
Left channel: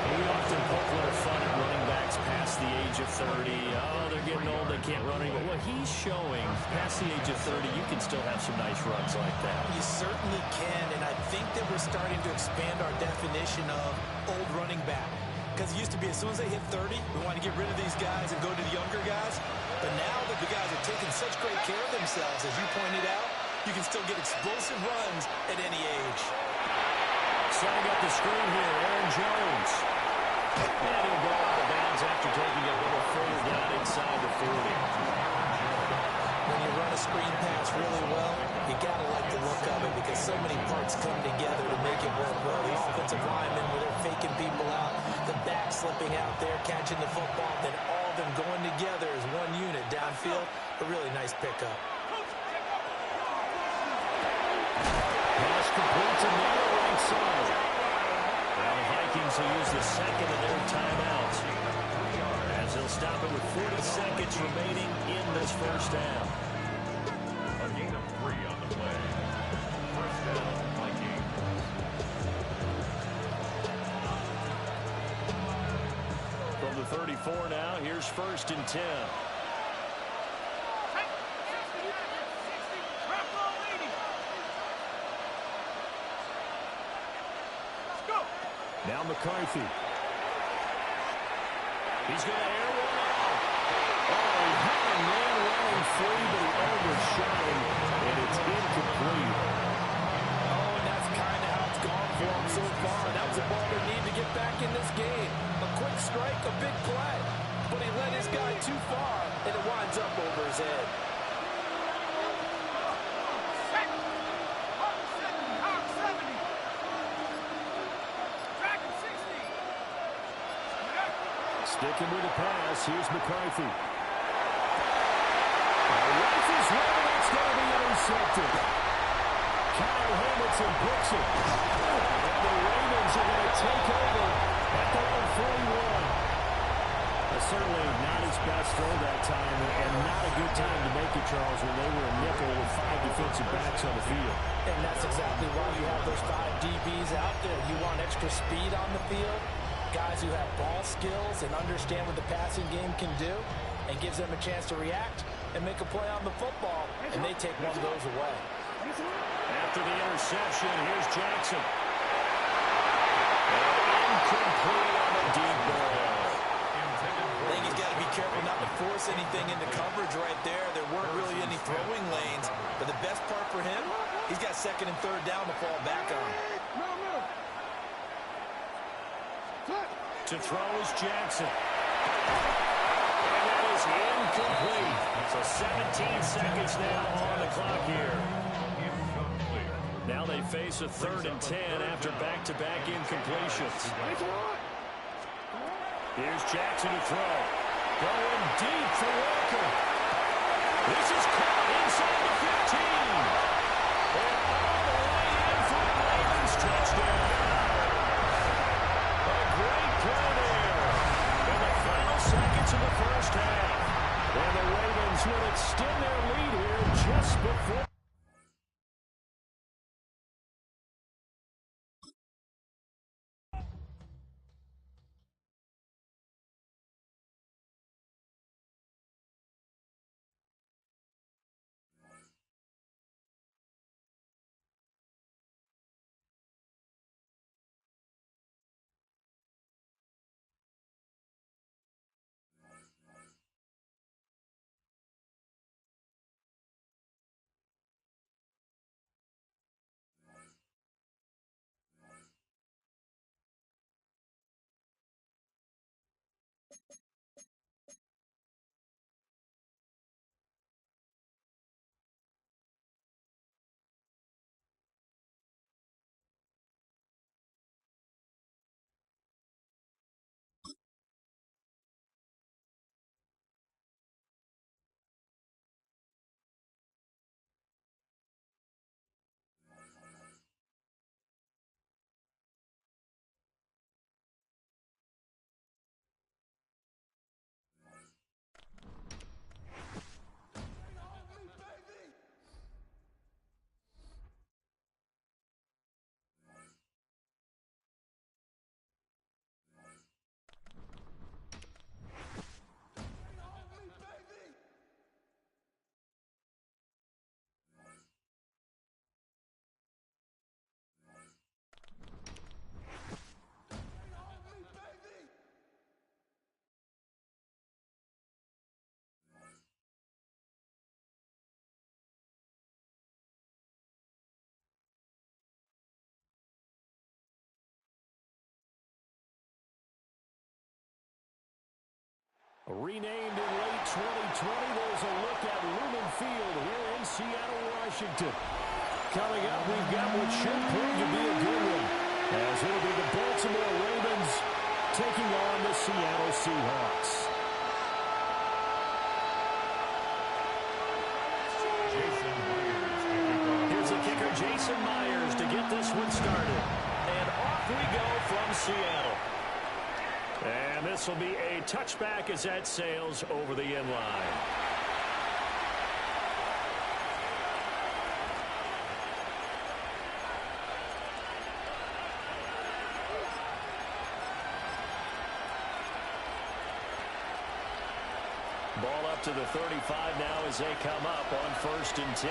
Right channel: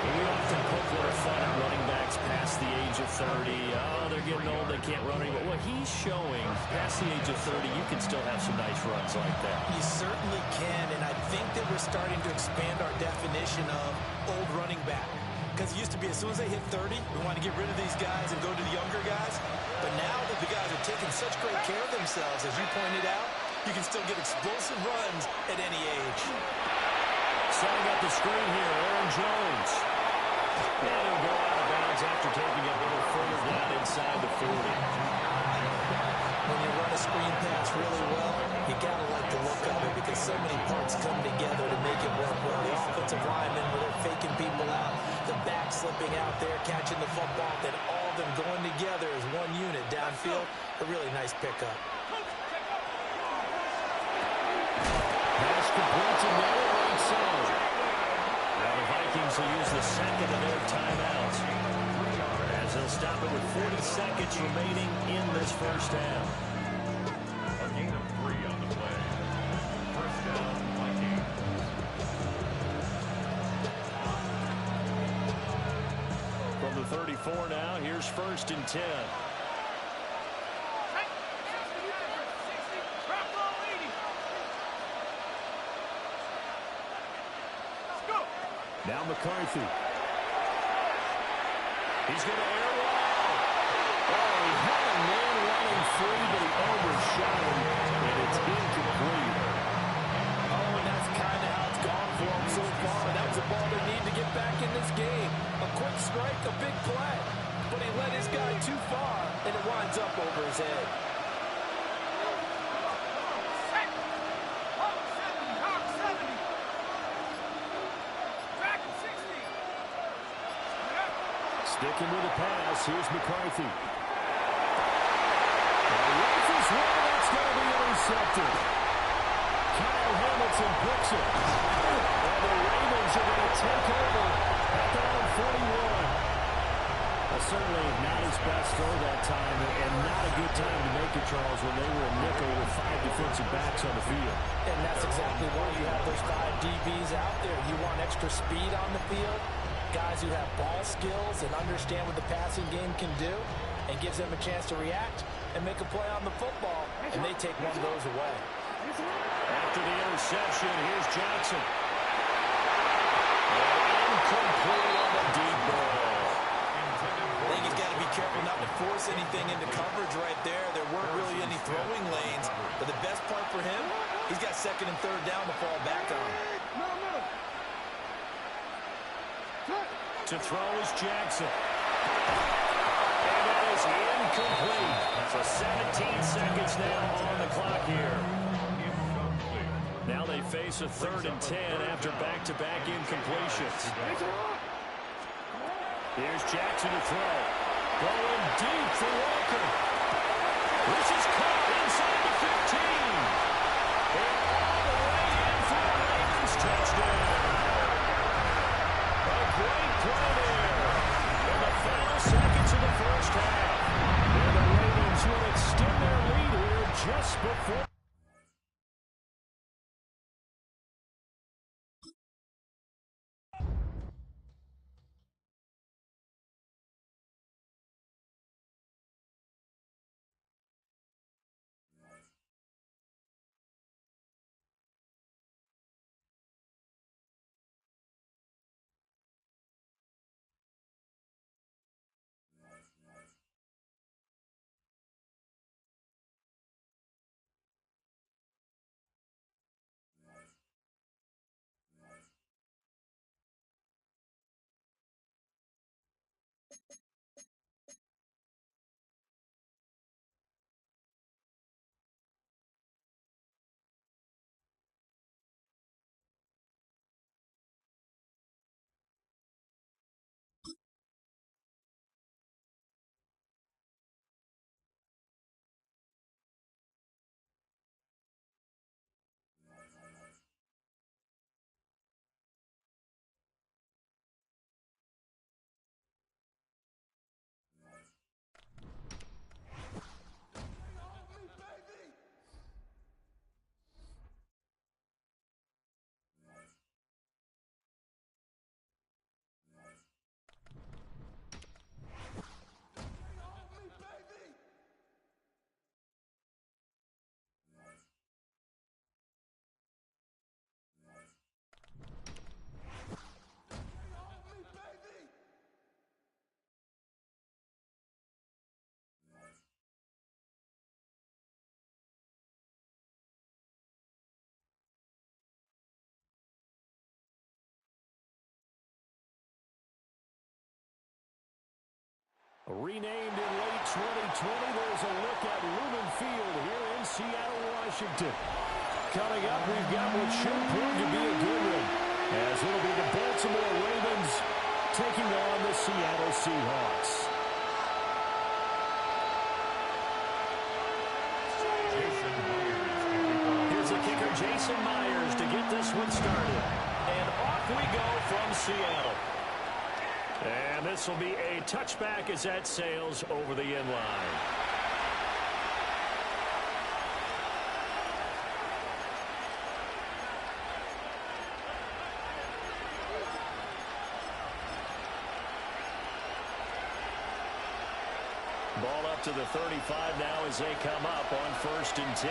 We often poke a little fun at running backs past the age of 30. Oh, they're getting old, they can't run anymore. Well, he's showing past the age of 30, you can still have some nice runs like that. You certainly can, and I think that we're starting to expand our definition of old running back. Because it used to be as soon as they hit 30, we want to get rid of these guys and go to the younger guys. But now that the guys are taking such great care of themselves, as you pointed out, you can still get explosive runs at any age. Setting up the screen here, Aaron Jones. And he'll go out of bounds after taking it a little further down inside the 40. When you run a screen pass really well, you got to like the look of it because so many parts come together to make it work well. The offensive linemen, where they're faking people out, the back slipping out there, catching the football, then all of them going together as one unit downfield. A really nice pickup. Pass complete to Naylor, right side. Now the Vikings will use the second of their timeouts as they'll stop it with 40 seconds remaining in this first half. A gain of 3 on the play. First down, Vikings. From the 34 now, here's 1st and 10. Now McCarthy. He's going to air one out. Oh, he had a man running free, but he overshot him, and it's incomplete. Oh, and that's kind of how it's gone for him so far. That was a ball they need to get back in this game. A quick strike, a big play. But he led his guy too far, and it winds up over his head. Sticking with the pass, here's McCarthy. Rifles one, that's going to be intercepted. Kyle Hamilton picks it. And the Ravens are going to take over at their own 41. Certainly not his best throw that time, and not a good time to make it, Charles, when they were a nickel with 5 defensive backs on the field. And that's exactly why you have those 5 DBs out there. You want extra speed on the field, guys who have ball skills and understand what the passing game can do, and gives them a chance to react and make a play on the football, and they take one of those away. After the interception, here's Jackson. And incomplete on a deep ball. I think he's got to be careful not to force anything into coverage right there. There weren't really any throwing lanes, but the best part for him, he's got 2nd and 3rd down to fall back on. To throw is Jackson. And that is incomplete. So 17 seconds now on the clock here. Now they face a 3rd and 10 after back-to-back incompletions. Here's Jackson to throw. Going deep for Walker. This is caught inside the 15. And all the way in for a Ravens touchdown. A great play there in the final seconds of the first half. And the Ravens will extend their lead here just before. Renamed in late 2020, there's a look at Lumen Field here in Seattle, Washington. Coming up, we've got what should prove to be a good one, as it'll be the Baltimore Ravens taking on the Seattle Seahawks. Here's the kicker, Jason Myers, to get this one started. And off we go from Seattle. And this will be a touchback as that sails over the end line. Ball up to the 35 now as they come up on 1st and 10.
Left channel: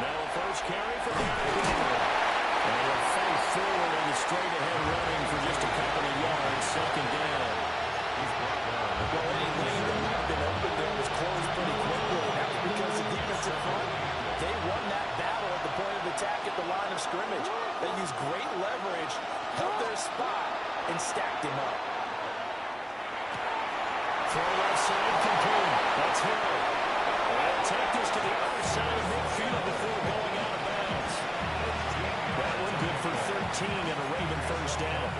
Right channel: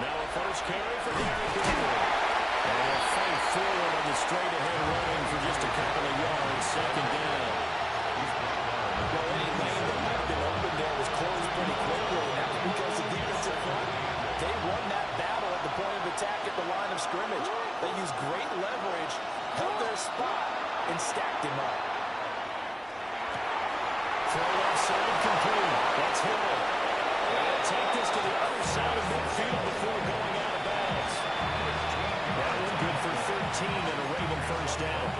Now a first carry for Derrick Henry. And he'll fight forward on the straight-ahead running for just a couple of yards. 2nd down. Well, any lane that might have been open there was closed pretty quickly. And that was because the defensive front, they won that battle at the point of attack at the line of scrimmage. They used great leverage, held their spot, and stacked him up. Throw left side complete. That's Hill. And take this to the other side of midfield before going out of bounds. That one good for 13 and a Raven first down.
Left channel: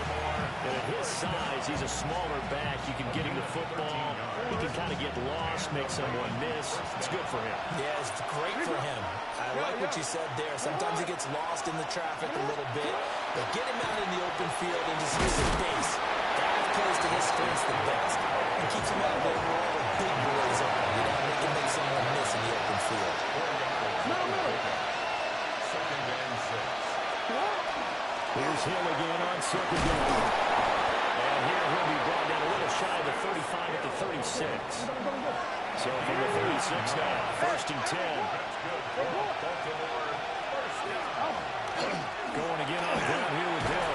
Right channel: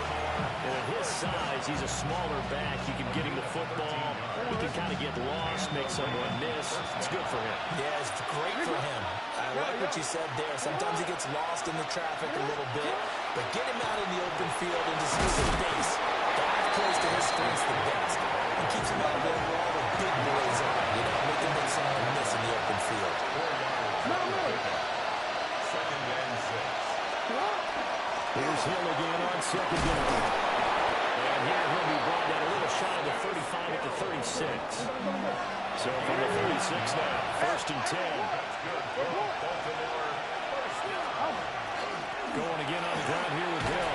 And at his size, he's a smaller back. You can get him the football. He can kind of get lost, make someone miss. It's good for him. Yeah, it's great for him. I like what you said there. Sometimes he gets lost in the traffic a little bit, but get him out in the open field into some space. Dive close to his strengths the best. And keeps him out of there where all the big boys are. You know, make someone miss in the open field. 2nd and 6. Here's Hill again on 2nd down. And here he'll be brought down a little shy of the 35 at the 36. So from the 36 now, 1st and 10. Going again on the ground here with Hill.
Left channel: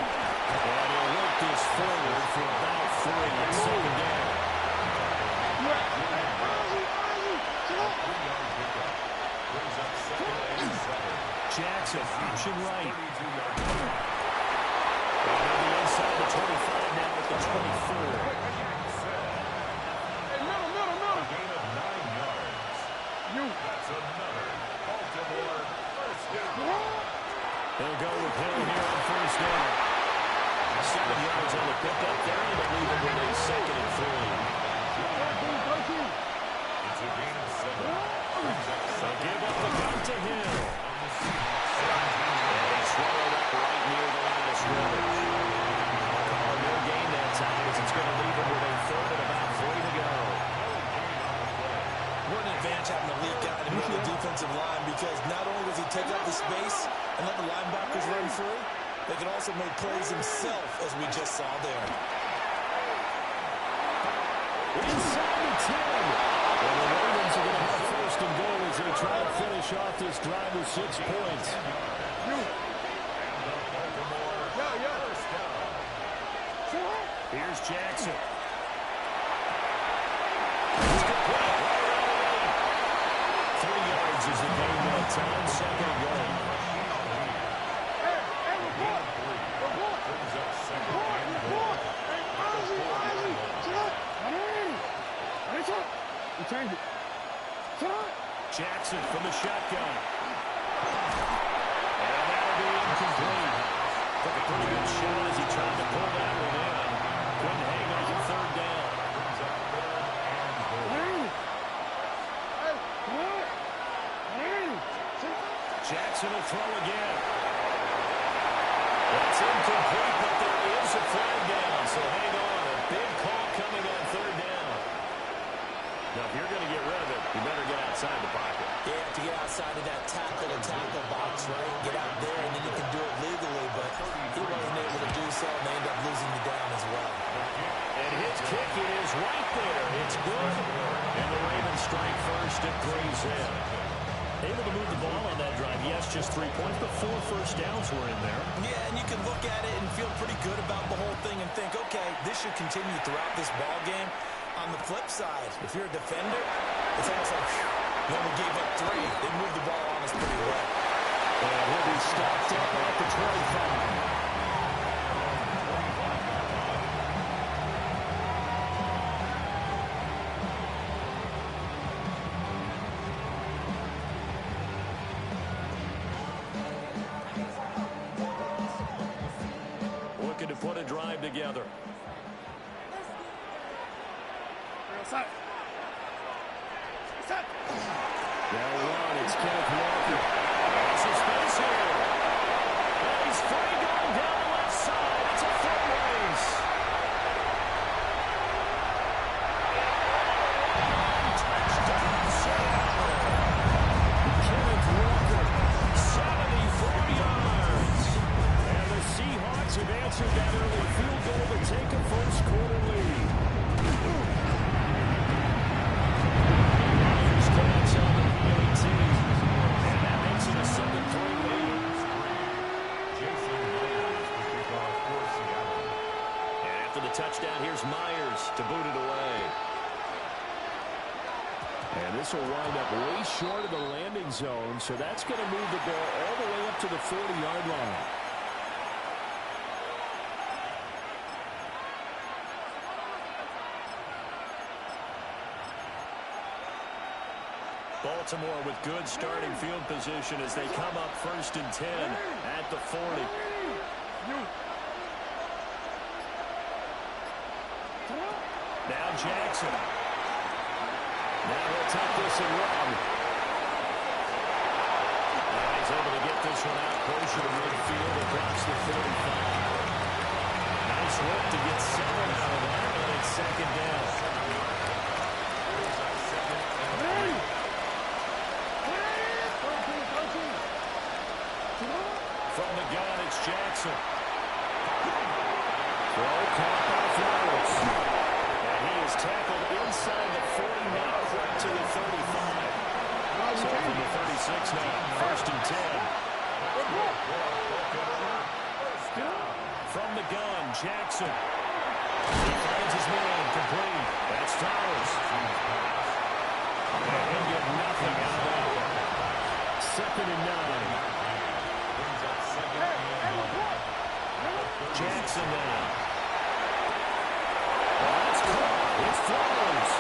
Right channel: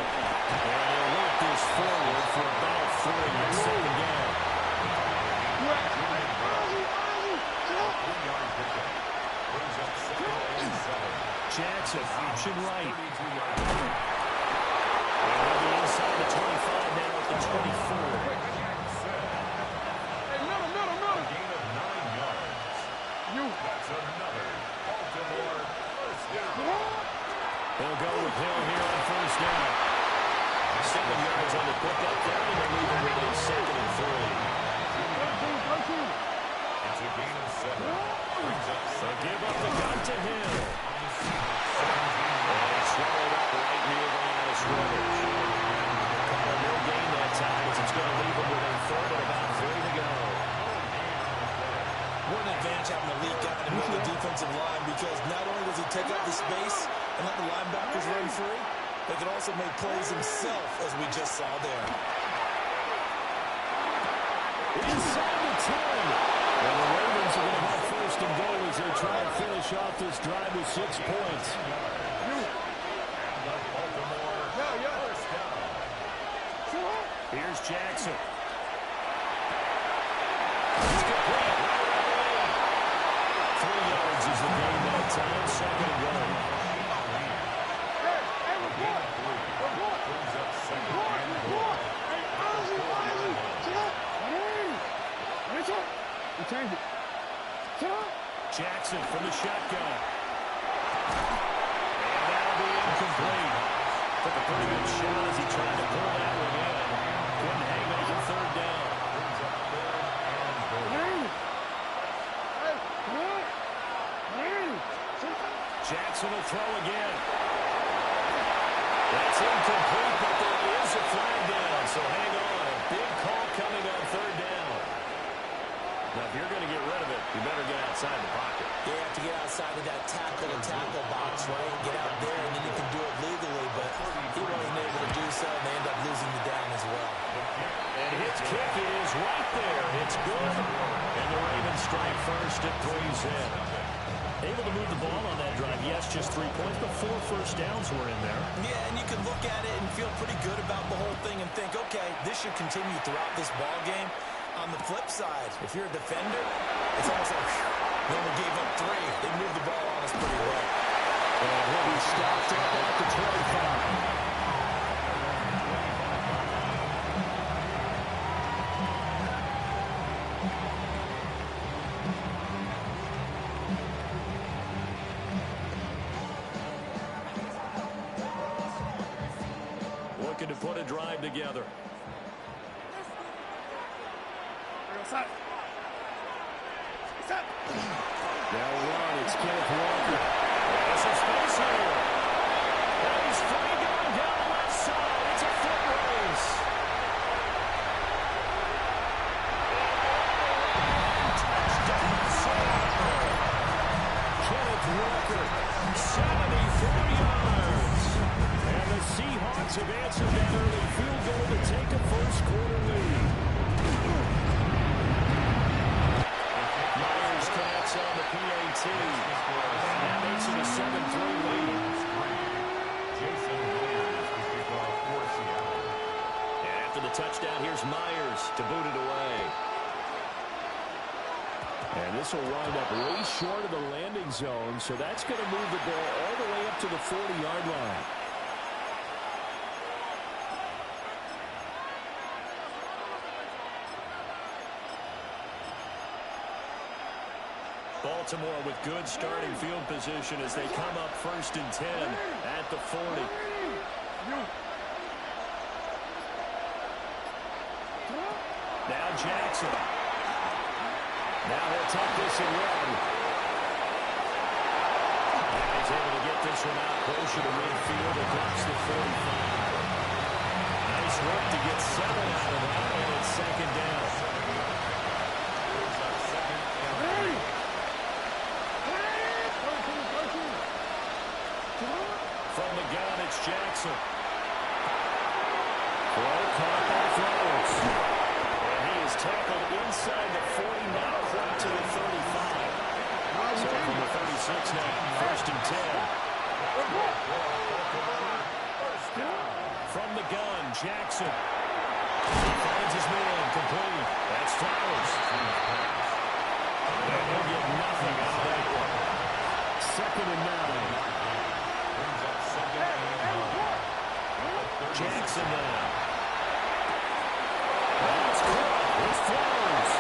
And he'll work this forward for about 3 at 2nd down. Brings up 2nd and 7. Jackson, option right. And he'll be inside the 25 now at the 24. A gain of 9 yards. That's another Baltimore first down. He'll go with Hill here on 1st down. 7 yards on the pickup there, and they'll leave him with a 2nd and 3. It's a gain of 7. Brings up So give up the gun to Hill. And he's swallowed up right near the line of scrimmage. Call a no gain that time as it's going to leave him with a 3rd and about 3 to go. What an advantage having a lead guy in the middle of the defensive line, because not only does he take up the space and let the linebackers run free, they can also make plays himself, as we just saw there. Inside the 10. And the Ravens are going to have 1st and goal as they try to finish off this drive with 6 points. Here's Jackson. It's complete right around the 8. 3 yards is the gain that time. 2nd and goal. Brings up 2nd and goal. You change it. Jackson from the shotgun. And that'll be incomplete. Took a pretty good shot as he tried to pull that one in. Couldn't hang on 3rd down. Brings up 3rd and goal. Jackson will throw again. That's incomplete, but there is a flag down. So hang on. A big call coming on 3rd down. Now, if you're going to get rid of it, you better get outside the pocket. You have to get outside of that tackle-to-tackle box, right? Get out there, and then you can do it legally, but he wasn't able to do so, and they end up losing the down as well. And his kick is right there. It's good. And the Ravens strike first at 3-0. Able to move the ball on that drive. Yes, just 3 points, but 4 first downs were in there. Yeah, and you can look at it and feel pretty good about the whole thing and think, okay, this should continue throughout this ball game. On the flip side, if you're a defender, it's almost like, whew, they only gave up 3. They moved the ball on us pretty well. And he'll be stopped up at the 25. looking to put a drive together. They'll run. It's Kenneth Walker. There's some space here. And he's free going down the left side. It's a foot race. And touchdown. Kenneth Walker, 74 yards. And the Seahawks have answered that early field goal to take a first quarter lead. Myers taps on the PAT. And that makes it a 7-3 lead. Jason Myers to kick off for Seattle. And after the touchdown, here's Myers to boot it away. And this will wind up way short of the landing zone, so that's going to move the ball all the way up to the 40-yard line. Baltimore with good starting field position as they come up 1st and 10 at the 40. Now Jackson. Now he'll tuck this and run. And he's able to get this one out closer to midfield across the 45. Nice work to get 7 out of that, and it's 2nd down. From the gun, it's Jackson. Throw caught by Flowers. And he is tackled inside the 40, not quite to the 35. So from the 36 now, 1st and 10. From the gun, Jackson. He finds his man, complete. That's Flowers. And he'll get nothing out of that one. 2nd and 9. Jackson now. That's caught. It's Flowers.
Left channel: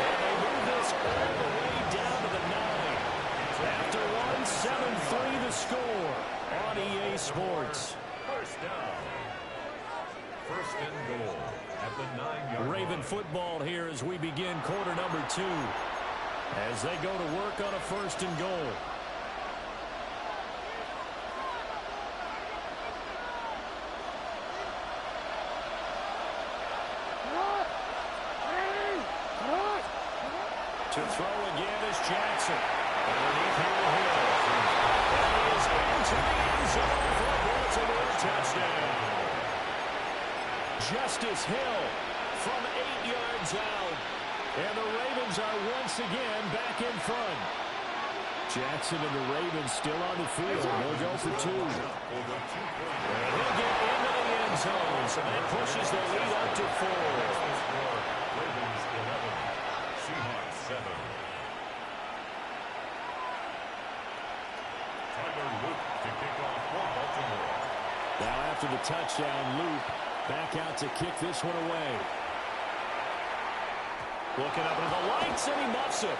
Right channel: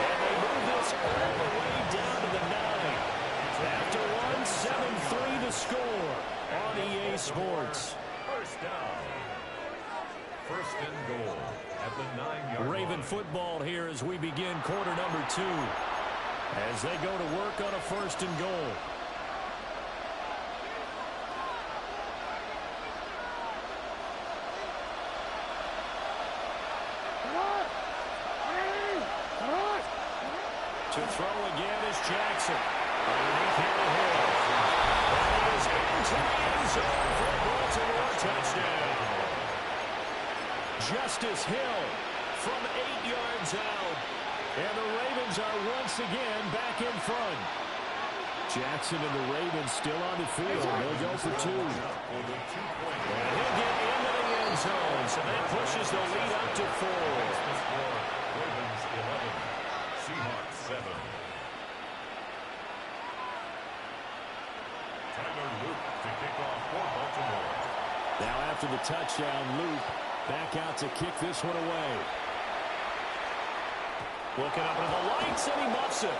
And they move this all the way down to the 9. After 1, 7-3 the score on EA Sports. First down. 1st and goal at the 9-yard line. Raven football here as we begin quarter number 2. As they go to work on a 1st and goal. To throw again is Jackson. Underneath here to Hill. And he is into the end zone for a Baltimore touchdown. Justice Hill from 8 yards out. And the Ravens are once again back in front. Jackson and the Ravens still on the field. They'll go for 2. And he'll get into the end zone. So that pushes the lead up to 4. Ravens 11. Seahawks 7. Tyler Luke to kick off for Baltimore. Now after the touchdown, Luke back out to kick this one away. Looking up at the lights, and he muffs it.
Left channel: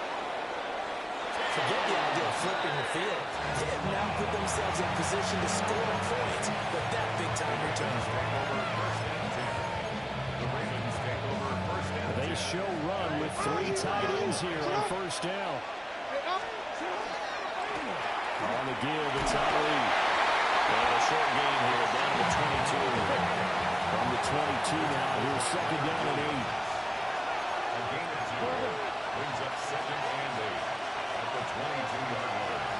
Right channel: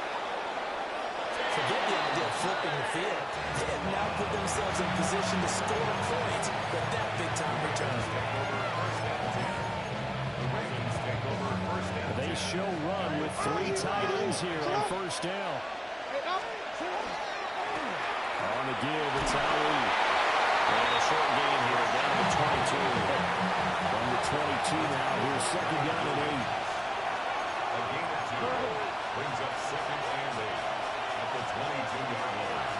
Forget the idea of flipping the field. They have now put themselves in position to score points with that big-time return. The Ravens take over 1st and 10. They show run with 3 tight ends here on 1st down. On the give, it's Na-illy. And a short gain here, down to the 22. From the 22 now, here's 2nd down and 8. A gain of 2 brings up 2nd and 8 at the 22-yard line.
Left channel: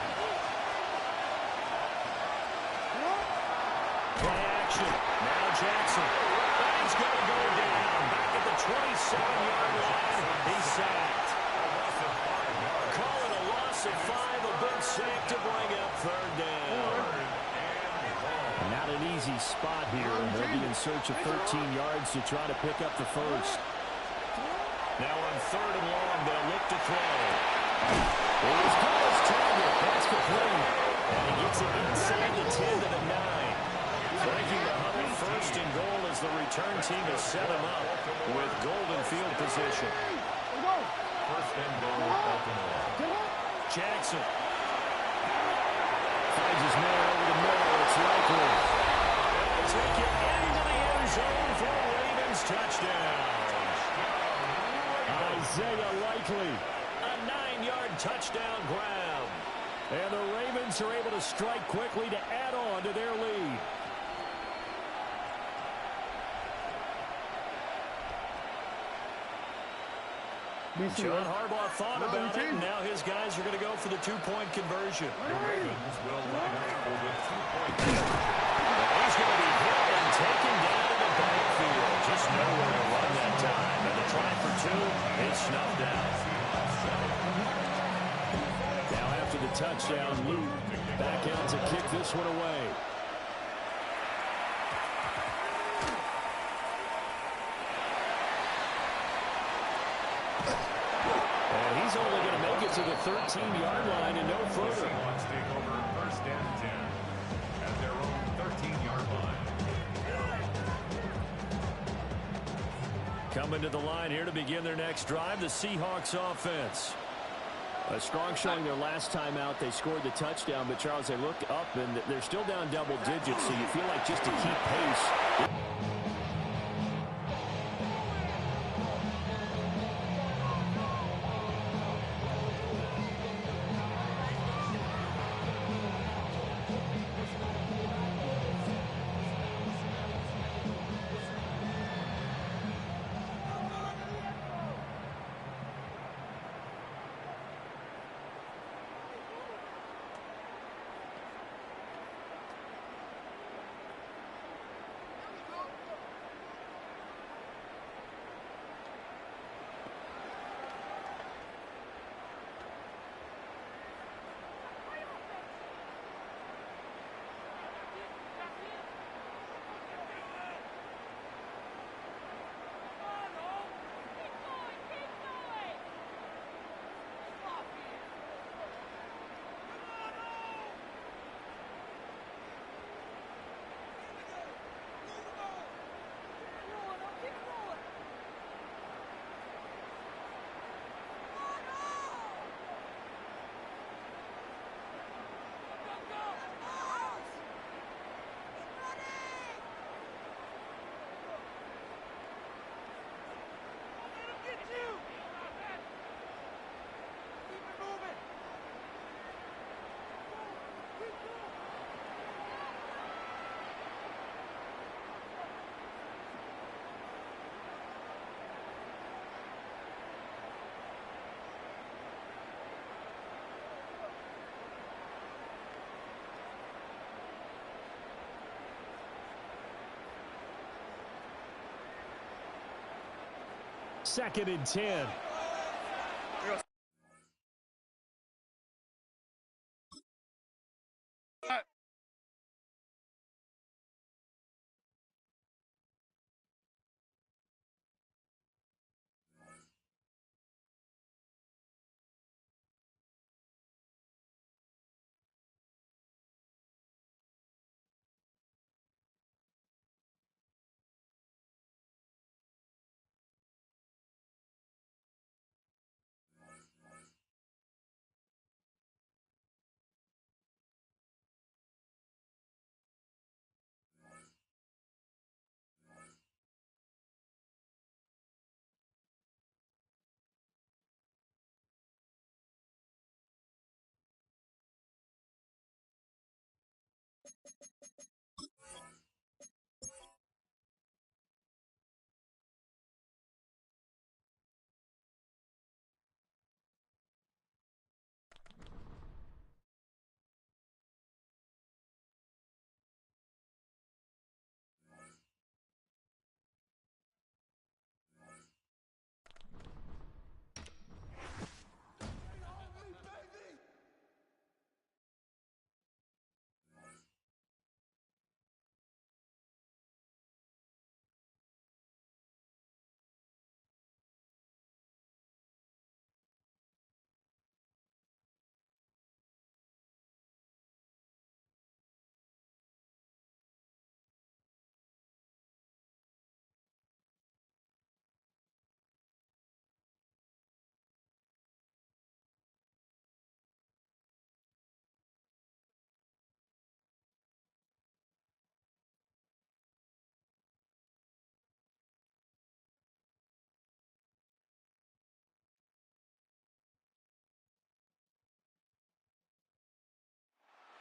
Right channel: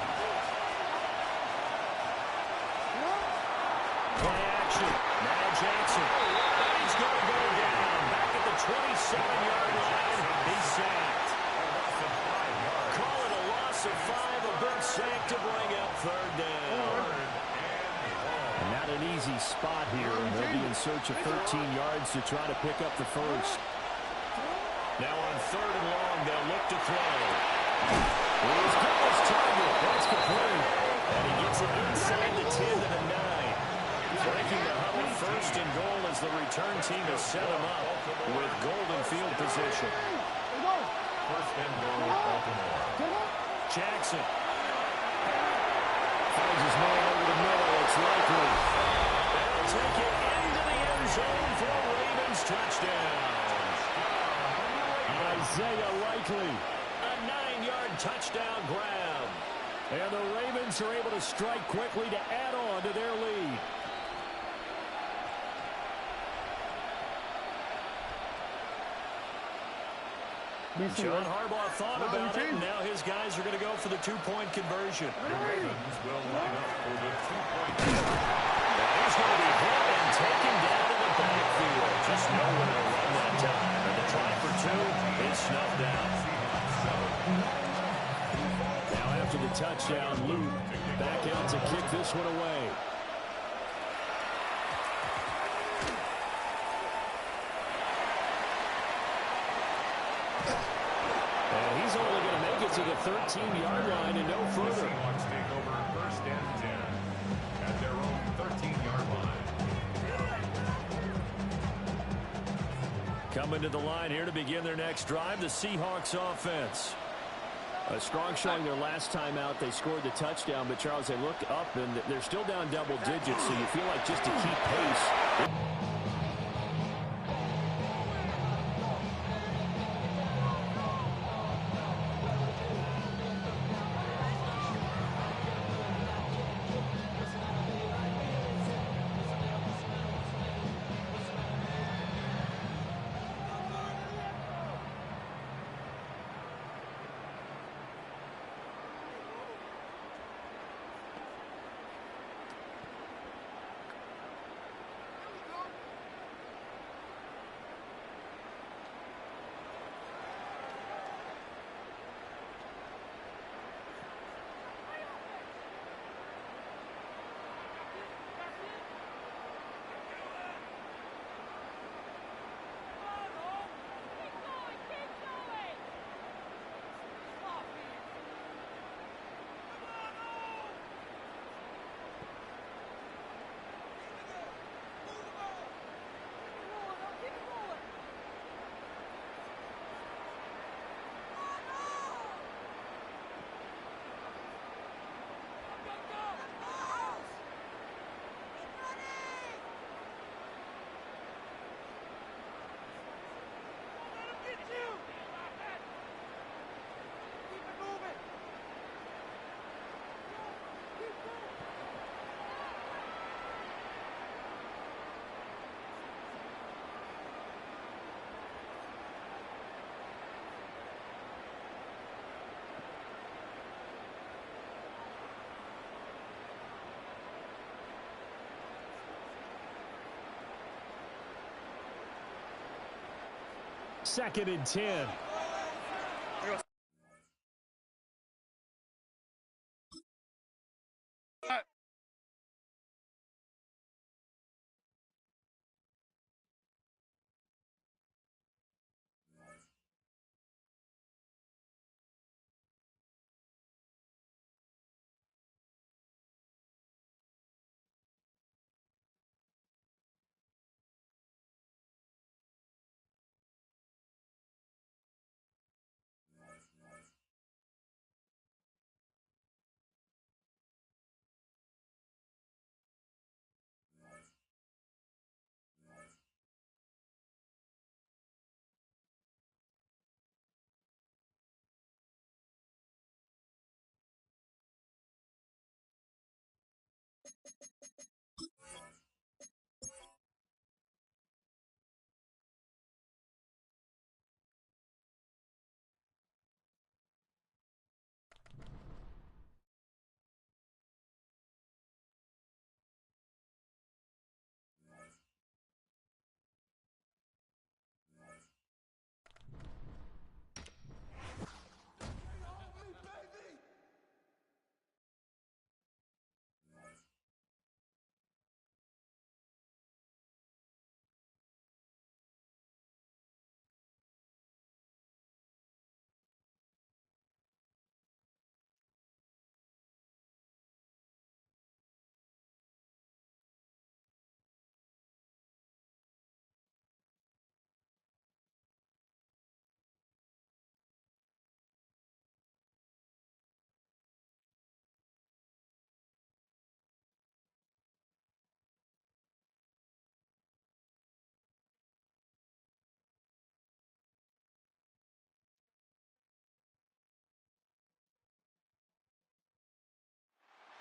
Play action. Now Jackson. And he's going to go down. Back at the 27-yard line. He's sacked. A loss of 5 yards. Call it a loss of 5. A big sack to bring up 3rd down. And not an easy spot here. They'll be in search of 13 yards to try to pick up the 1st. Now on 3rd and long, they'll look to throw. He's got his target. That's complete. And he gets it inside the 10 to the 9. Breaking the huddle, 1st and goal as the return team has set him up with golden field position. 1st and goal, Baltimore. Jackson finds his man over the middle. It's likely. And will take it into the end zone for a Ravens touchdown. Isaiah Likely, a 9-yard touchdown grab. And the Ravens are able to strike quickly to add on to their lead. John Harbaugh thought about it, and now his guys are going to go for the two-point conversion. The Ravens will line up for the two-point conversion. And he's going to be hit and taken down in the backfield. Just nowhere to run that time. And the try for two is snuffed out. Now after the touchdown, Luke back out to kick this one away. And he's only going to make it to the 13-yard line and no further. The Seahawks take over first and 10 at their own 13-yard line. Coming to the line here to begin their next drive, the Seahawks offense. A strong showing their last time out. They scored the touchdown, but Charles, they look up and they're still down double digits, so you feel like just to keep pace. Second and 10.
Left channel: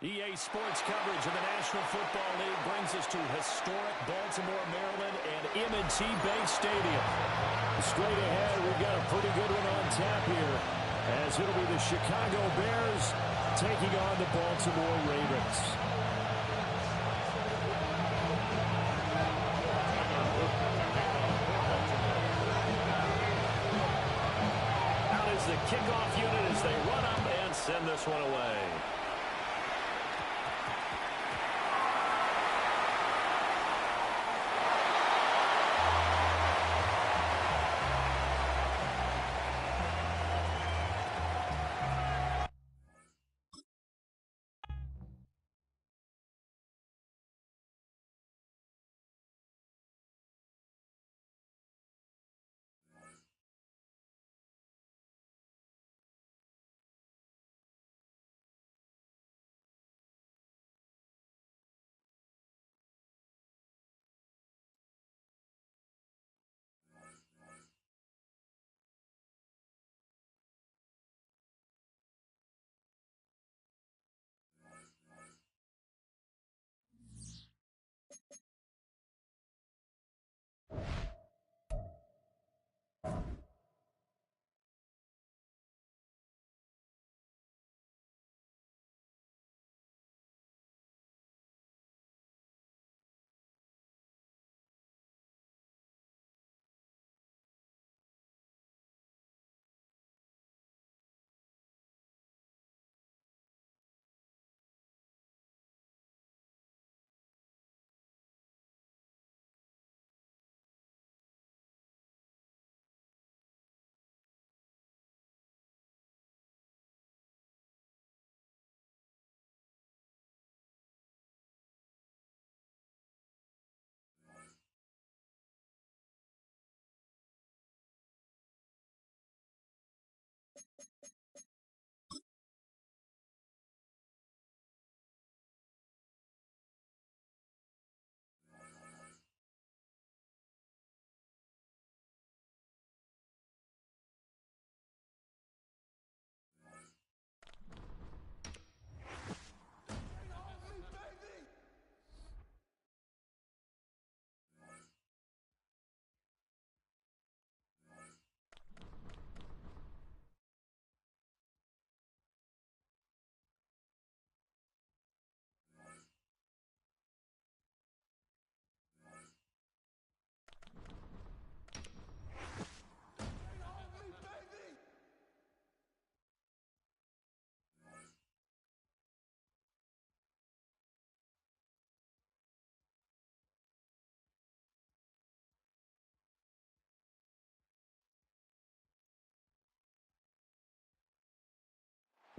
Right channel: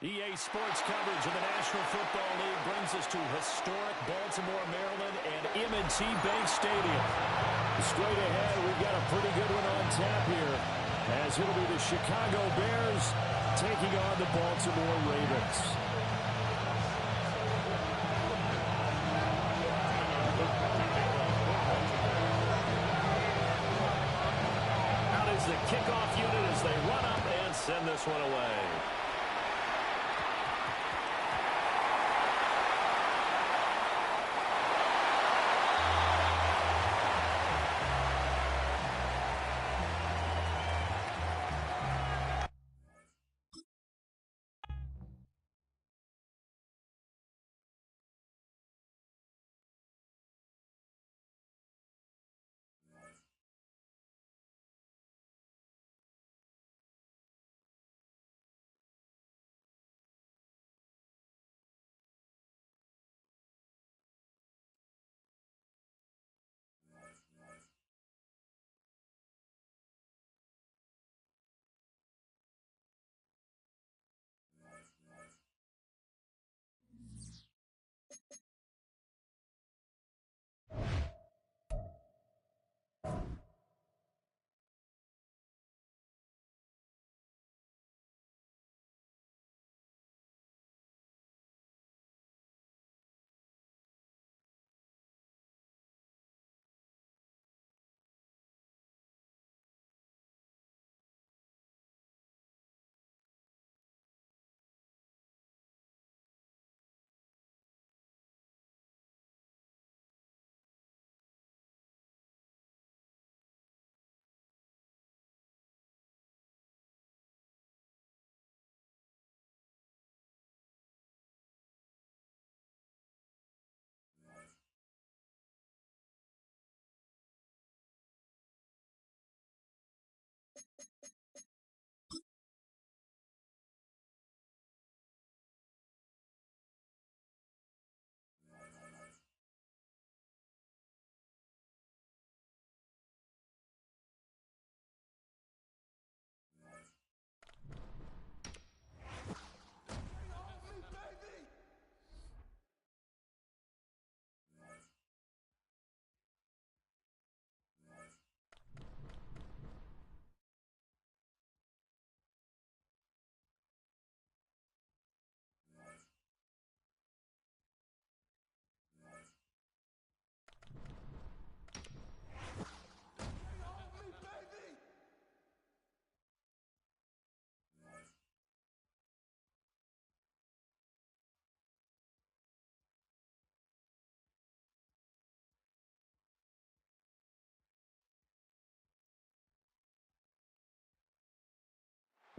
EA Sports coverage of the National Football League brings us to historic Baltimore, Maryland, and M&T Bank Stadium. Straight ahead, we've got a pretty good one on tap here, as it'll be the Chicago Bears taking on the Baltimore Ravens. Out is the kickoff unit as they run up and send this one away.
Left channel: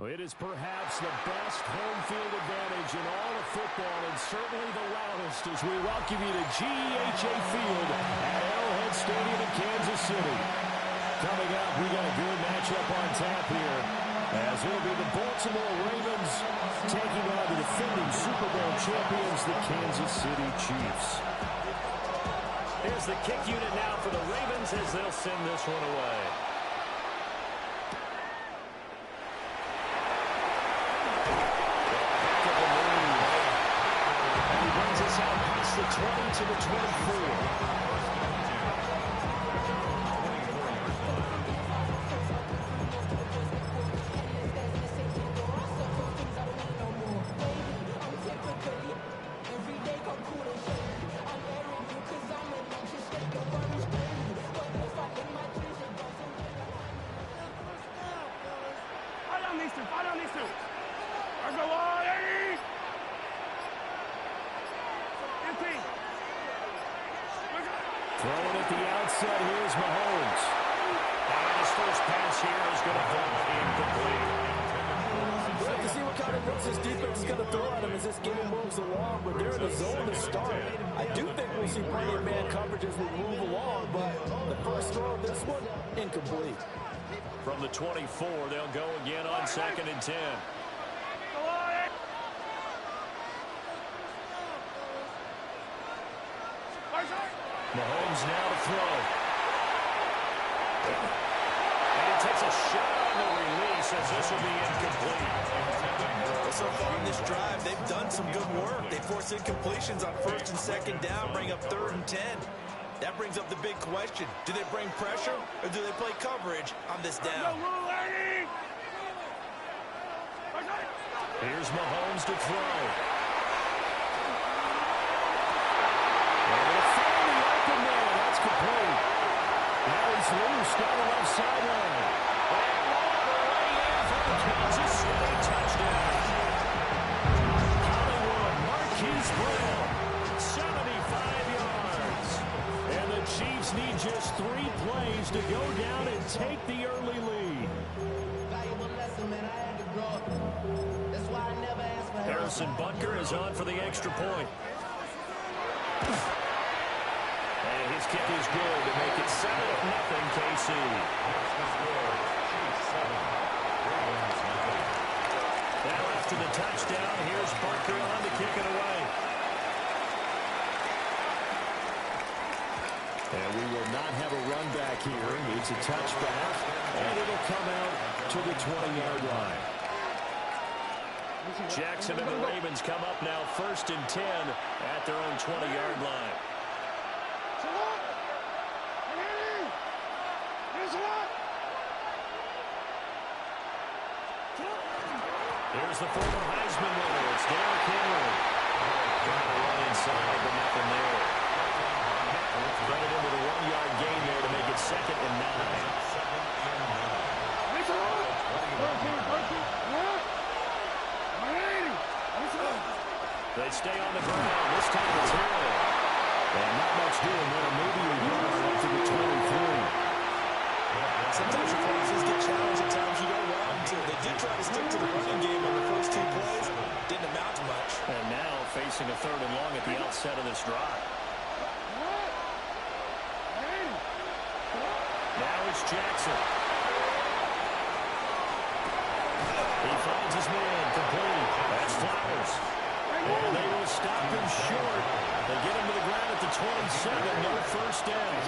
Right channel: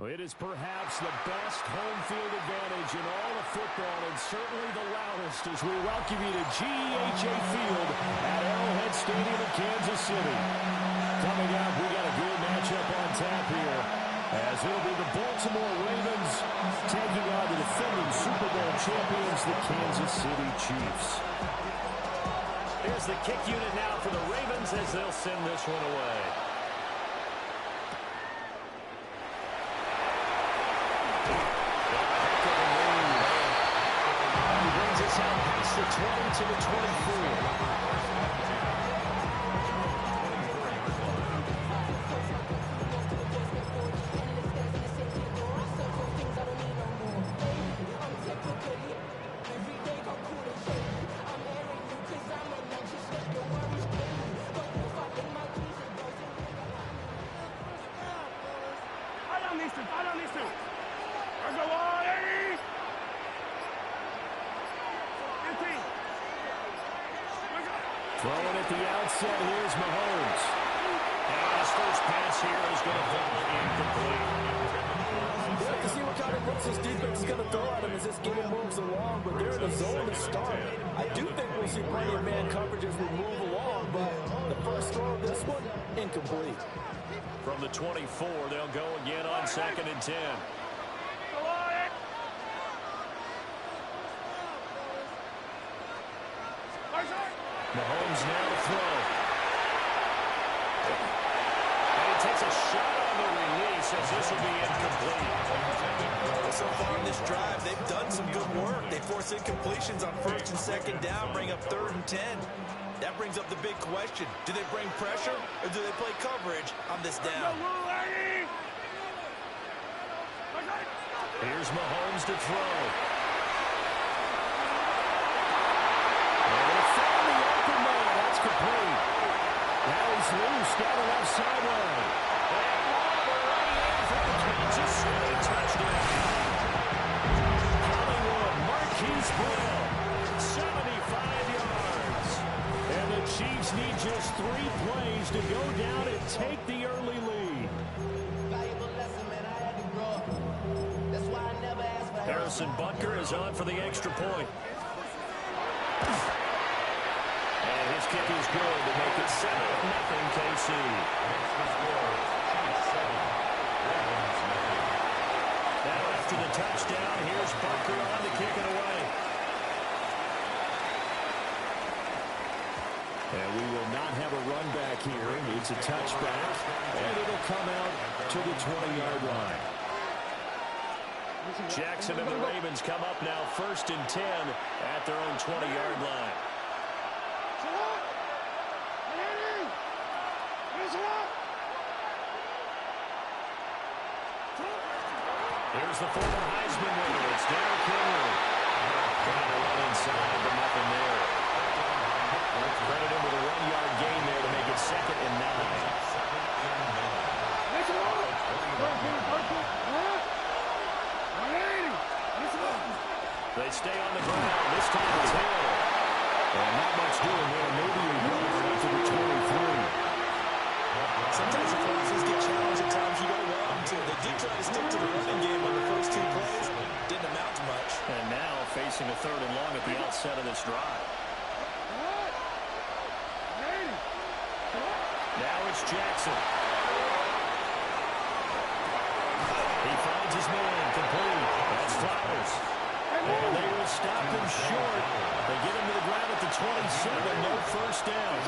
Well, it is perhaps the best home field advantage in all of football, and certainly the loudest, as we welcome you to GEHA Field at Arrowhead Stadium in Kansas City. Coming up, we got a good matchup on tap here, as it'll be the Baltimore Ravens taking on the defending Super Bowl champions, the Kansas City Chiefs. Here's the kick unit now for the Ravens as they'll send this one away. Out past the 20 to the 24. Fight on these two. Let's go on, Eddie. 15. Throwing at the outset, here's Mahomes. And his first pass here is going to fall incomplete. We'll have to see what kind of looks this defense is going to throw at him as this game moves along, but they're in the zone to start. I do think we'll see plenty of man coverage as we move along, but the first throw of this one, incomplete. From the 24, they'll go again on 2nd and 10. Mahomes now to throw. And he takes a shot on the release. says this will be incomplete. Well, so far on this drive, they've done some good work. They force incompletions on 1st and 2nd down, bring up 3rd and 10. That brings up the big question. Do they bring pressure or do they play coverage on this down? Here's Mahomes to throw. They're going to find the open man. That's complete. Now he's loose down the left sideline. And over way in for the Kansas City touchdown. Hollywood, Marquise Brown, 75 yards. And the Chiefs need just 3 plays to go down and take the early lead. Valuable lesson, man. I had to grow up. That's why I never asked for help. Harrison Butker is on for the extra point. And his kick is good to make it 7-0 KC. Next to score, Chiefs 7, Ravens 0. Now after the touchdown, here's Butker on to kick it away. And we will not have a run back here. It's a touchback, and it'll come out to the 20-yard line. Jackson and the Ravens come up now 1st and 10 at their own 20-yard line. Here's the former Heisman winner. It's Derrick Henry. Trying to run inside, but nothing there. Credit him with a 1-yard gain there to make it 2nd and 9. They stay on the ground. This time it's Hill. And not much doing there. Maybe a yard up to the 23. Sometimes your classes get challenged at times you don't want them to. They did try to stick to the running game on the first 2 plays. Didn't amount to much. And now facing a 3rd and long at the outset of this drive. Now it's Jackson. He finds his man complete. That's Flowers. And they will stop him short. They get him to the ground at the 27. No first down.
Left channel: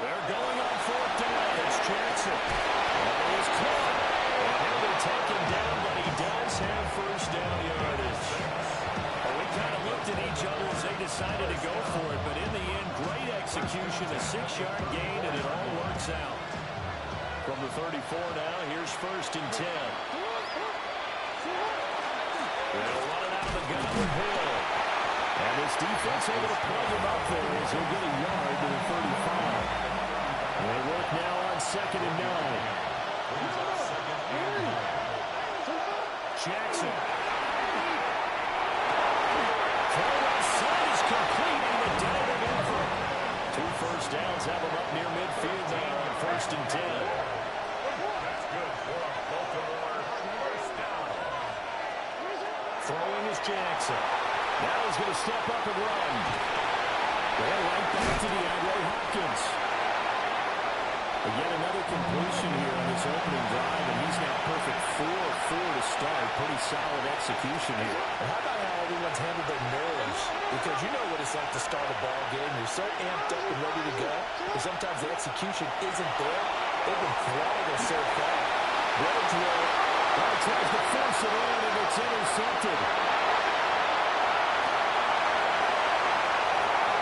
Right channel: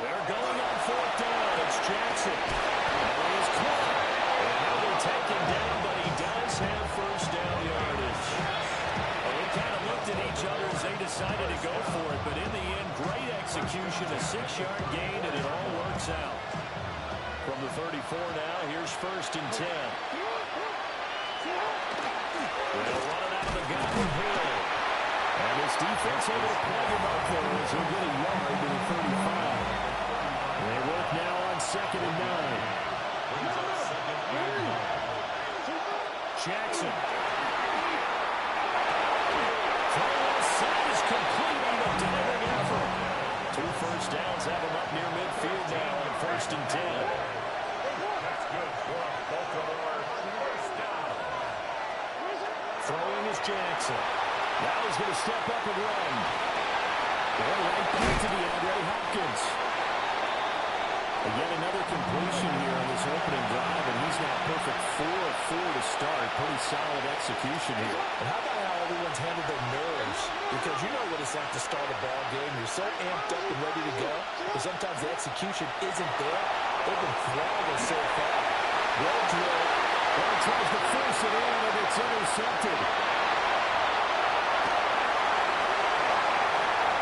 They're going on 4th down. It's Jackson. And he's caught. And he'll be taken down, but he does have first down yardage. Well, we kind of looked at each other as they decided to go for it, but in the end, great execution, a 6-yard gain, and it all works out. From the 34 now, here's 1st and 10. They'll run it out of the gun with Hill. And this defense able to plug him up there as he'll get a yard to the 35. They work now on 2nd and 9. Jackson. Throw left side is complete on the diving effort. 2 first downs have him up near midfield now on 1st and 10. That's good for a Baltimore first down. Throwing is Jackson. Now he's going to step up and run. Going right back to DeAndre Hopkins. Yet another completion here on this opening drive, and he's now perfect 4 of 4 to start. Pretty solid execution here. And how about how everyone's handled their nerves? Because you know what it's like to start a ball game. You're so amped up and ready to go, but sometimes the execution isn't there. They've been flawless so far. Rhodes will. Well, tries to force it in, and it's intercepted.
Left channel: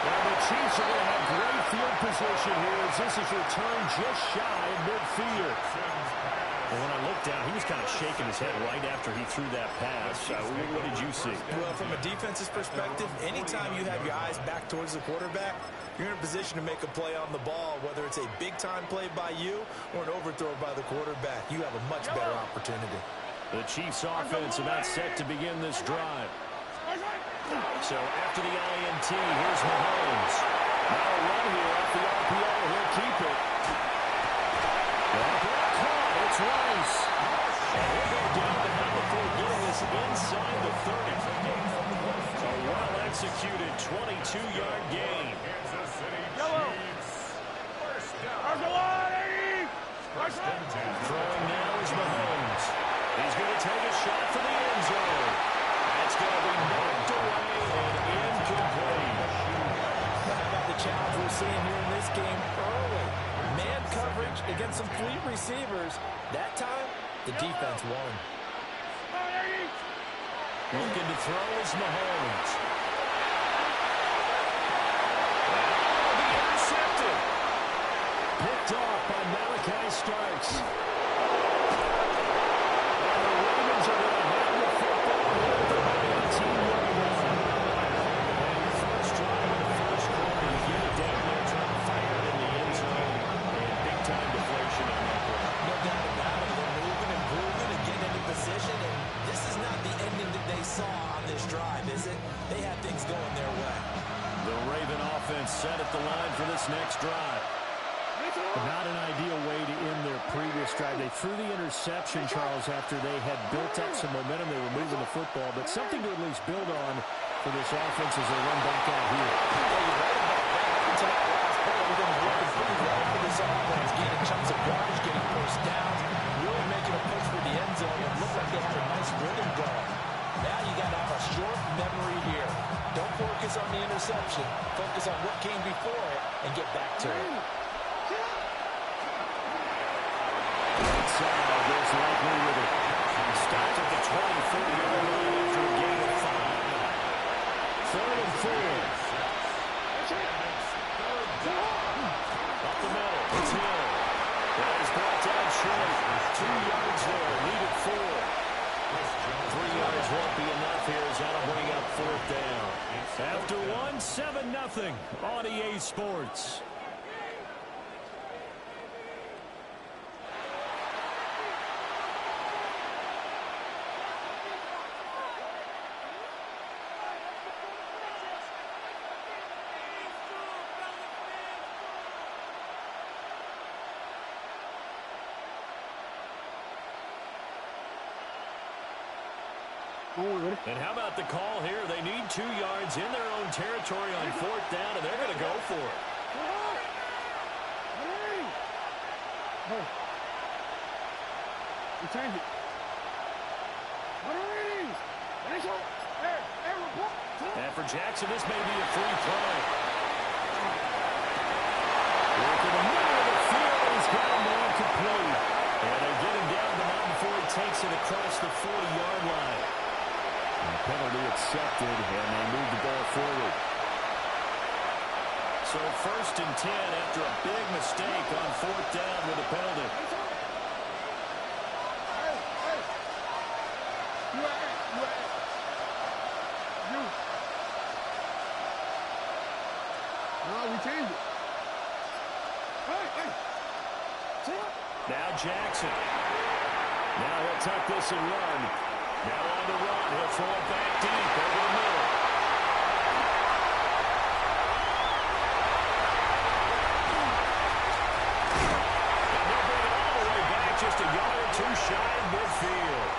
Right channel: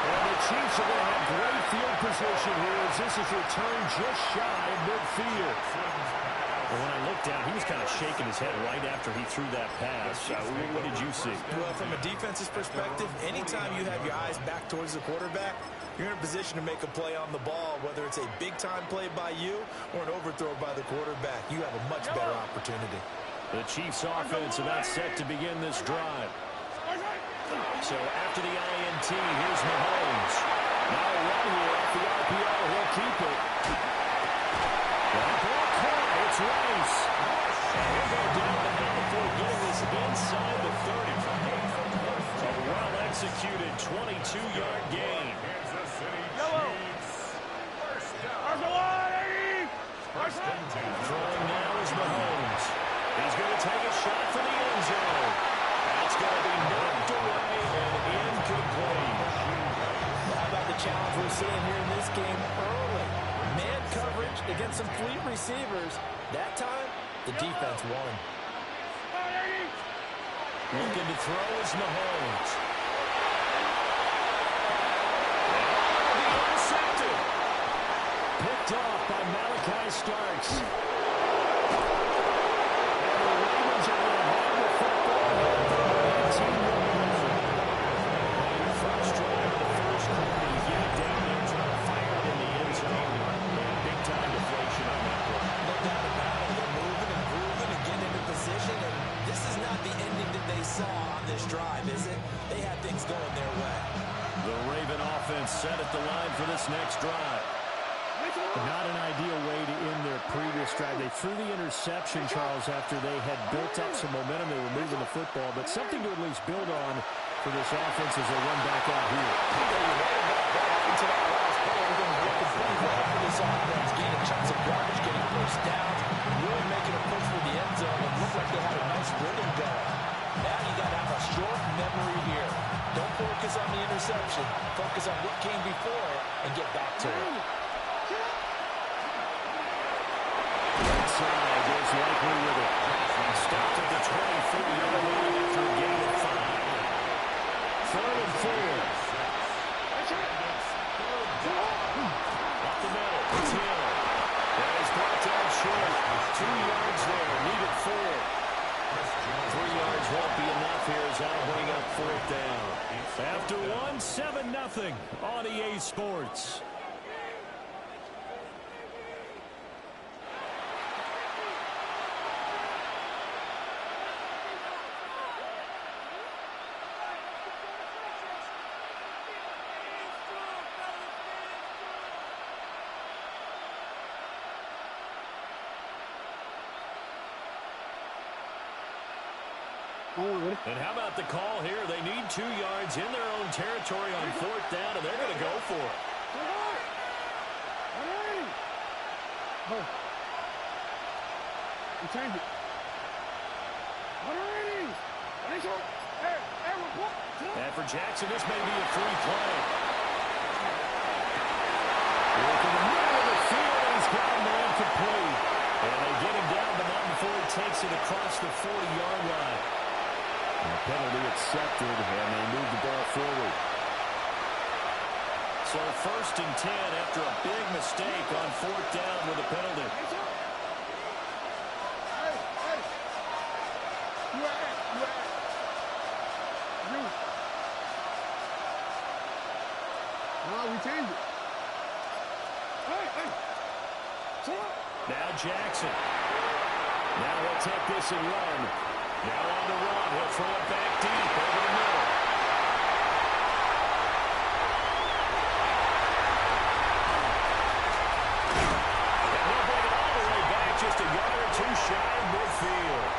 And the Chiefs are going to have great field position here as this is returned just shy of midfield. Well, when I looked down, he was kind of shaking his head right after he threw that pass. What did you see? Well, from a defense's perspective, anytime you have your eyes back towards the quarterback, you're in a position to make a play on the ball, whether it's a big-time play by you or an overthrow by the quarterback. You have a much better opportunity. The Chiefs' offense about set to begin this drive. So after the INT, here's Mahomes. Now a run here off the RPO. He'll keep it. That ball caught. It's Rice. And he'll go down the hill before getting this inside the 30. A well-executed 22-yard gain. Kansas City Chiefs first down. First and 10. Throwing now is Mahomes. He's going to take a shot for the end zone. That's going to be knocked away and challenge we're seeing here in this game early. Man coverage against some fleet receivers. That time, the defense won. Looking to throw is Mahomes. And will be intercepted. Picked off by Malachi Starks. And the Ravens are going to have the football here at the 18-yard line. On your first drive of the first quarter, you get it down there, trying to fire it in the end zone. And big-time deflation on that play. No doubt about it. They're moving and grooving and getting into position, and this is not the ending that they saw on this drive, is it? They had things going their way. The Raven offense set at the line for this next drive. Not an ideal way to end their previous drive. They threw the interception, Charles, after they had built up some momentum. They were moving the football, but something to at least build on for this offense as they run back out here. Yeah, you're right about that. Up until that last play, everything was working pretty well for this offense. Gaining chunks of yardage, getting first downs, really making a push for the end zone. It looked like they had a nice rhythm going. Now you got to have a short memory here. Don't focus on the interception. Focus on what came before it and get back to it. Inside goes likely with it. Stopped at the 24-yard line after a gain of 5. 3rd and 4. Up the middle. It's Hill. That is brought down short. 2 yards there. Needed 4. 3 yards won't be enough here as that'll bring up 4th down. After 7-0 on EA Sports. And how about the call here? They need 2 yards in their own territory on 4th down, and they're going to go for it. You change it. And for Jackson, this may be a free play. Look in the middle of the field, and he's got a man complete. And they get him down, but not before he takes it across the 40-yard line. And the penalty accepted, and they move the ball forward. So 1st and 10 after a big mistake on 4th down with a penalty. No, we changed it. Now Jackson. Now he'll tuck this and run. Now on the run. He'll throw it back deep over the middle. And he'll bring it all the way back just a yard or 2 shy of midfield.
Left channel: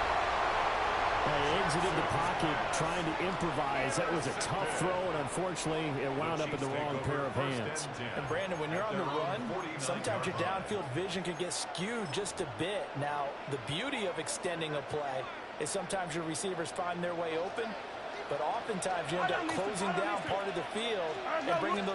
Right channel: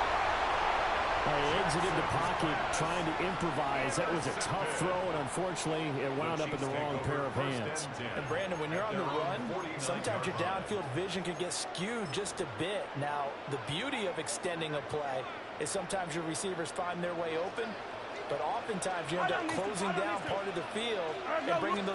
They exited the pocket trying to improvise. That was a tough throw, and unfortunately, it wound up in the wrong pair of hands. And Brandon, when you're on the run, sometimes your downfield vision can get skewed just a bit. Now, the beauty of extending a play is sometimes your receivers find their way open, but oftentimes you end up closing down part of the field and bringing those